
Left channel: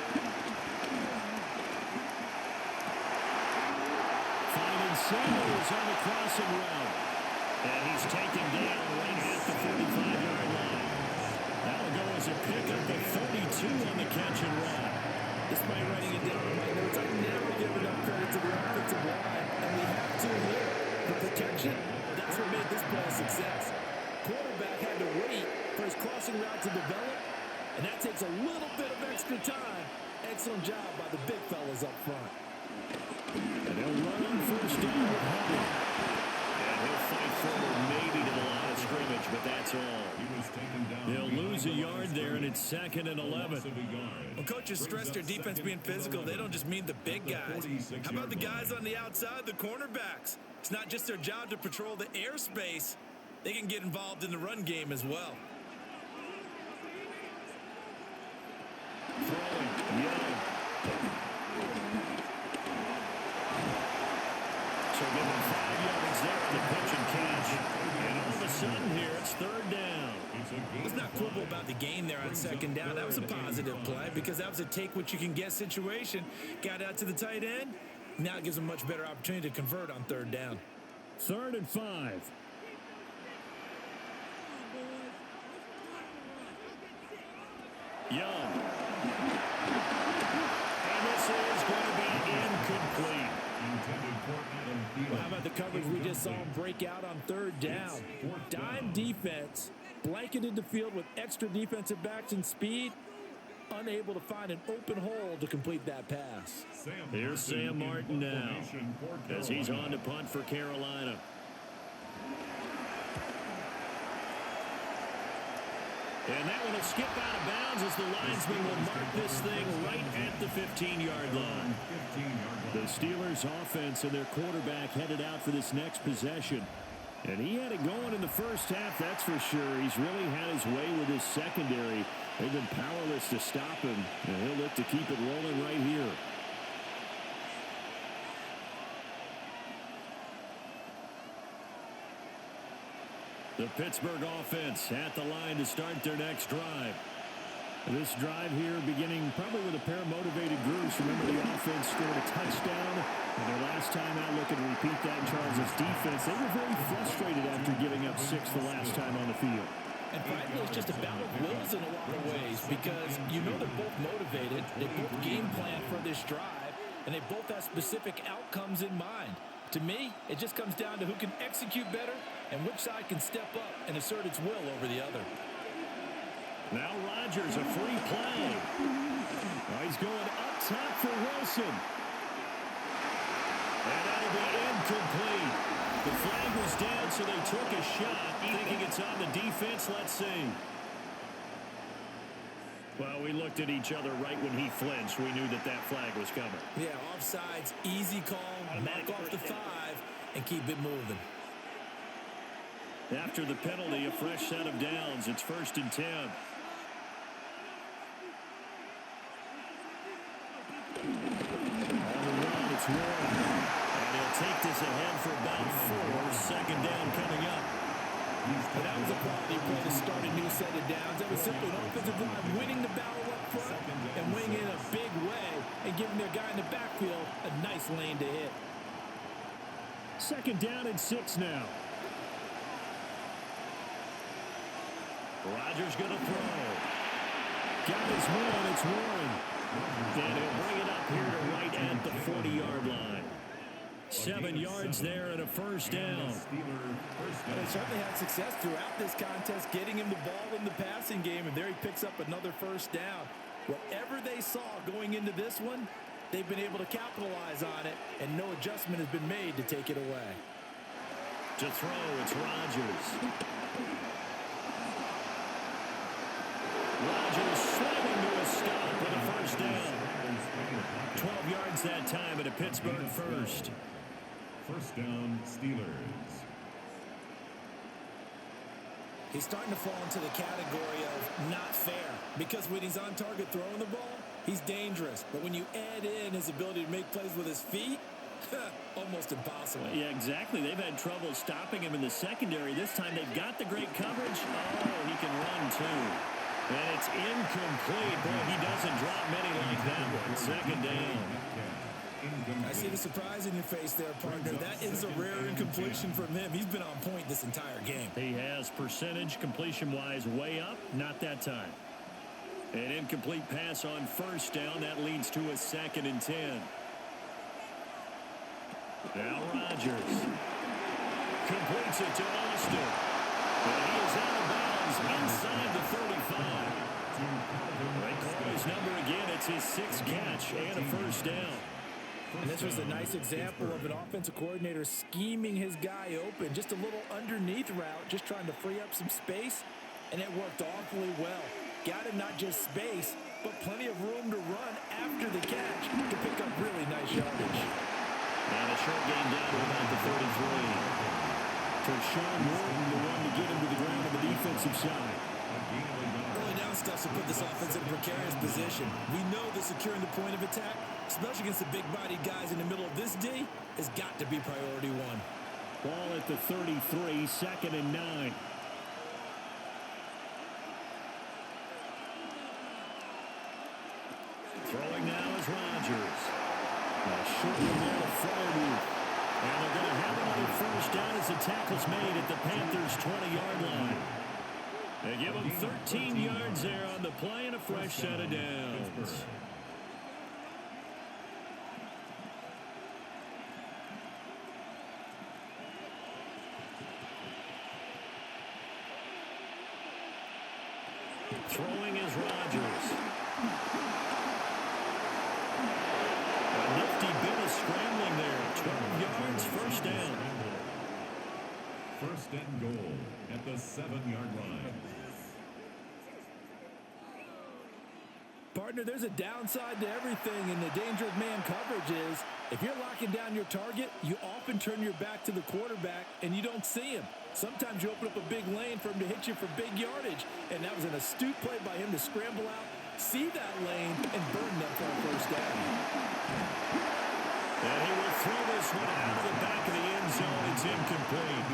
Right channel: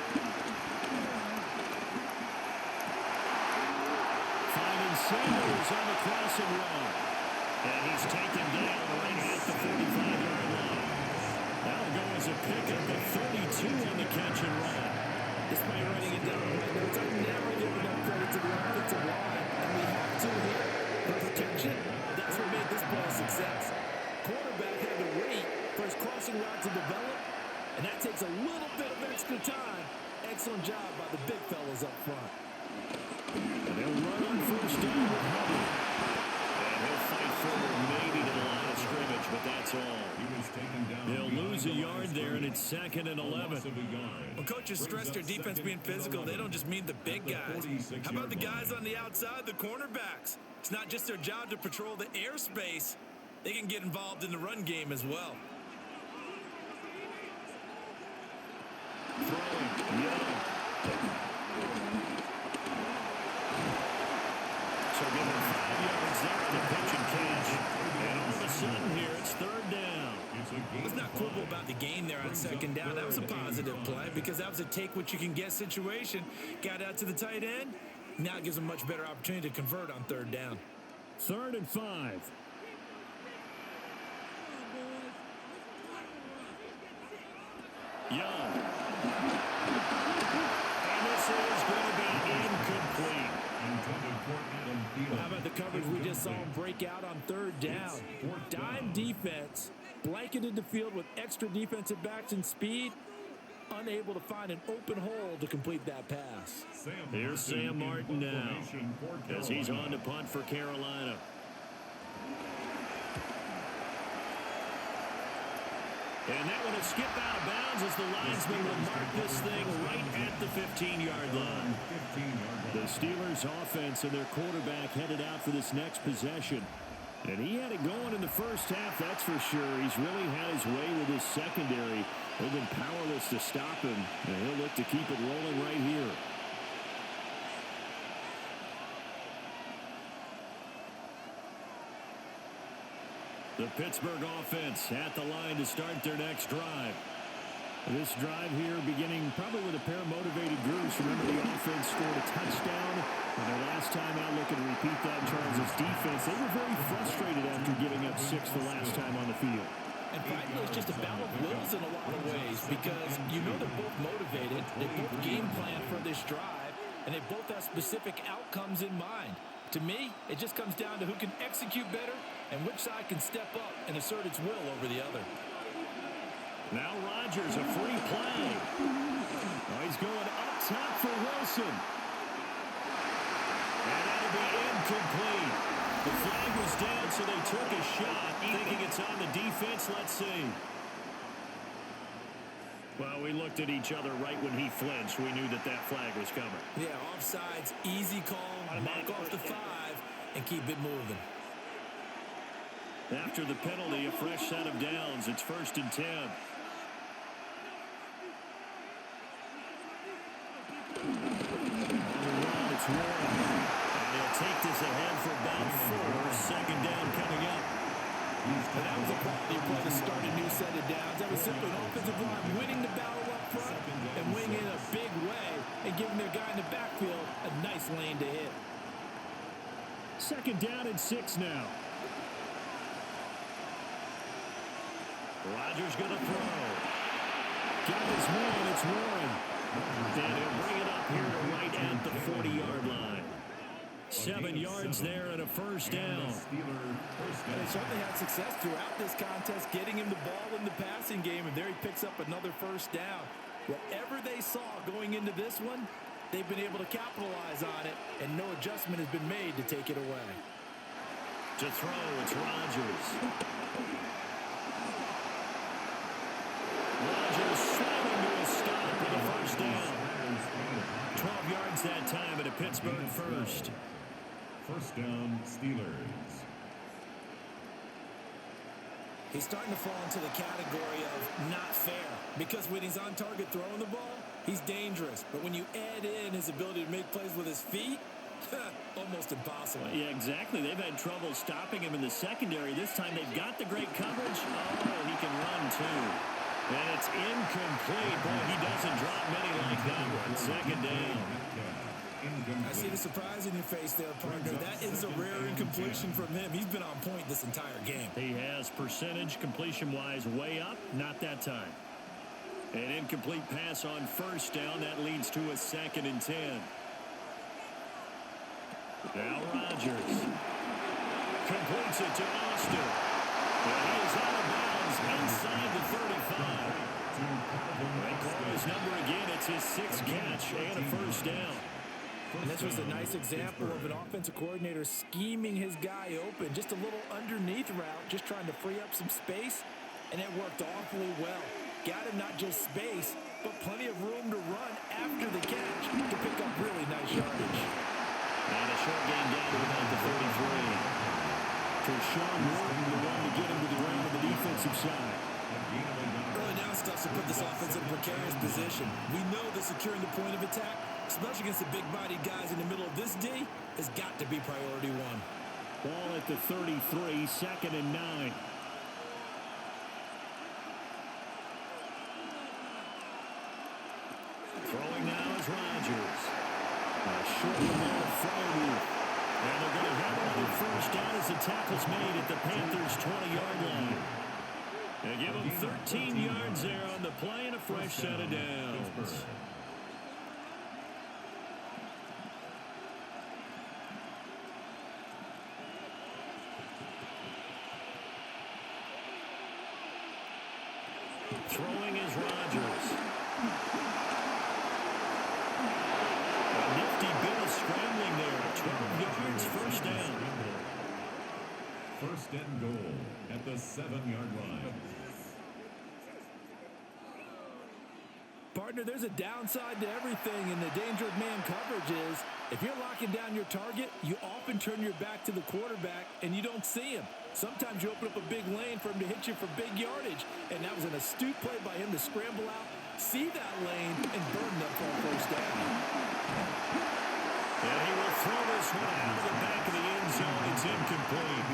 Finding Sanders on the crossing route. And he's taken down right at the 45-yard line. That'll go as a pickup of 32 on the catch and run. Despite writing it down in my notes, I never give enough credit to the offensive line, and we have to here. The protection, that's what made this play a success. Quarterback had to wait for his crossing route to develop, and that takes a little bit of extra time. Excellent job by the big fellas up front. And they'll run on first down with Hubbard. And he'll fight forward maybe to the line of scrimmage, but that's all. They'll lose a yard there, and it's 2nd and 11. When coaches stress their defense being physical, they don't just mean the big guys. How about the guys on the outside, the cornerbacks? It's not just their job to patrol the airspace. They can get involved in the run game as well. Throwing, Young. So give him 5 yards there on the pitch and catch. And all of a sudden here, it's 3rd down. Let's not quibble about the gain there on 2nd down. That was a positive play because that was a take-what-you-can-get situation. Got out to the tight end. Now it gives them a much better opportunity to convert on 3rd down. 3rd and 5. Young. And this is going to be incomplete. Well, how about the coverage we just saw him break out on 3rd down? Dime defense, blanketed the field with extra defensive backs and speed, unable to find an open hole to complete that pass. Here's Sam Martin now as he's on to punt for Carolina. And that one will skip out of bounds as the linesman will mark this thing right at the 15-yard line. The Steelers offense and their quarterback headed out for this next possession. And he had it going in the first half, that's for sure. He's really had his way with his secondary. They've been powerless to stop him, and he'll look to keep it rolling right here. The Pittsburgh offense at the line to start their next drive. This drive here beginning probably with a pair of motivated groups. Remember, the offense scored a touchdown on their last time out. Looking to repeat that in Charles' defense. They were very frustrated after giving up 6 the last time on the field. And frankly, it's just a battle of wills in a lot of ways because you know they're both motivated. They both game plan for this drive, and they both have specific outcomes in mind. To me, it just comes down to who can execute better and which side can step up and assert its will over the other. Now Rodgers, a free play. Oh, he's going up top for Wilson. And that'll be incomplete. The flag was down, so they took a shot, thinking it's on the defense. Let's see. Well, we looked at each other right when he flinched. We knew that that flag was coming. Yeah, offsides, easy call, mark off the 5, and keep it moving. After the penalty, a fresh set of downs. It's 1st and 10. On the run, it's Warren. And he'll take this ahead for about 4. Second down coming up. But that was a quality play to start a new set of downs. That was simply an offensive line winning the battle up front and winning in a big way and giving their guy in the backfield a nice lane to hit. 2nd down and 6 now. Rodgers going to throw. Got his man, it's Warren. And he'll bring it up here to right at the 40-yard line. 7 yards there and a first down. They certainly had success throughout this contest, getting him the ball in the passing game, and there he picks up another first down. Whatever they saw going into this one, they've been able to capitalize on it, and no adjustment has been made to take it away. To throw, it's Rodgers. Rodgers sliding to a stop with a first down. 12 yards that time at a Pittsburgh first. 1st down, Steelers. He's starting to fall into the category of not fair because when he's on target throwing the ball, he's dangerous. But when you add in his ability to make plays with his feet, almost impossible. Yeah, exactly. They've had trouble stopping him in the secondary. This time they've got the great coverage. Oh, he can run too. And it's incomplete. Boy, he doesn't drop many like that one. 2nd down. I see the surprise in your face there, partner. That is a rare incompletion from him. He's been on point this entire game. He has percentage completion-wise way up. Not that time. An incomplete pass on 1st down. That leads to a 2nd and 10. Now Rodgers completes it to Austin. And he is out of bounds inside the 35. They call his number again. It's his 6th catch and a first down. And this was a nice example of an offensive coordinator scheming his guy open. Just a little underneath route, just trying to free up some space, and it worked awfully well. Got him not just space, but plenty of room to run after the catch to pick up really nice yardage. And a short gain down to about the 33. Tershawn Norton, the one to get him to the ground on the defensive side. Early down stuff to put this offense in a precarious position. We know that securing the point of attack, especially against the big-bodied guys in the middle of this D, has got to be priority 1. Ball at the 33, 2nd and 9. Throwing now is Rodgers. A short one there to Freiermuth. And they're going to have another first down as the tackle's made at the Panthers' 20-yard line. They give them 13 yards there on the play and a fresh set of downs. Throwing is Rodgers. A nifty bit of scrambling there. 12 yards, first down. 1st and goal at the 7-yard line. Partner, there's a downside to everything, and the danger of man coverage is if you're locking down your target, you often turn your back to the quarterback and you don't see him. Sometimes you open up a big lane for him to hit you for big yardage, and that was an astute play by him to scramble out, see that lane, and burn them for a first down. And he will throw this one out of the back of the end zone. It's incomplete.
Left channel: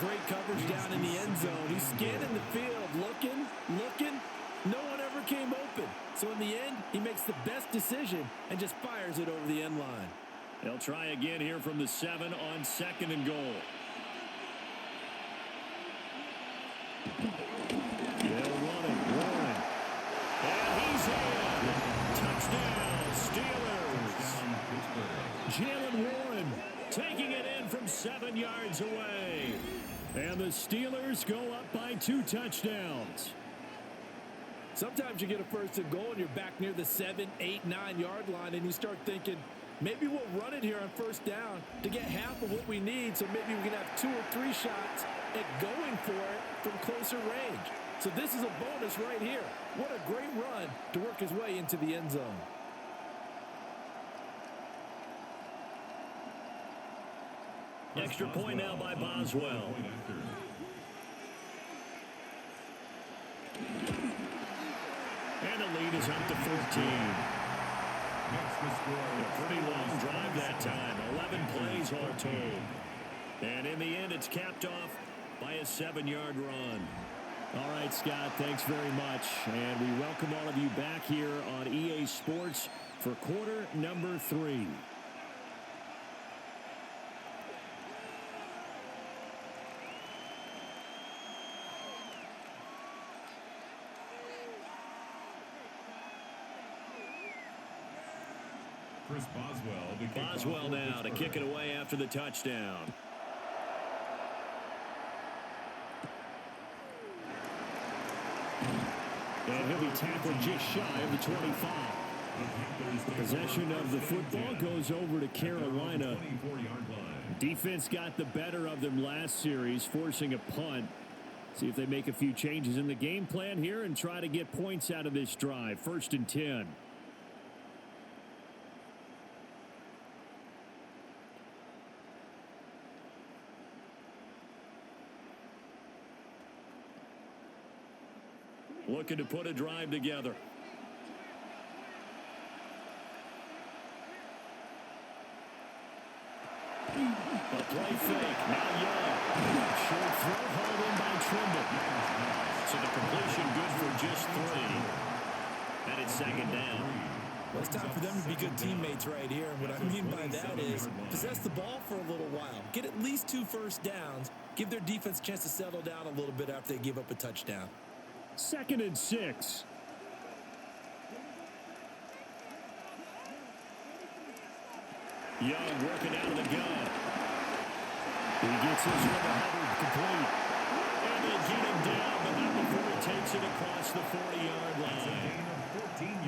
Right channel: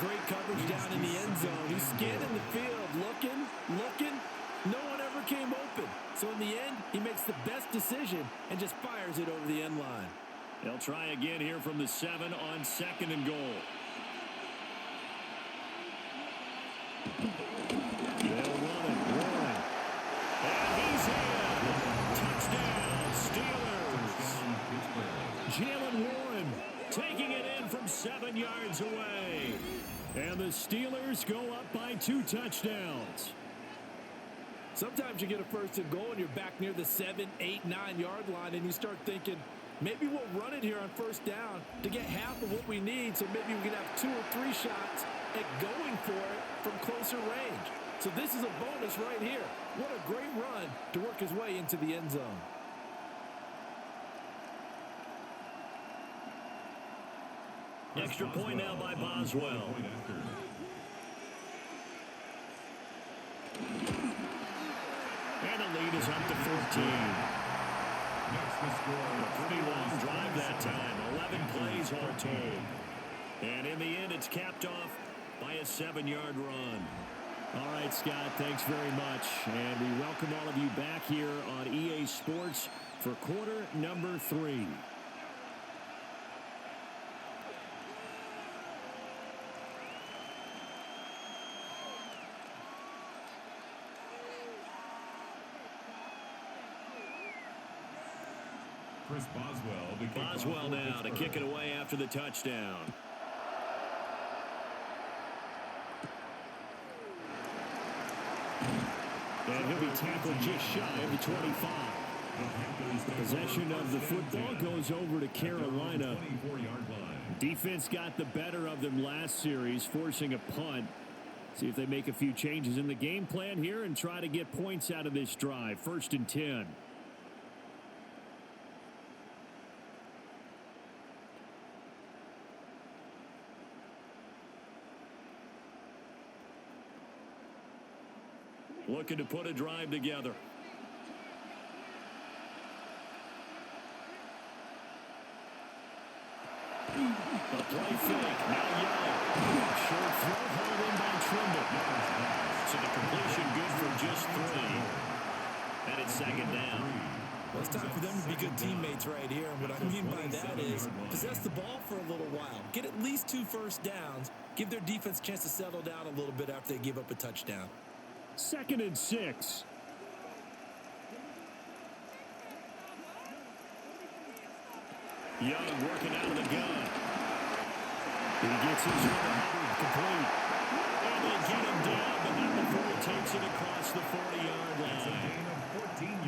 Great coverage down in the end zone. He's scanning the field, looking. No one ever came open. So in the end, he makes the best decision and just fires it over the end line. They'll try again here from the 7 on 2nd and goal. They'll run it. Warren. And he's in. Touchdown, Steelers. Jalen Warren taking it in from 7 yards away. And the Steelers go up by 2 touchdowns. Sometimes you get a first and goal and you're back near the 7, 8, 9 yard line and you start thinking, maybe we'll run it here on first down to get half of what we need, so maybe we can have 2 or 3 shots at going for it from closer range. So this is a bonus right here. What a great run to work his way into the end zone. Extra point now by Boswell. And the lead is up to 14. A pretty long drive that time. 11 plays all told. And in the end, it's capped off by a 7-yard run. All right, Scott, thanks very much. And we welcome all of you back here on EA Sports for quarter number 3. Chris Boswell. Boswell now to kick it away after the touchdown. And he'll be tackled just shy of the 25. The possession of the football goes over to Carolina. Defense got the better of them last series, forcing a punt. See if they make a few changes in the game plan here and try to get points out of this drive. 1st and 10. Looking to put a drive together. A play fake. Now Young. Short throw hauled in by Trimble. So the completion good for just 3. And it's 2nd down. Well, it's time for them to be good teammates right here. And what I mean by that is possess the ball for a little while. Get at least 2 first downs. Give their defense a chance to settle down a little bit after they give up a touchdown. 2nd and 6. Young working out of the gun. He gets his one to Hubbard, complete. And they get him down, but not before he takes it across the 40-yard line.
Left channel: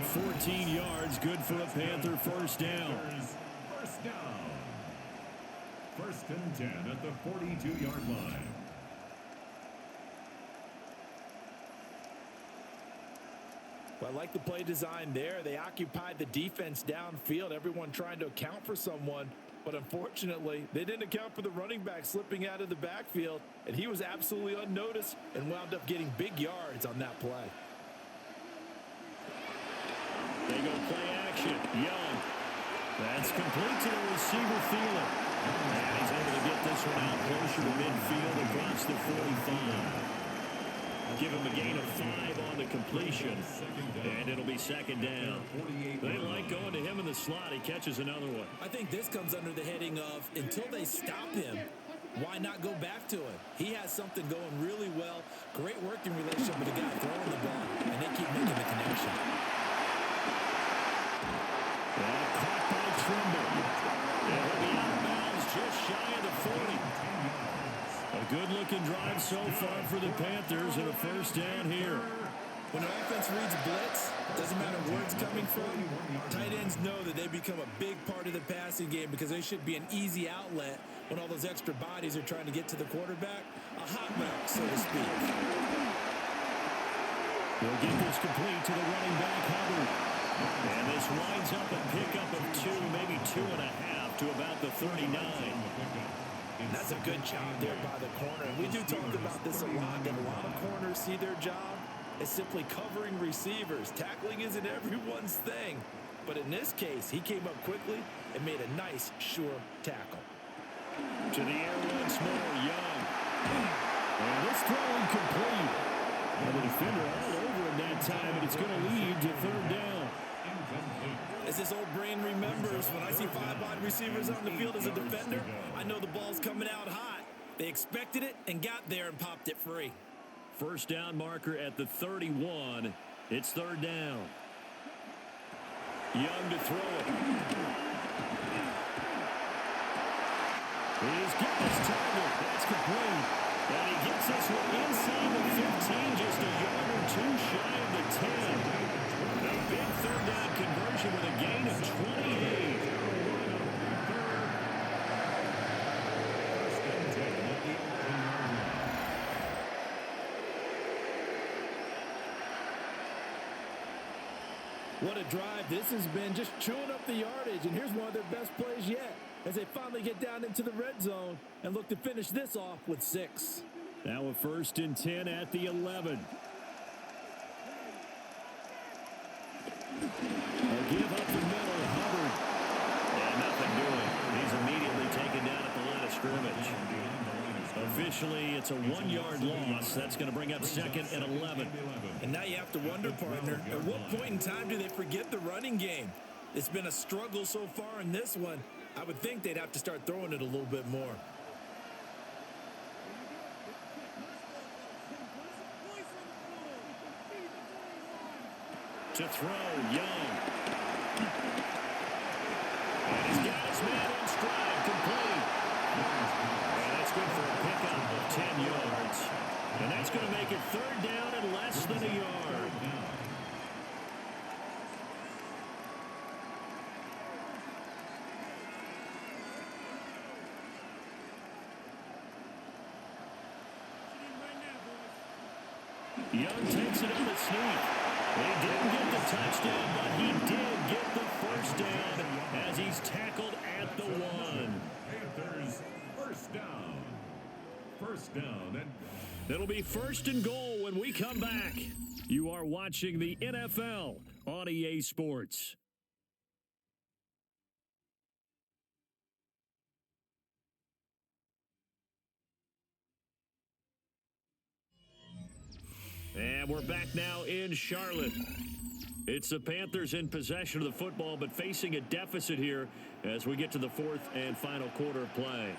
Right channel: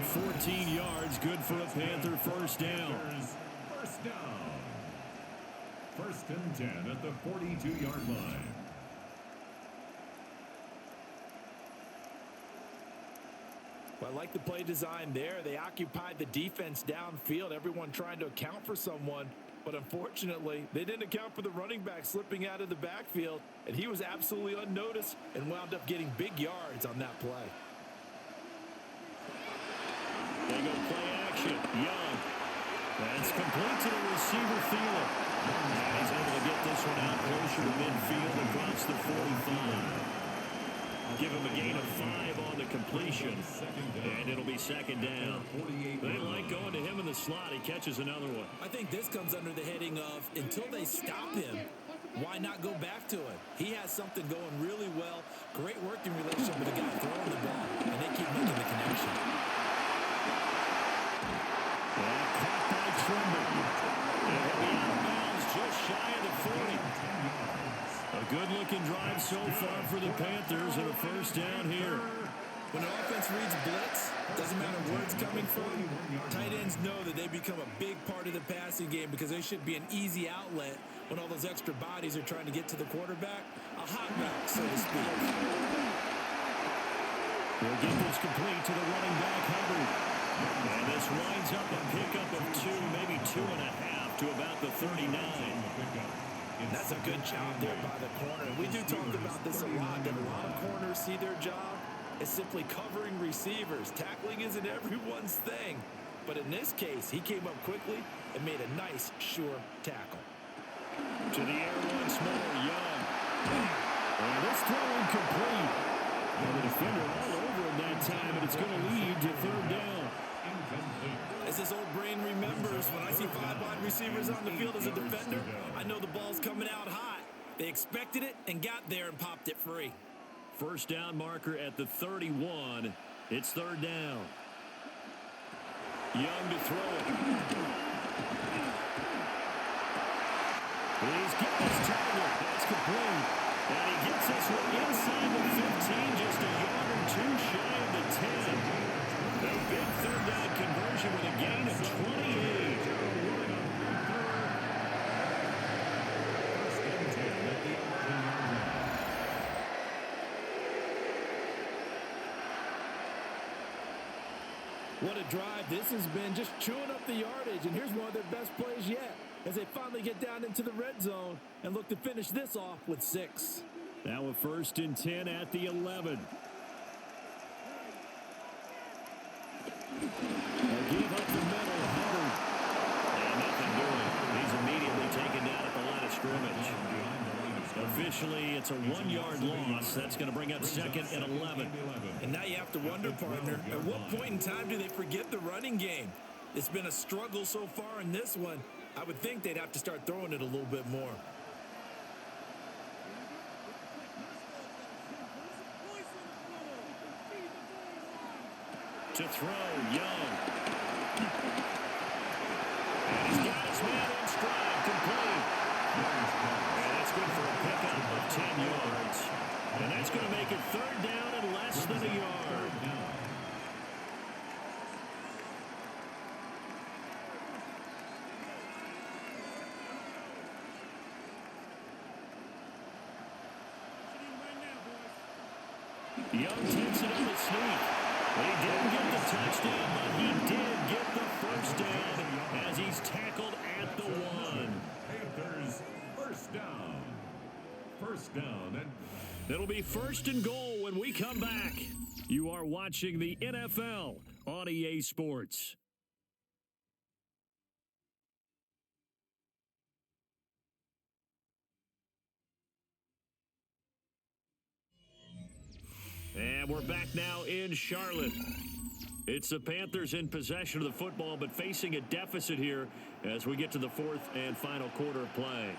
14 yards, good for a Panther first down. First down. 1st and 10 at the 42-yard line. Well, I like the play design there. They occupied the defense downfield, everyone trying to account for someone. But unfortunately, they didn't account for the running back slipping out of the backfield, and he was absolutely unnoticed and wound up getting big yards on that play. They go play action. Young. That's complete to the receiver, Thielen. And he's able to get this one out closer to midfield across the 45. Give him a gain of 5 on the completion, and it'll be 2nd down. They like going to him in the slot. He catches another one. I think this comes under the heading of until they stop him, why not go back to him? He has something going really well. Great working relationship with the guy throwing the ball, and they keep making the connection. That caught by Trimble. And he'll be out of bounds just shy of the 40. A good-looking drive so far for the Panthers and a first down here. When an offense reads blitz, doesn't matter where it's coming from, tight ends know that they become a big part of the passing game because they should be an easy outlet when all those extra bodies are trying to get to the quarterback. A hot route, so to speak. He'll get this complete to the running back, Hubbard. And this winds up a pickup of 2, maybe 2.5 to about the 39. And that's a good job there by the corner. And we do talk about this a lot, that a lot of corners see their job as simply covering receivers. Tackling isn't everyone's thing. But in this case, he came up quickly and made a nice, sure tackle. To the air once more, Young. And this throw incomplete. Well, the defender all over him that time, and it's going to lead to 3rd down. As his old brain remembers, when I see 5 wide receivers on the field as a defender, I know the ball's coming out hot. They expected it and got there and popped it free. First down marker at the 31. It's 3rd down. Young to throw it. He's got his target. That's complete. And he gets this one inside the 15, just a yard or 2 shy of the 10. A big 3rd down conversion with a gain of 28. Carolina Panther. 1st and 10 at the 11-yard line. What a drive this has been, just chewing up the yardage. And here's one of their best plays yet, as they finally get down into the red zone and look to finish this off with 6. Now a 1st and 10 at the 11. A give up the middle, Hubbard. And nothing doing. He's immediately taken down at the line of scrimmage. Officially, it's a 1-yard loss. That's going to bring up 2nd and 11. And now you have to wonder, partner, at what point in time do they forget the running game? It's been a struggle so far in this one. I would think they'd have to start throwing it a little bit more. To throw, Young. And he's got his man in stride, complete. And that's good for a pickup of 10 yards. And that's going to make it 3rd down and less than a yard. Young takes it on a sneak. He didn't get the touchdown, but he did get the 1st down as he's tackled at the 1. Panthers, 1st down. 1st down. And it'll be 1st and goal when we come back. You are watching the NFL on EA Sports. And we're back now in Charlotte. It's the Panthers in possession of the football, but facing a deficit here as we get to the 4th and final quarter of play.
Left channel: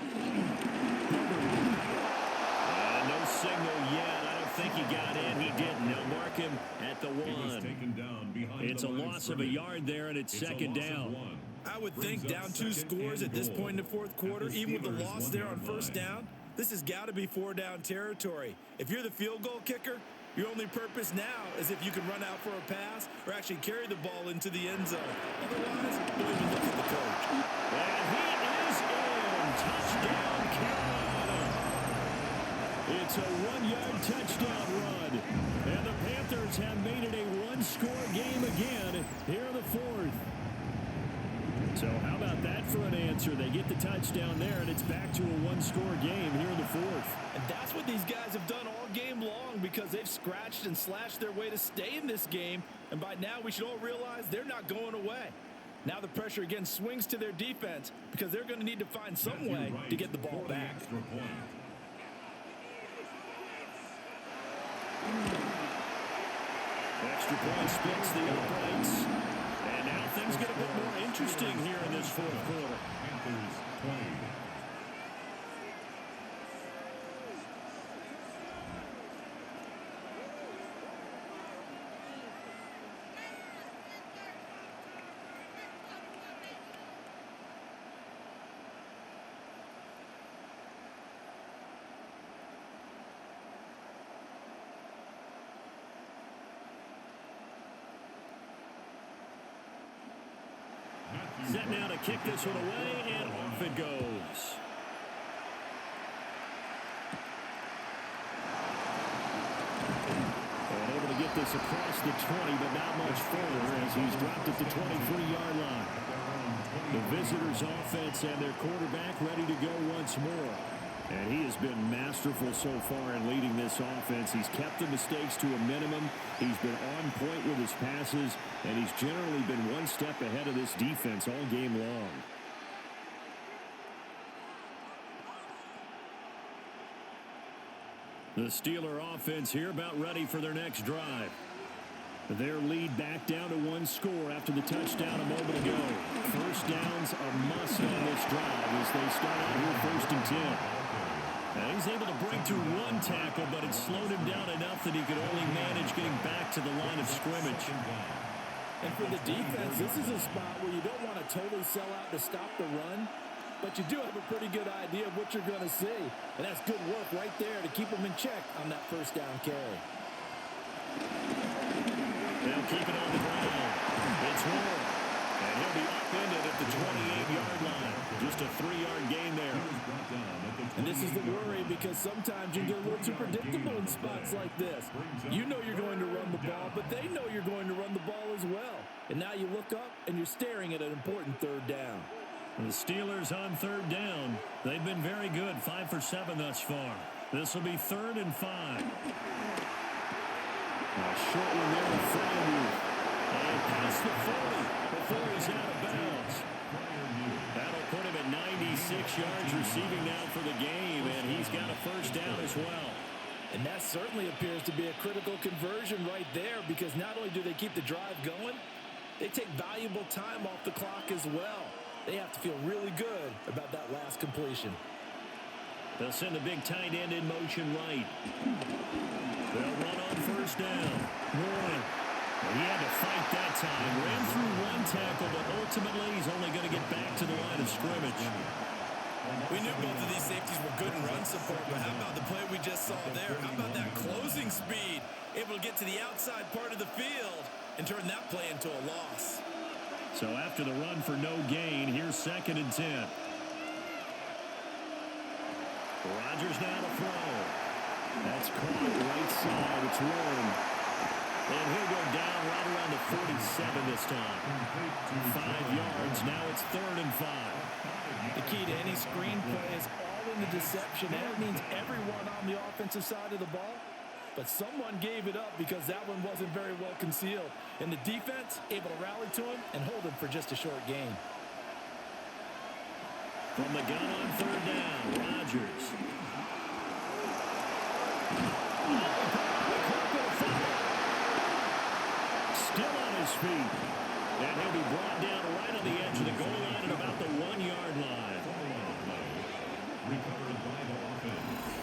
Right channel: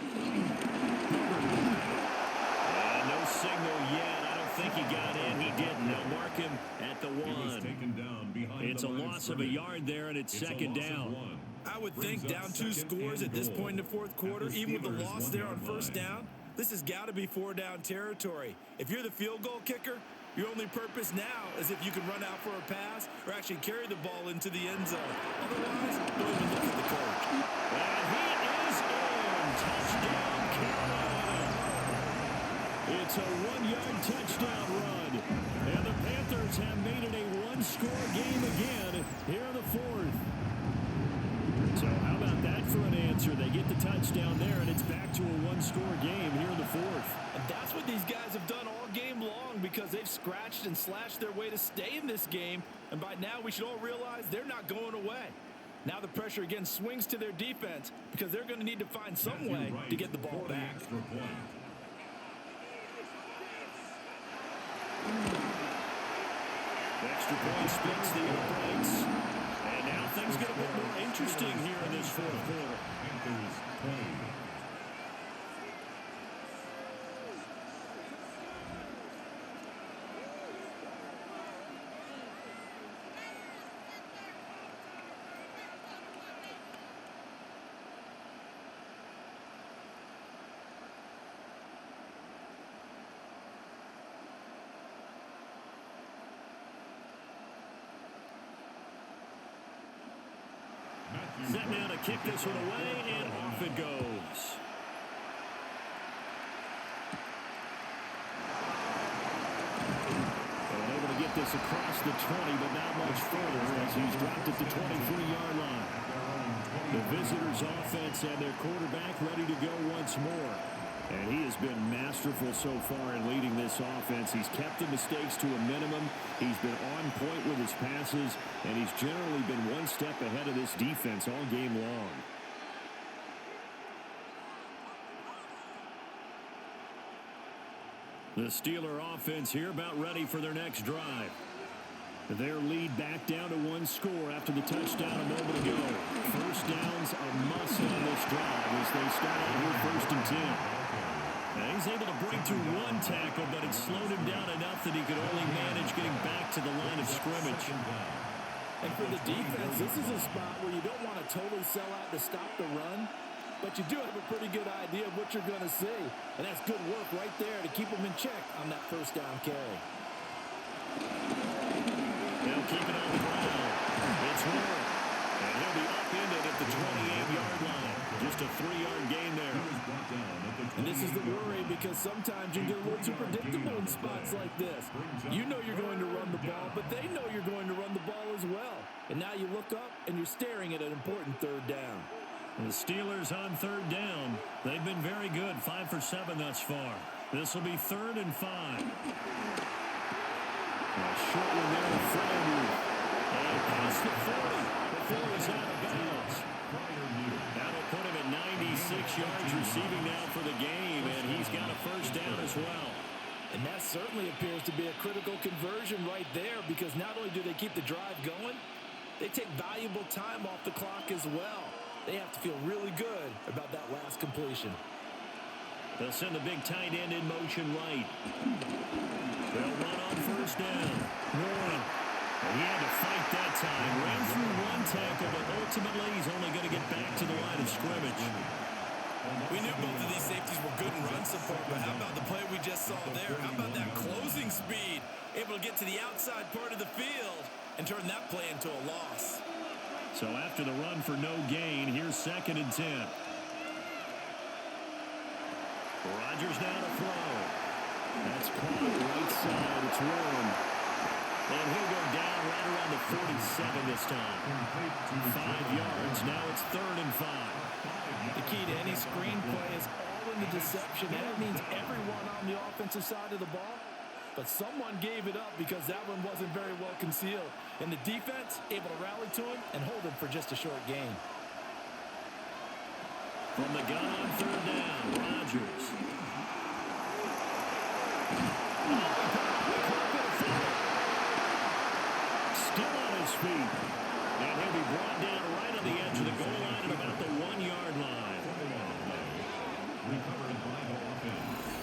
Hubbard. And no signal yet. I don't think he got in. He didn't. They'll mark him at the 1. he was taken down behind It's a loss of a yard there, and it's 2nd down. I would think down 2 scores at this point in the 4th quarter, even with the loss there on 1st down. This has got to be 4-down territory. If you're the field goal kicker, your only purpose now is if you can run out for a pass or actually carry the ball into the end zone. Otherwise, don't even look at the coach. And he is in. Touchdown, Carolina. It's a 1-yard touchdown run. And the Panthers have made it a 1-score game again here in the 4th. So how about that for an answer? They get the touchdown there, and it's back to a 1-score game here in the 4th. And that's what these guys have done all game long, because they've scratched and slashed their way to stay in this game. And by now, we should all realize they're not going away. Now the pressure again swings to their defense, because they're going to need to find some way to get the ball back. Extra point splits the uprights. And now things get a bit more interesting here in this 4th quarter. Panthers 20. Set now to kick this one away, and off it goes. And able to get this across the 20, but not much further as he's dropped at the 23-yard line. The visitors' offense and their quarterback ready to go once more. And he has been masterful so far in leading this offense. He's kept the mistakes to a minimum. He's been on point with his passes, and he's generally been one step ahead of this defense all game long. The Steeler offense here about ready for their next drive. Their lead back down to one score after the touchdown a moment ago. First down's a must on this drive as they start out here 1st and 10. Now he's able to break through one tackle, but it slowed him down enough that he could only manage getting back to the line of scrimmage. And for the defense, this is a spot where you don't want to totally sell out to stop the run, but you do have a pretty good idea of what you're going to see. And that's good work right there to keep them in check on that first down carry. They'll keep it on the ground. It's Warren. And he'll be upended at the 28-yard line. Just a 3-yard gain there. And this is the worry because sometimes you get a little too predictable in spots like this. You know you're going to run the ball, but they know you're going to run the ball as well. And now you look up and you're staring at an important 3rd down. The Steelers on 3rd down. They've been very good, 5 for 7 thus far. This will be 3rd and 5. A short one there to Freiermuth. And past the 40 before he's out of bounds. That'll put him at 96 yards receiving now for the game, and he's got a first down as well. And that certainly appears to be a critical conversion right there because not only do they keep the drive going, they take valuable time off the clock as well. They have to feel really good about that last completion. They'll send the big tight end in motion right. They'll run on first down. Warren. And he had to fight that time. Ran through one tackle, but ultimately he's only going to get back to the line of scrimmage. We knew both of these safeties were good in run support, but how about the play we just saw there? How about that closing speed? Able to get to the outside part of the field and turn that play into a loss. So after the run for no gain, here's 2nd and 10. Rodgers now to throw. That's caught right side. It's Warren. And he'll go down right around the 47 this time. 5 yards. Now it's 3rd and 5. The key to any screen play is all in the deception. And that means everyone on the offensive side of the ball. But someone gave it up because that one wasn't very well concealed. And the defense able to rally to him and hold him for just a short gain. From the gun on 3rd down, Rodgers. Oh, he put it on the carpet, a fumble. Still on his feet. And he'll be brought down right on the edge of the goal line at about the 1-yard line. Recovered by the offense.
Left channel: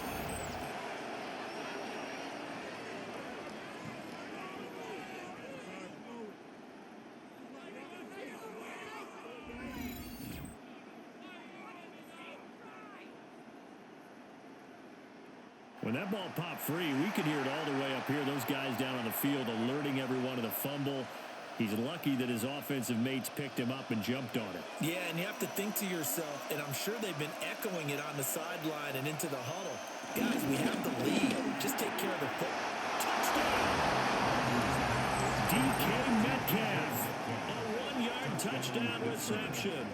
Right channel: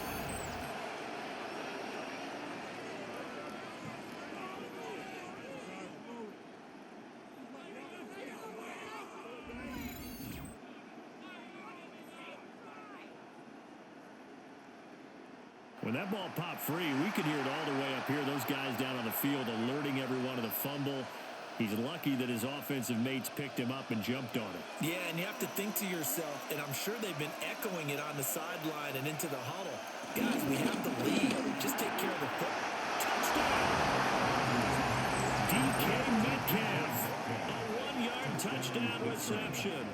When that ball popped free, we could hear it all the way up here. Those guys down on the field alerting everyone of the fumble. He's lucky that his offensive mates picked him up and jumped on it. Yeah, and you have to think to yourself, and I'm sure they've been echoing it on the sideline and into the huddle. Guys, we have the lead. Just take care of the football. Touchdown! DK Metcalf. A 1-yard touchdown reception.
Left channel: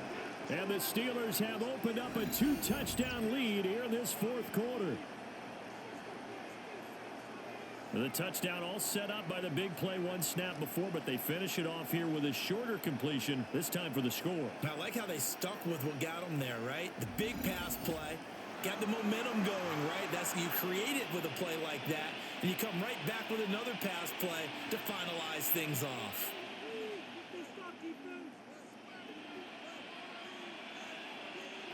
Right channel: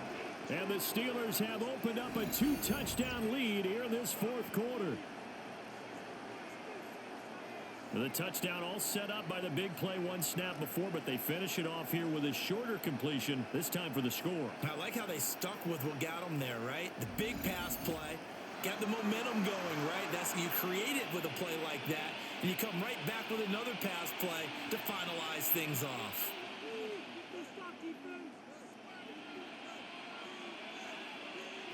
And the Steelers have opened up a 2-touchdown lead here in this 4th quarter. The touchdown all set up by the big play one snap before, but they finish it off here with a shorter completion, this time for the score. I like how they stuck with what got them there, right? The big pass play, got the momentum going, right? That's you create it with a play like that, and you come right back with another pass play to finalize things off.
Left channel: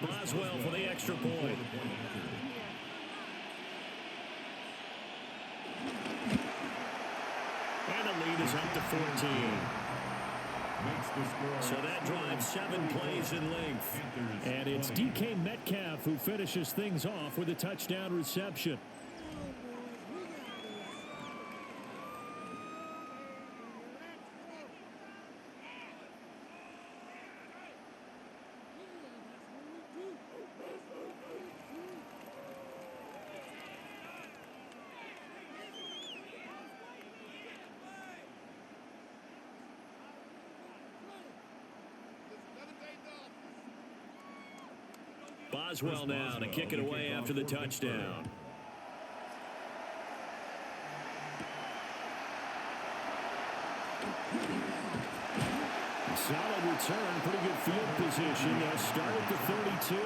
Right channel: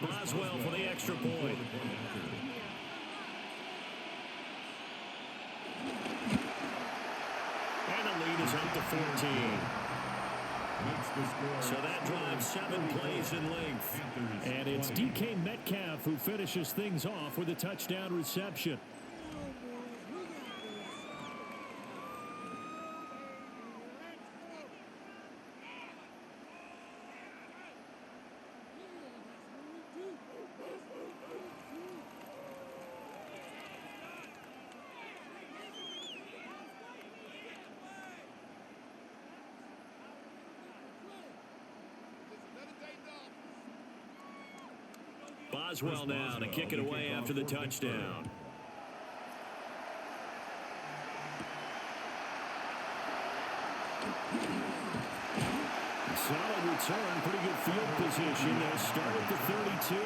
Boswell for the extra point. And the lead is up to 14. So that drives 7 plays in length. And it's DK Metcalf who finishes things off with a touchdown reception. Boswell now to kick it away after the touchdown. Solid return, pretty good field position. They'll start at the 32.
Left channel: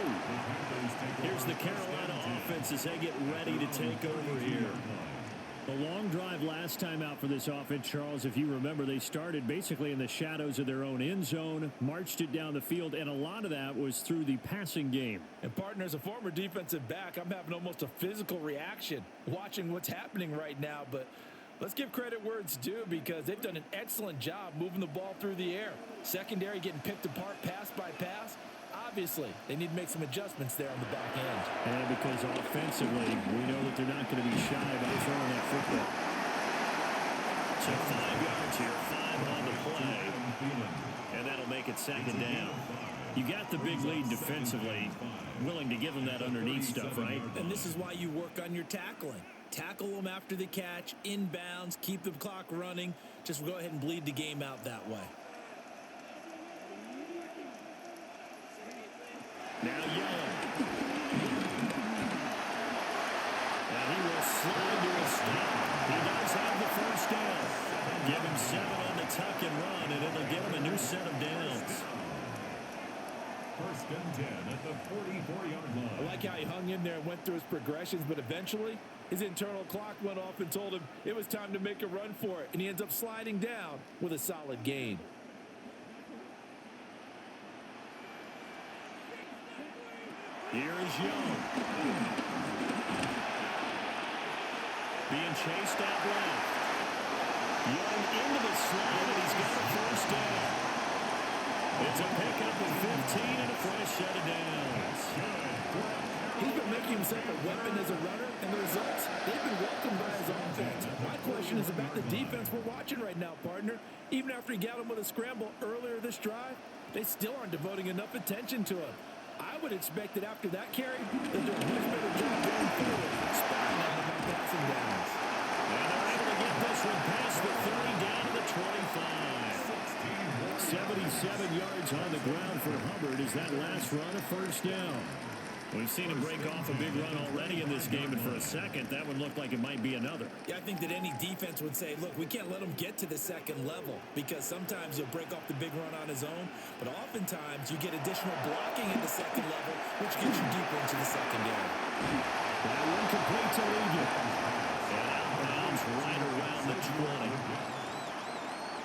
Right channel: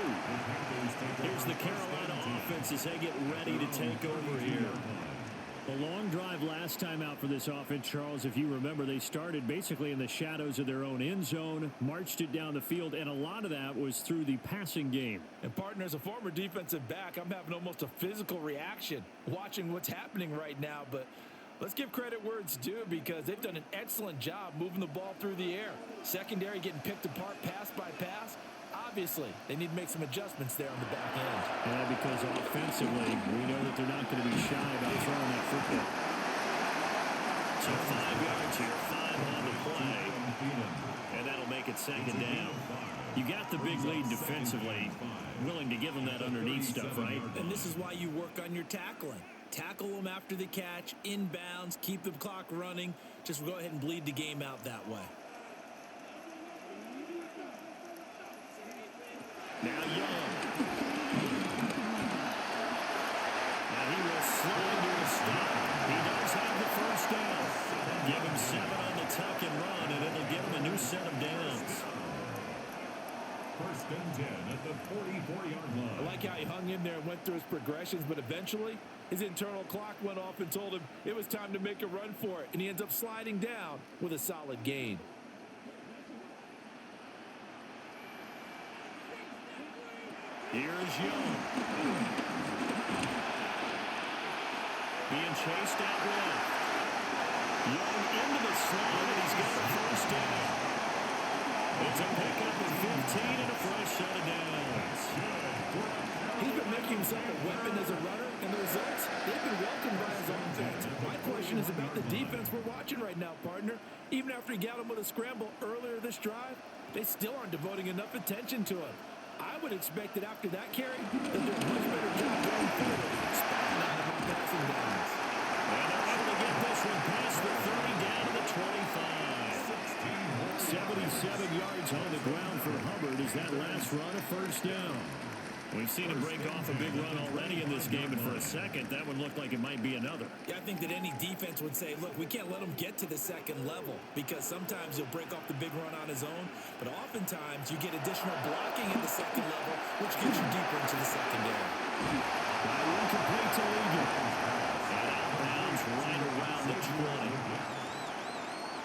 Here's the Carolina offense as they get ready to take over here. A long drive last time out for this offense, Charles. If you remember, they started basically in the shadows of their own end zone, marched it down the field, and a lot of that was through the passing game. And partner, as a former defensive back, I'm having almost a physical reaction watching what's happening right now. But let's give credit where it's due because they've done an excellent job moving the ball through the air. Secondary getting picked apart pass by pass. Obviously, they need to make some adjustments there on the back end. Yeah, because offensively, we know that they're not going to be shy about throwing that football. So 5 yards here, 5 on the play, and that'll make it second down. You got the big lead defensively, willing to give them that underneath stuff, right? And this is why you work on your tackling. Tackle them after the catch, inbounds, keep the clock running. Just go ahead and bleed the game out that way. Now Young. And he will slide to a stop. He does have the first down. Give him 7 on the tuck and run, and it'll give him a new set of downs. First and 10 at the 44-yard line. I like how he hung in there and went through his progressions, but eventually his internal clock went off and told him it was time to make a run for it, and he ends up sliding down with a solid gain. Here is Young. Being chased out left. Young into the slide, and he's got a first down. It's a pickup of 15 and a fresh set of downs. He's been making himself a weapon as a runner, and the results, they've been welcomed by his offense. My question is about the defense we're watching right now, partner. Even after he got him with a scramble earlier this drive, they still aren't devoting enough attention to him. I would expect that after that carry, they'll do a much better job going forward, spying on him on passing downs. And they're able to get this one past the 30 down to the 25. 77 yards on the ground for Hubbard as that last run a first down. We've seen him break off a big run already in this game, and for a second, that one looked like it might be another. Yeah, I think that any defense would say, look, we can't let him get to the second level because sometimes he'll break off the big run on his own, but oftentimes you get additional blocking at the second level, which gets you deeper into the secondary. That one complete to Ligon. And out of bounds right around the 20.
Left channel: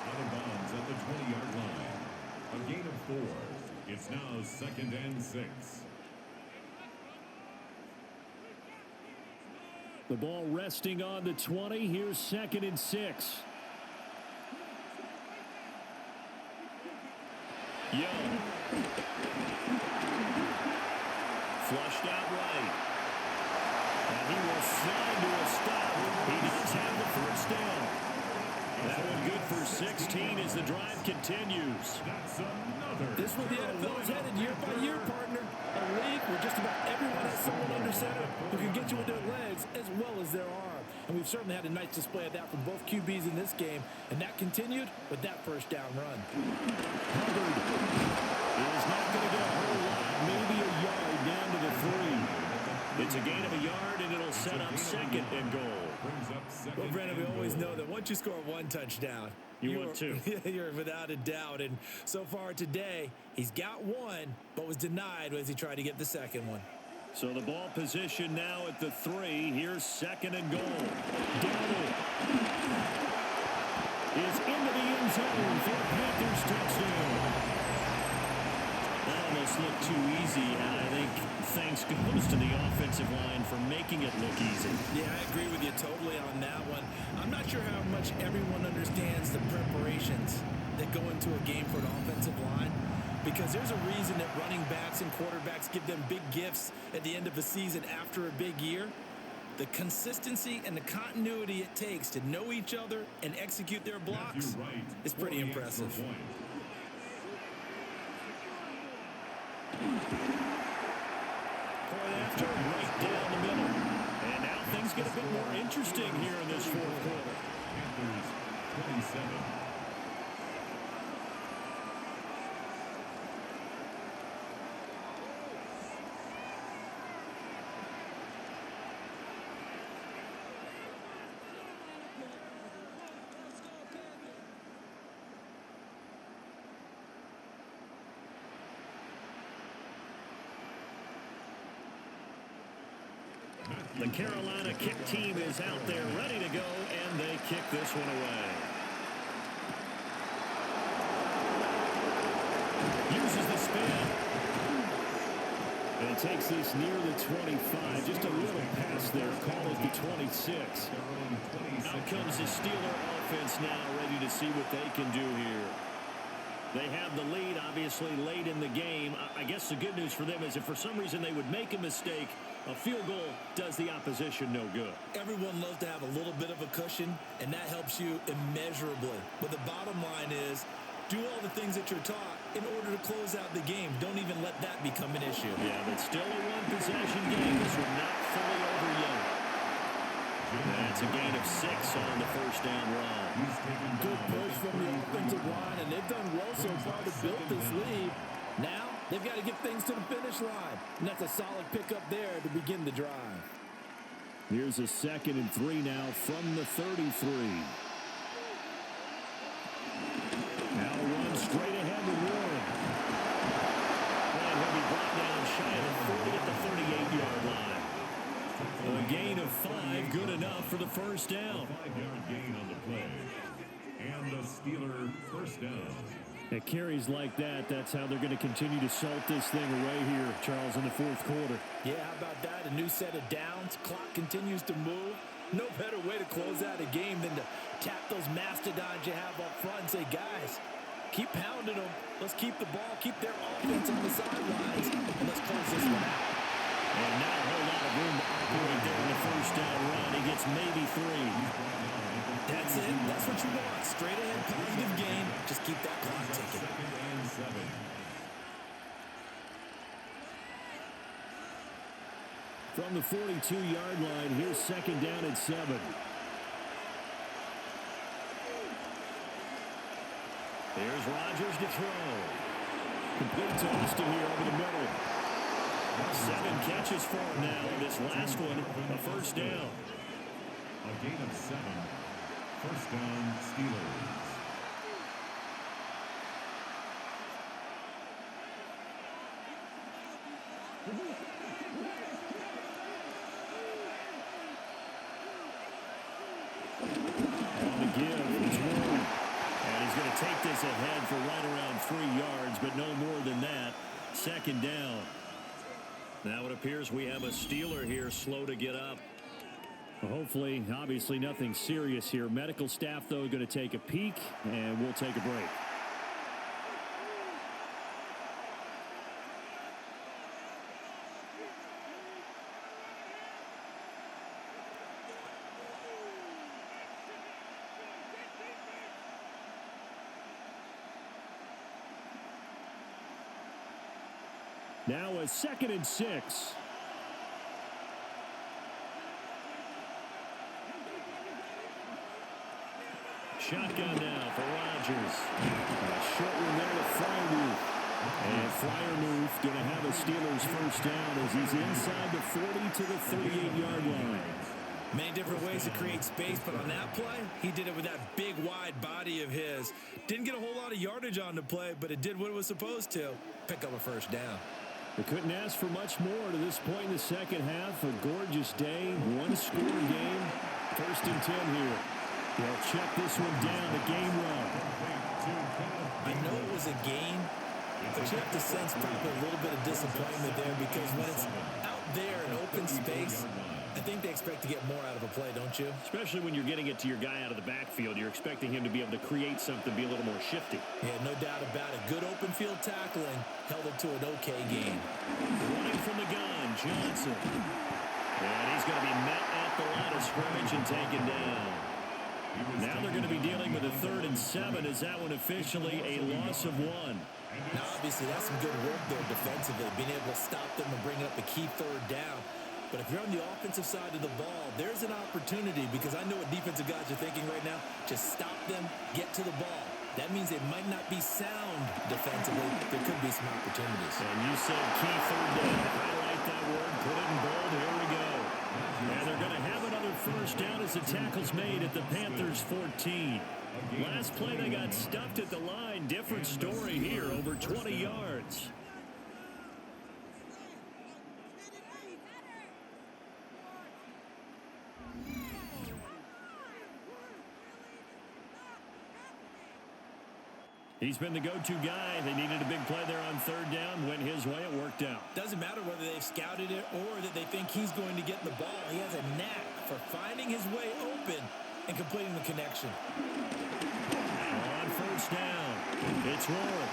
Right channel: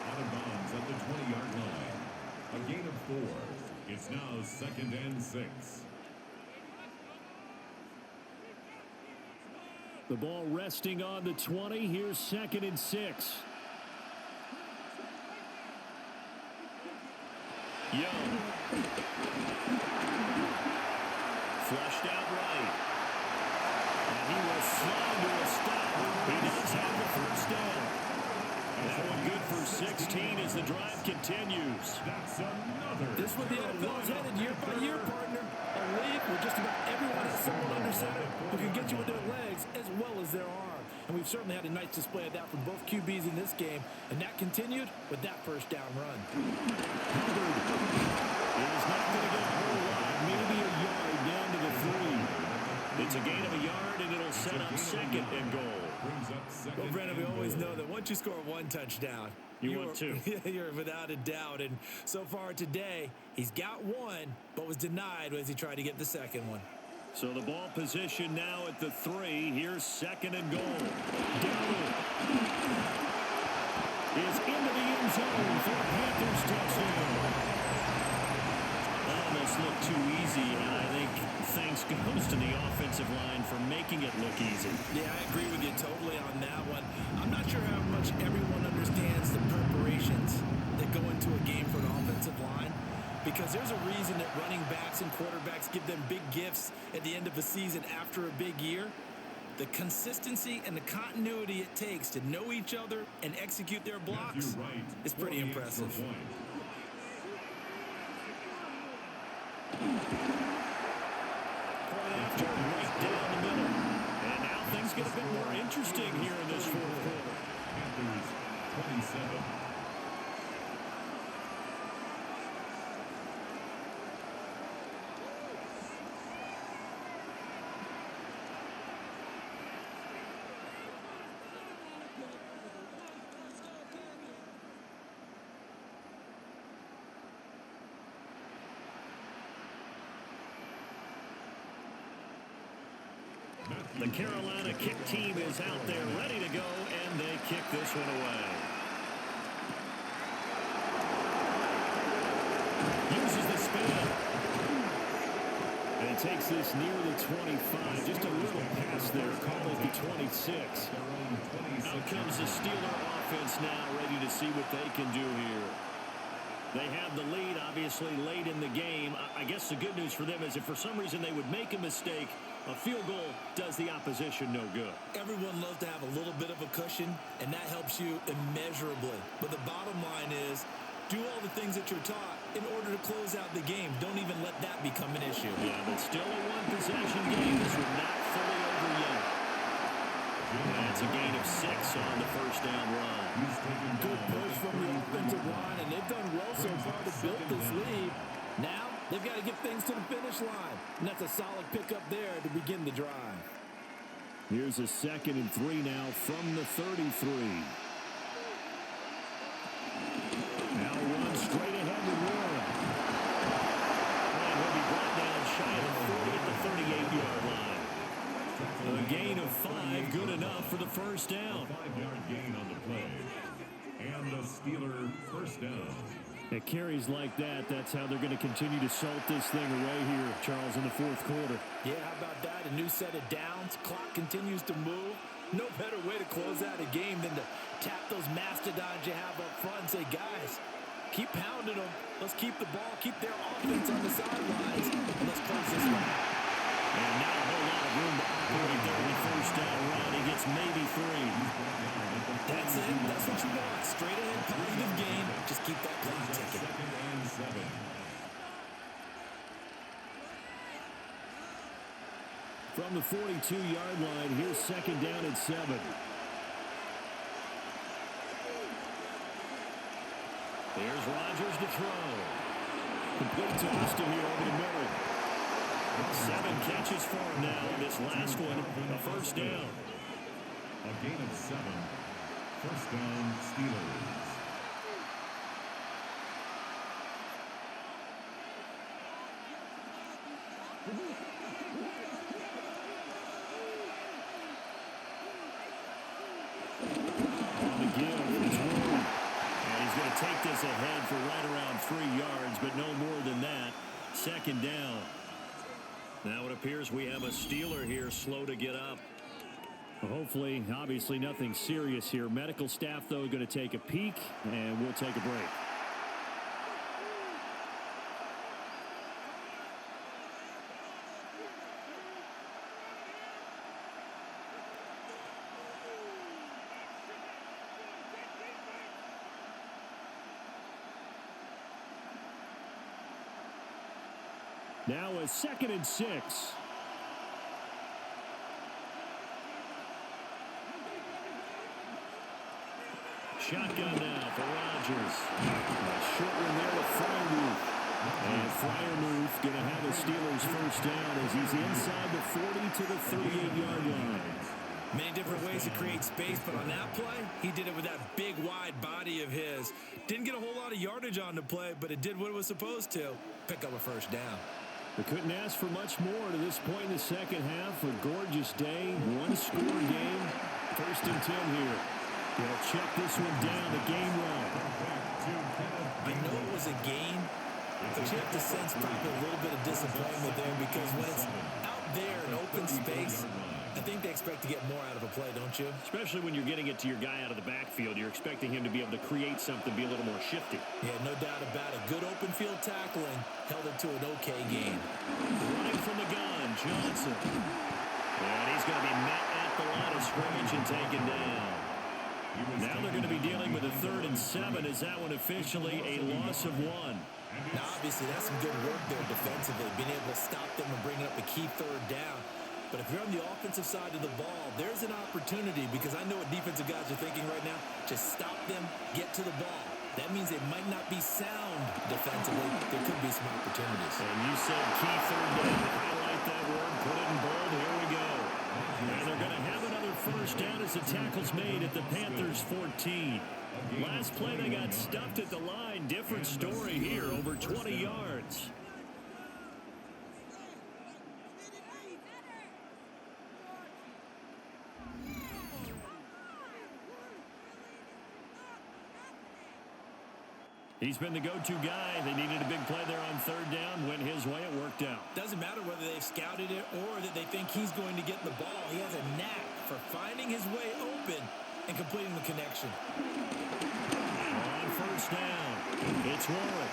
Out of bounds at the 20-yard line. A gain of 4. It's now 2nd and 6. The ball resting on the 20. Here's 2nd and 6. Young. Flushed out right. And he will slide to a stop. He does have the first down. That one good for 16 as the drive continues. That's another. This is where the NFL is headed year by year, partner. A league where just about everyone has someone under center who can get you with their legs as well as their arm. And we've certainly had a nice display of that from both QBs in this game. And that continued with that first down run. Hubbard is not going to get a whole lot, maybe a yard down to the 3. It's a gain of a yard, and it'll set up 2nd and goal. Well, Brandon, we always know that once you score 1 touchdown, you want 2. You're without a doubt. And so far today, he's got 1, but was denied as he tried to get the second one. So the ball position now at the 3. Here's 2nd and goal. Dowdle is into the end zone for a Panthers touchdown. That almost looked too easy, and I think thanks goes to the offensive line for making it look easy. Yeah, I agree with you totally on that one. I'm not sure how much everyone understands the preparations that go into a game for an offensive line, because there's a reason that running backs and quarterbacks give them big gifts at the end of a season after a big year. The consistency and the continuity it takes to know each other and execute their blocks is pretty impressive. Point after, right down the middle. And now things get a bit more interesting here in this fourth quarter. Panthers 27. The Carolina kick team is out there ready to go, and they kick this one away. Uses the spin. And he takes this near the 25. Just a little pass there. Call it the 26. Out comes the Steeler offense now, ready to see what they can do here. They have the lead, obviously, late in the game. I guess the good news for them is if for some reason they would make a mistake, a field goal does the opposition no good. Everyone loves to have a little bit of a cushion, and that helps you immeasurably. But the bottom line is, do all the things that you're taught in order to close out the game. Don't even let that become an issue. Yeah, but still a one-possession game. This one not fully over yet. That's a gain of 6 on the first down run. Good push from the offensive line, and they've done well so far to build this lead. Now, they've got to get things to the finish line, and that's a solid pickup there to begin the drive. Here's a 2nd and 3 now from the 33. Now run straight ahead with Warren. And he'll be brought down shy of the 40 at the 38-yard line. A gain of 5, good enough for the first down. A 5-yard gain on the play. And the Steeler first down. At carries like that, that's how they're going to continue to salt this thing away here, Charles, in the fourth quarter. Yeah, how about that? A new set of downs. Clock continues to move. No better way to close out a game than to tap those mastodons you have up front and say, guys, keep pounding them. Let's keep the ball, keep their offense on the sidelines, and let's close this one out. And not a whole lot of room to operate there on the first down run. He gets maybe 3. That's it. That's what you want. Straight ahead, positive gain. Just keep that clock ticking. 2nd and 7. From the 42-yard line, here's 2nd down and 7. Here's Rodgers to throw. Complete to Austin here over the middle. 7 catches for him now. This last one, a first down. A gain of 7. First down, Steelers. On the give, it's Warren. And he's going to take this ahead for right around 3 yards, but no more than that. 2nd down. Now it appears we have a Steeler here slow to get up. Well, hopefully, obviously nothing serious here. Medical staff, though, going to take a peek, and we'll take a break. Now a 2nd and 6. Shotgun now for Rodgers. A short one there to Freiermuth. And Freiermuth going to have a Steelers first down as he's inside the 40 to the 38-yard line. Many different ways to create space, but on that play, he did it with that big, wide body of his. Didn't get a whole lot of yardage on the play, but it did what it was supposed to. Pick up a first down. They couldn't ask for much more to this point in the second half. A gorgeous day, one-score game. 1st and 10 here. He'll check this one down to Gainwell. I know it was a gain, but you have to sense probably a little bit of disappointment there because when it's out there in open space, I think they expect to get more out of a play, don't you? Especially when you're getting it to your guy out of the backfield. You're expecting him to be able to create something, be a little more shifty. Yeah, no doubt about it. Good open field tackling held it to an okay game. Running from the gun, Johnson. And he's going to be met at the line of scrimmage and taken down. Now they're going to be dealing with a 3rd and 7. Is that one officially a loss of 1? Now, obviously, that's some good work there defensively, being able to stop them and bringing up a key 3rd down. But if you're on the offensive side of the ball, there's an opportunity because I know what defensive guys are thinking right now. Just stop them, get to the ball. That means they might not be sound defensively. There could be some opportunities. And you said key 3rd down. Highlight that word, put it in bold. Here we go. And they're going to have another first down as the tackle's made at the Panthers 14. Last play, they got stuffed at the line. Different story here, over 20 yards. He's been the go-to guy. They needed a big play there on third down. Went his way. It worked out. Doesn't matter whether they've scouted it or that they think he's going to get the ball. He has a knack for finding his way open and completing the connection. On first down, it's Warren.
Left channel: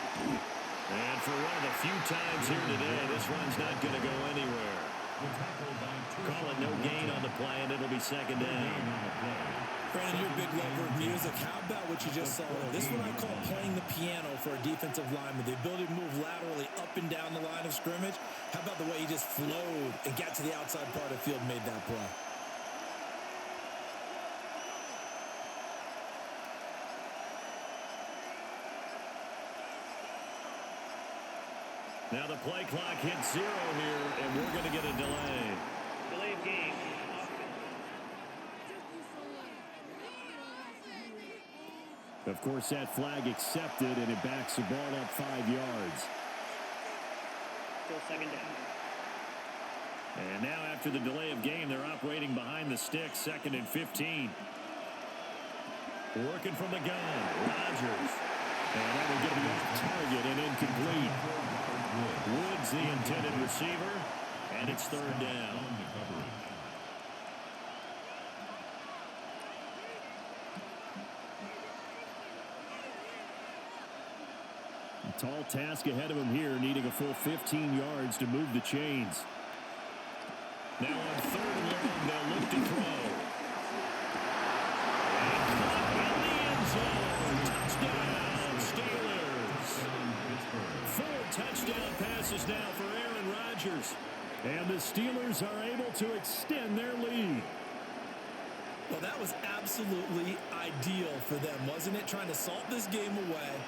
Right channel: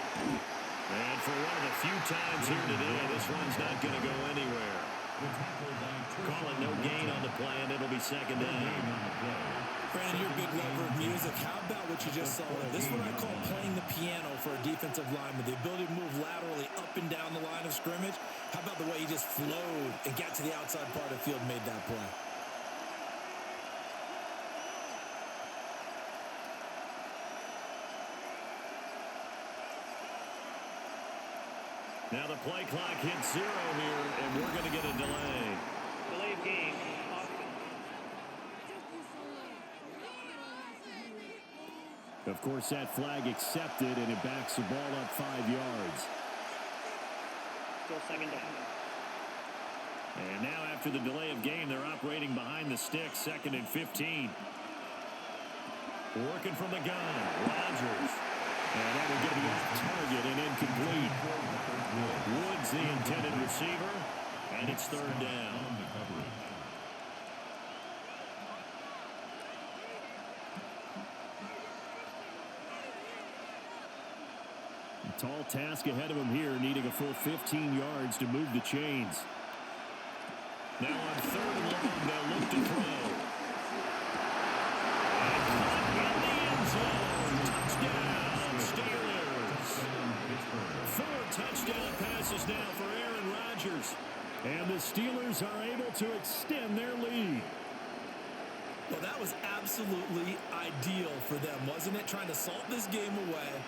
And for one of the few times here today, this run's not going to go anywhere. Call it no gain on the play, and it'll be second down. Brandon, you're a big lover of music. How about what you just saw there? This is what I call playing the piano for a defensive lineman. The ability to move laterally up and down the line of scrimmage. How about the way he just flowed and got to the outside part of the field and made that play? Now the play clock hits 0 here, and we're going to get a delay. Delay of game. Of course, that flag accepted, and it backs the ball up 5 yards. Still second down. And now after the delay of game, they're operating behind the stick, 2nd and 15. Working from the gun, Rodgers. And that one's going to be off target and incomplete. Woods the intended receiver, and it's third down. Tall task ahead of him here, needing a full 15 yards to move the chains. Now on 3rd and long, they'll look to throw. And caught in the end zone. Touchdown, Steelers. 4 touchdown passes now for Aaron Rodgers. And the Steelers are able to extend their lead. Well, that was absolutely ideal for them, wasn't it? Trying to salt this game away.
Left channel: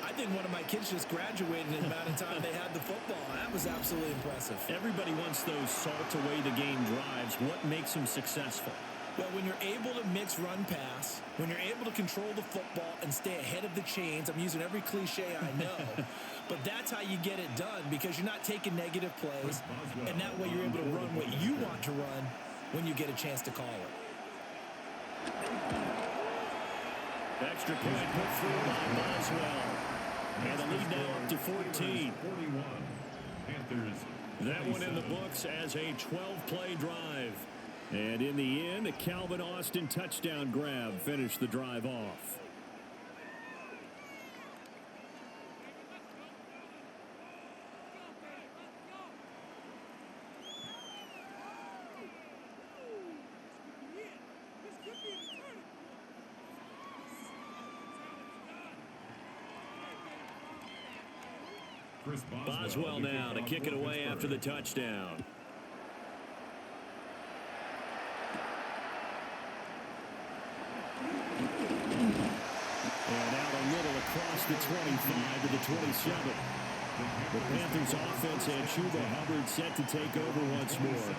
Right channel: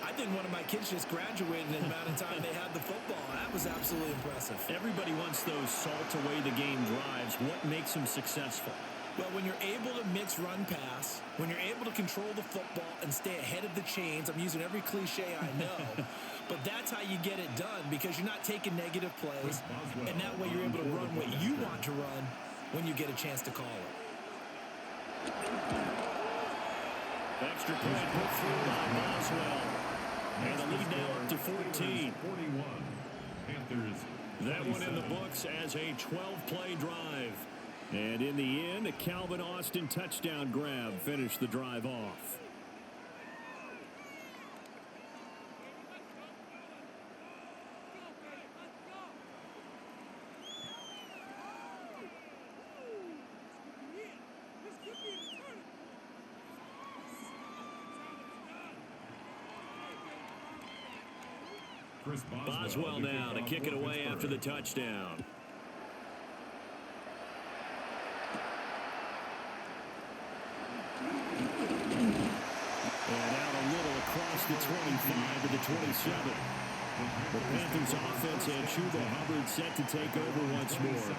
I think one of my kids just graduated in the amount of time they had the football. That was absolutely impressive. Everybody wants those salt away the game drives. What makes them successful? Well, when you're able to mix run pass, when you're able to control the football and stay ahead of the chains, I'm using every cliche I know, but that's how you get it done because you're not taking negative plays, and that way you're able to run what you want to run when you get a chance to call it. Extra point put through by Boswell. And the lead now up to 14. 41. Panthers. That one in the books as a 12-play drive. And in the end, a Calvin Austin touchdown grab finished the drive off. Boswell now to kick it away after the touchdown. And out a little across the 25 to the 27. The Panthers offense and Chuba Hubbard set to take over once more.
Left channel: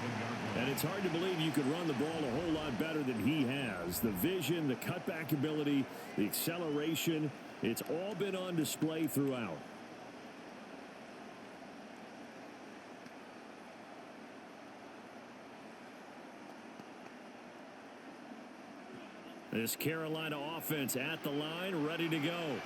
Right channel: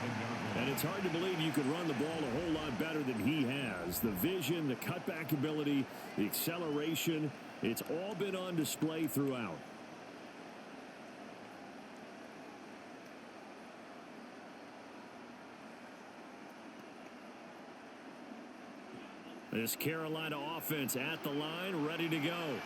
And it's hard to believe you could run the ball a whole lot better than he has. The vision, the cutback ability, the acceleration, it's all been on display throughout. This Carolina offense at the line, ready to go.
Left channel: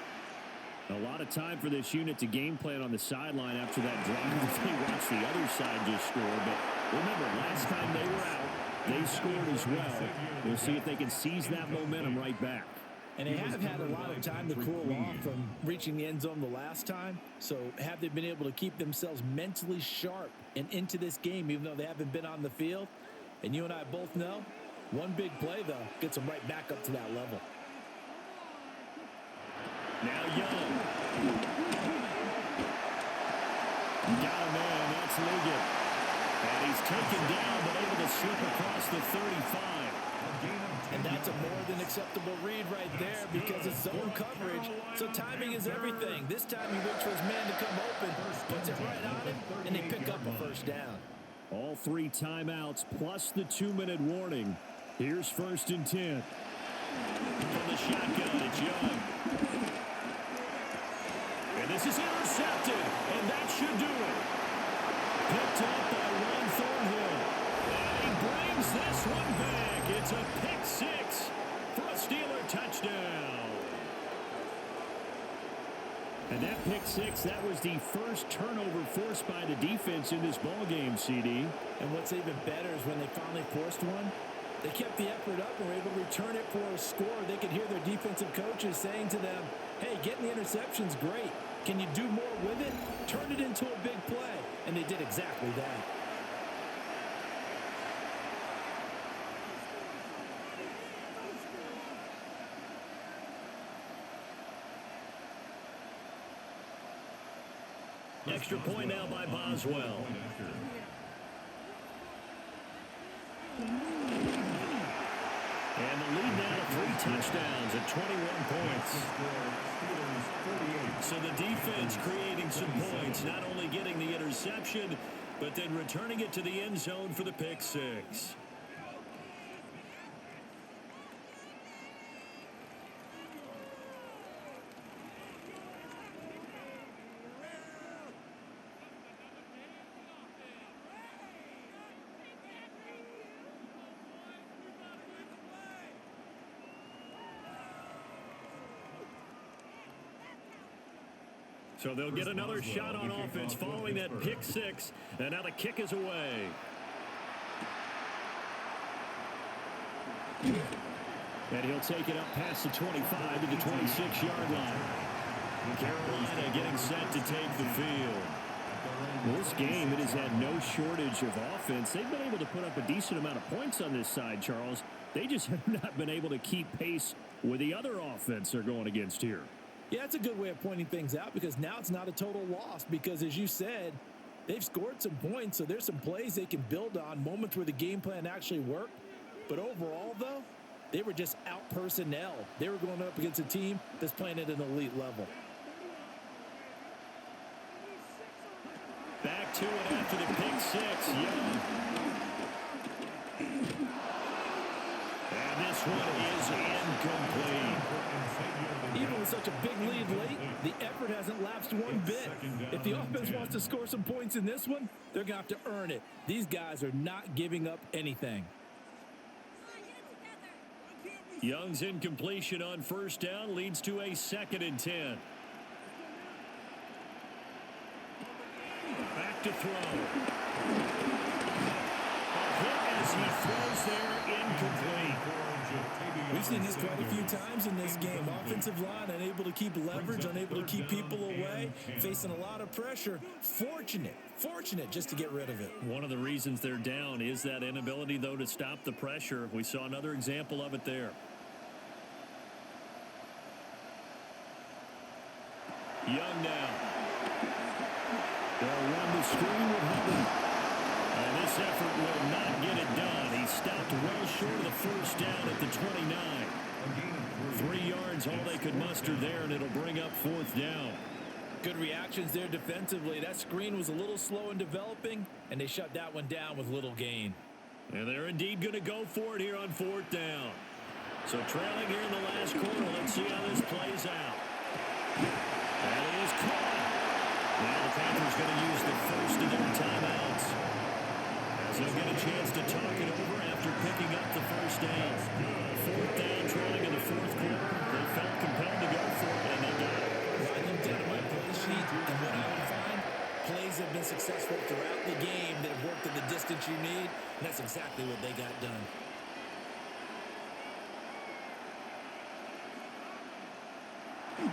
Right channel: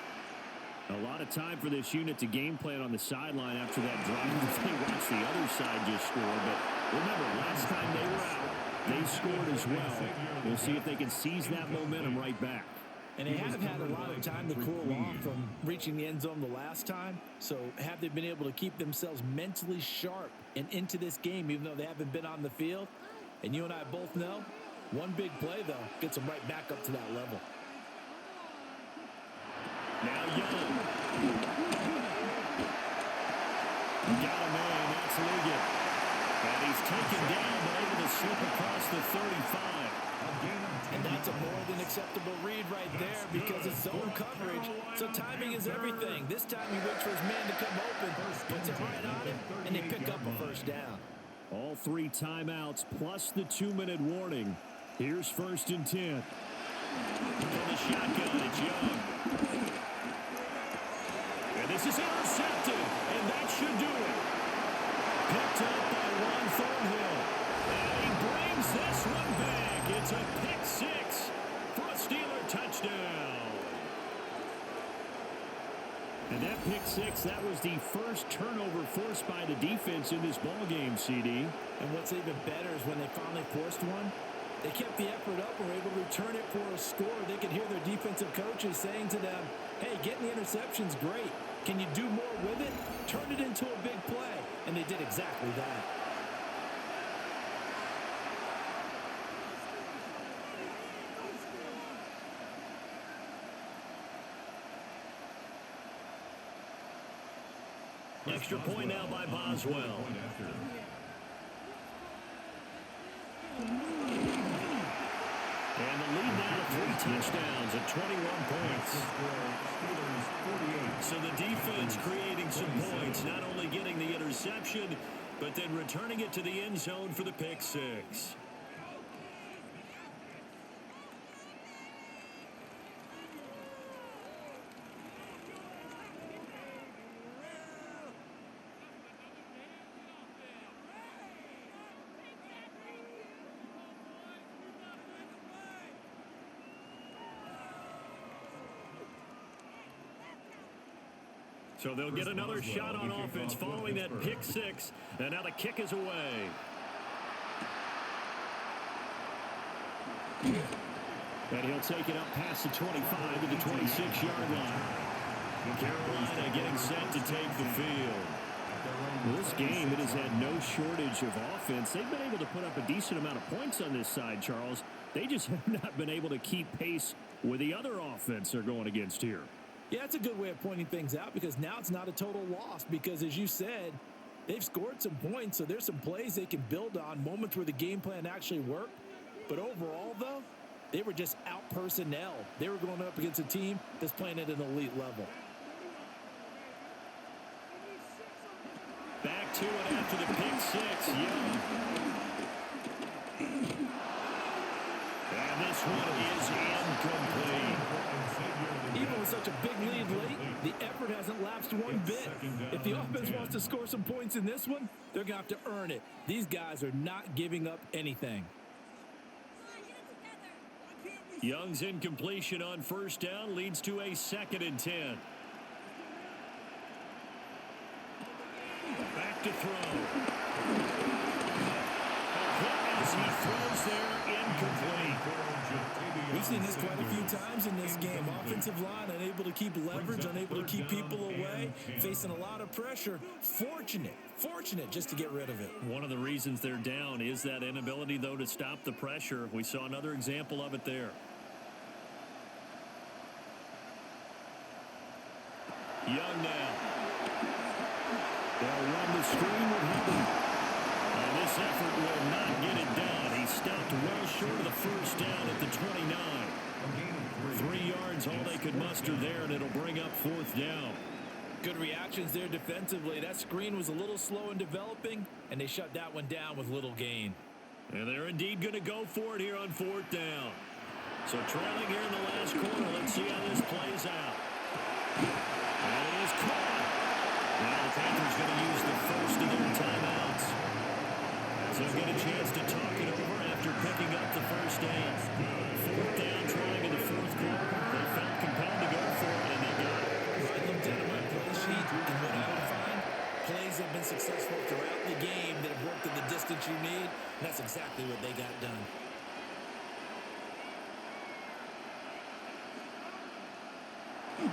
A lot of time for this unit to game plan on the sideline after that drive. They watched the other side just score. But remember, last time they were out, they scored as well. We'll see if they can seize that momentum right back. And they have had a lot of time to cool off from reaching the end zone the last time. So have they been able to keep themselves mentally sharp and into this game, even though they haven't been on the field? And you and I both know, one big play, though, gets them right back up to that level. Now Young. Got a man. That's Ligon. And he's taken down, but able to slip across the 35. And that's a more than acceptable read right there because it's zone coverage. So timing is everything. This time he waits for his man to come open, puts it right on him, and they pick up a first down. All 3 timeouts plus the 2-minute warning. Here's 1st and 10. From the shotgun, it's Young. And this is intercepted, and that should do it. Picked up by Juan Thornhill. And he brings this one back. It's a pick 6 for a Steeler touchdown. And that pick six, that was the first turnover forced by the defense in this ballgame, CD. And what's even better is when they finally forced one, they kept the effort up and were able to return it for a score. They could hear their defensive coaches saying to them, hey, getting the interception's great. Can you do more with it? Turn it into a big play. And they did exactly that. Extra point now by Boswell. And the lead now to 3 touchdowns at 21 points. So the defense creating some points, not only getting the interception, but then returning it to the end zone for the pick six. So they'll get another shot on offense following that pick six. And now the kick is away. And he'll take it up past the 25 to the 26-yard line. Carolina getting set to take the field. Well, this game, it has had no shortage of offense. They've been able to put up a decent amount of points on this side, Charles. They just have not been able to keep pace with the other offense they're going against here. Yeah, that's a good way of pointing things out because now it's not a total loss because, as you said, they've scored some points, so there's some plays they can build on, moments where the game plan actually worked. But overall, though, they were just out personnel. They were going up against a team that's playing at an elite level. Back to it after the pick six, Young. And this one is incomplete. Even with such a big lead late, the effort hasn't lapsed one bit. If the offense wants to score some points in this one, they're going to have to earn it. These guys are not giving up anything. Young's incompletion on first down leads to a 2nd and 10. Back to throw. Hit as he throws there, incomplete. We've seen this quite a few times in this game. Offensive line unable to keep leverage, unable to keep people away, facing a lot of pressure. Fortunate just to get rid of it. One of the reasons they're down is that inability, though, to stop the pressure. We saw another example of it there. Young now. They'll run the screen with Hubbard. And this effort will not get it done. He stopped well short of the first down at the 29. 3 yards, all they could muster there, and it'll bring up 4th down. Good reactions there defensively. That screen was a little slow in developing, and they shut that one down with little gain. And they're indeed going to go for it here on 4th down. So trailing here in the last quarter, let's see how this plays out. That is caught. Now the Panthers going to use the first of their timeouts, as they'll get a chance to talk it over after picking up the first down. 4th down, trailing in the 4th quarter. They felt compelled to go for it, and they got it. Well, I looked down at my play sheet, and what I would find, plays have been successful throughout the game that have worked in the distance you need, and that's exactly what they got done.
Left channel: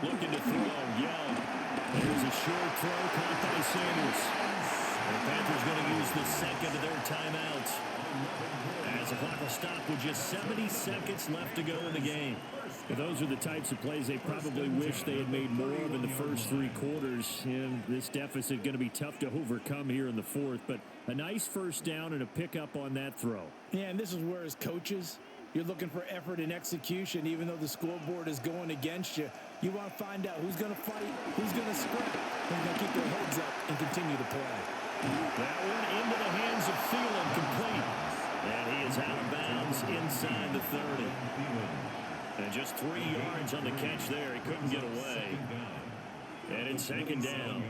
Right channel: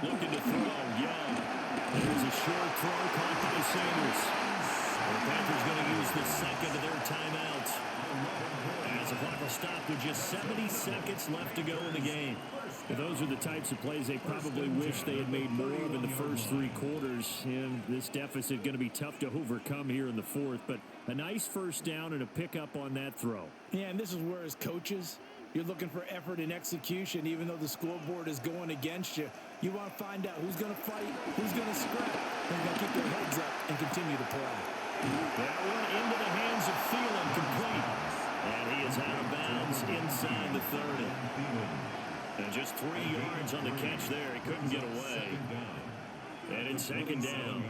Looking to throw, Young. There's a short throw caught by Sanders. The Panthers going to use the second of their timeouts, as the clock will stop with just 70 seconds left to go in the game. Well, those are the types of plays they probably wish they had made more of in the first 3 quarters. And this deficit going to be tough to overcome here in the 4th. But a nice first down and a pickup on that throw. Yeah, and this is where, as coaches, you're looking for effort and execution. Even though the scoreboard is going against you, you want to find out who's going to fight, who's going to scrap, who's going to keep their heads up and continue to play. That one into the hands of Thielen, complete. And he is out of bounds inside the 30. And just 3 yards on the catch there. He couldn't get away. And it's 2nd down.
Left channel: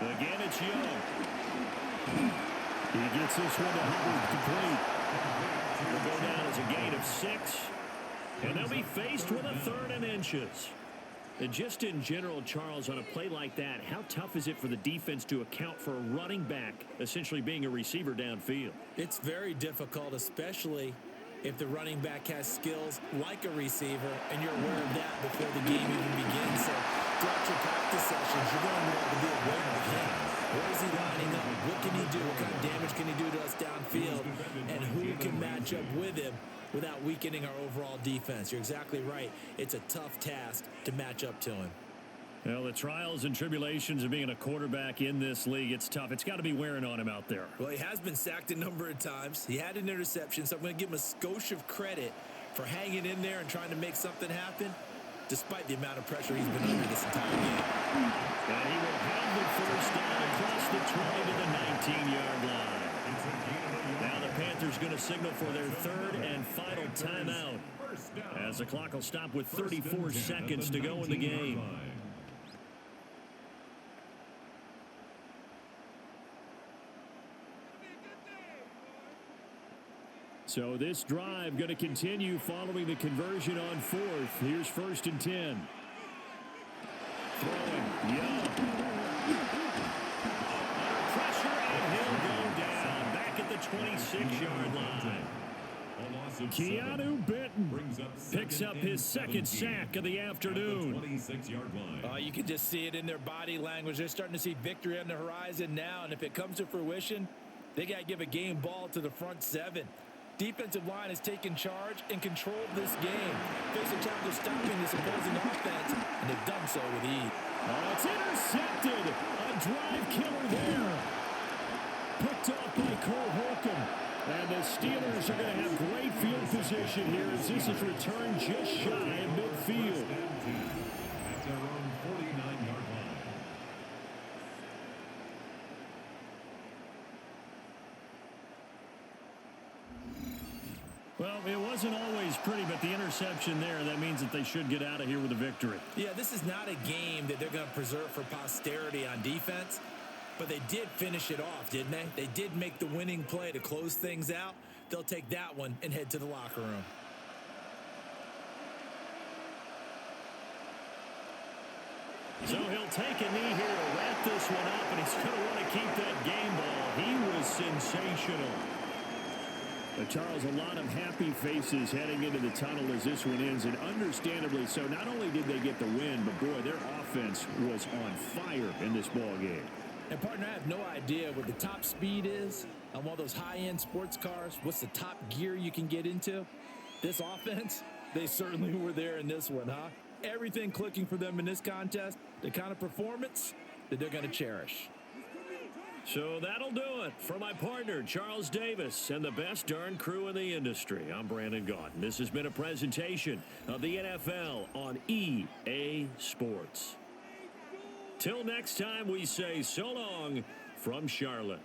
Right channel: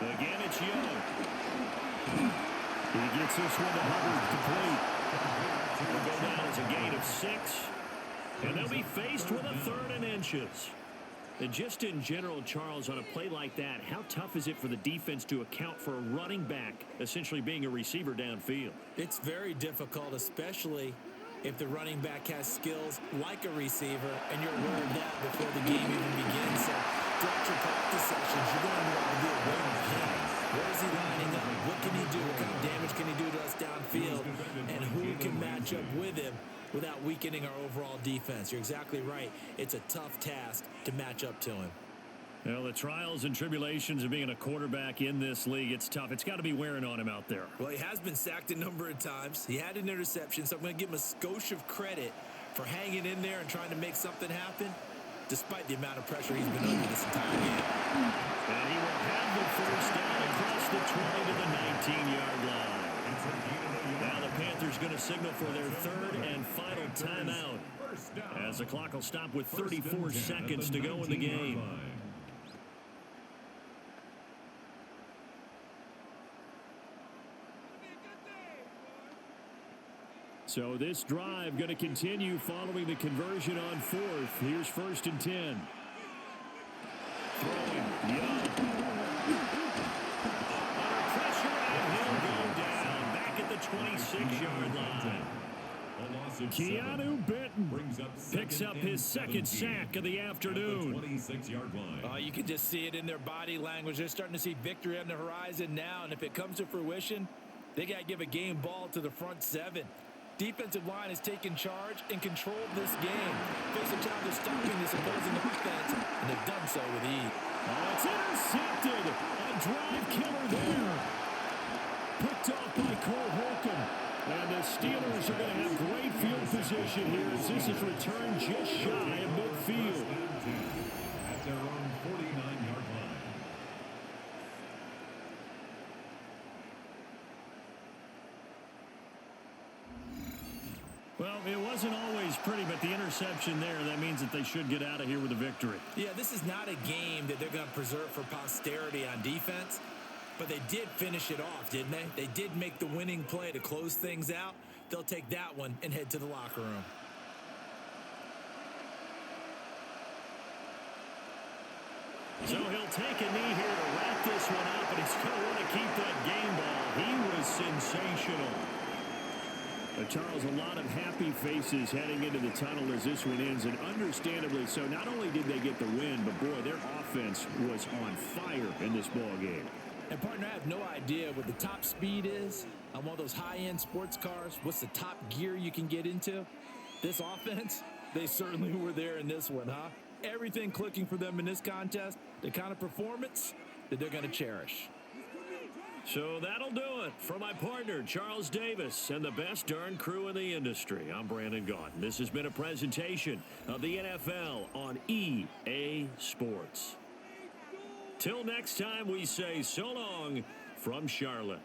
Again, it's Young. He gets this one to Hubbard, complete. Will go down as a gain of 6. And they'll be faced with a 3rd and inches. And just in general, Charles, on a play like that, how tough is it for the defense to account for a running back essentially being a receiver downfield? It's very difficult, especially if the running back has skills like a receiver, and you're aware of that before the game even begins. So throughout your practice sessions, you're going to want to be aware of him. Where is he lining up? What can he do? What kind of damage can he do to us downfield? And who can match up with him without weakening our overall defense? You're exactly right. It's a tough task to match up to him. Well, the trials and tribulations of being a quarterback in this league, it's tough. It's got to be wearing on him out there. Well, he has been sacked a number of times. He had an interception, so I'm going to give him a skosh of credit for hanging in there and trying to make something happen, despite the amount of pressure he's been under this entire game. And he will have the first down across the 20 to the 19-yard line. Now the Panthers going to signal for their 3rd and final timeout, as the clock will stop with 34 seconds to go in the game. So this drive going to continue following the conversion on 4th. Here's 1st and 10. Throwing, Young. Under pressure, and he'll go down. Back at the 26-yard line. Keanu Benton picks up his 2nd sack of the afternoon. 26-yard line. You can just see it in their body language. They're starting to see victory on the horizon now, and if it comes to fruition, they got to give a game ball to the front 7. Defensive line has taken charge and controlled this game. Face a challenge of stopping this opposing offense, and they've done so with ease. Oh, it's intercepted. A drive killer there. Picked off by Cole Holcomb. And the Steelers are going to have great field position here as this is returned just shy of midfield. At their own 49-yard line. Well, it wasn't always pretty, but the interception there, that means that they should get out of here with a victory. Yeah, this is not a game that they're going to preserve for posterity on defense, but they did finish it off, didn't they? They did make the winning play to close things out. They'll take that one and head to the locker room. So he'll take a knee here to wrap this one up, and he's going to want to keep that game ball. He was sensational. Charles, a lot of happy faces heading into the tunnel as this one ends, and understandably so. Not only did they get the win, but boy, their offense was on fire in this ball game. And partner, I have no idea what the top speed is on one of those high-end sports cars. What's the top gear you can get into? This offense, they certainly were there in this one, huh? Everything clicking for them in this contest, the kind of performance that they're going to cherish. So that'll do it for my partner, Charles Davis, and the best darn crew in the industry. I'm Brandon Gaudin. This has been a presentation of the NFL on EA Sports. Till next time, we say so long from Charlotte.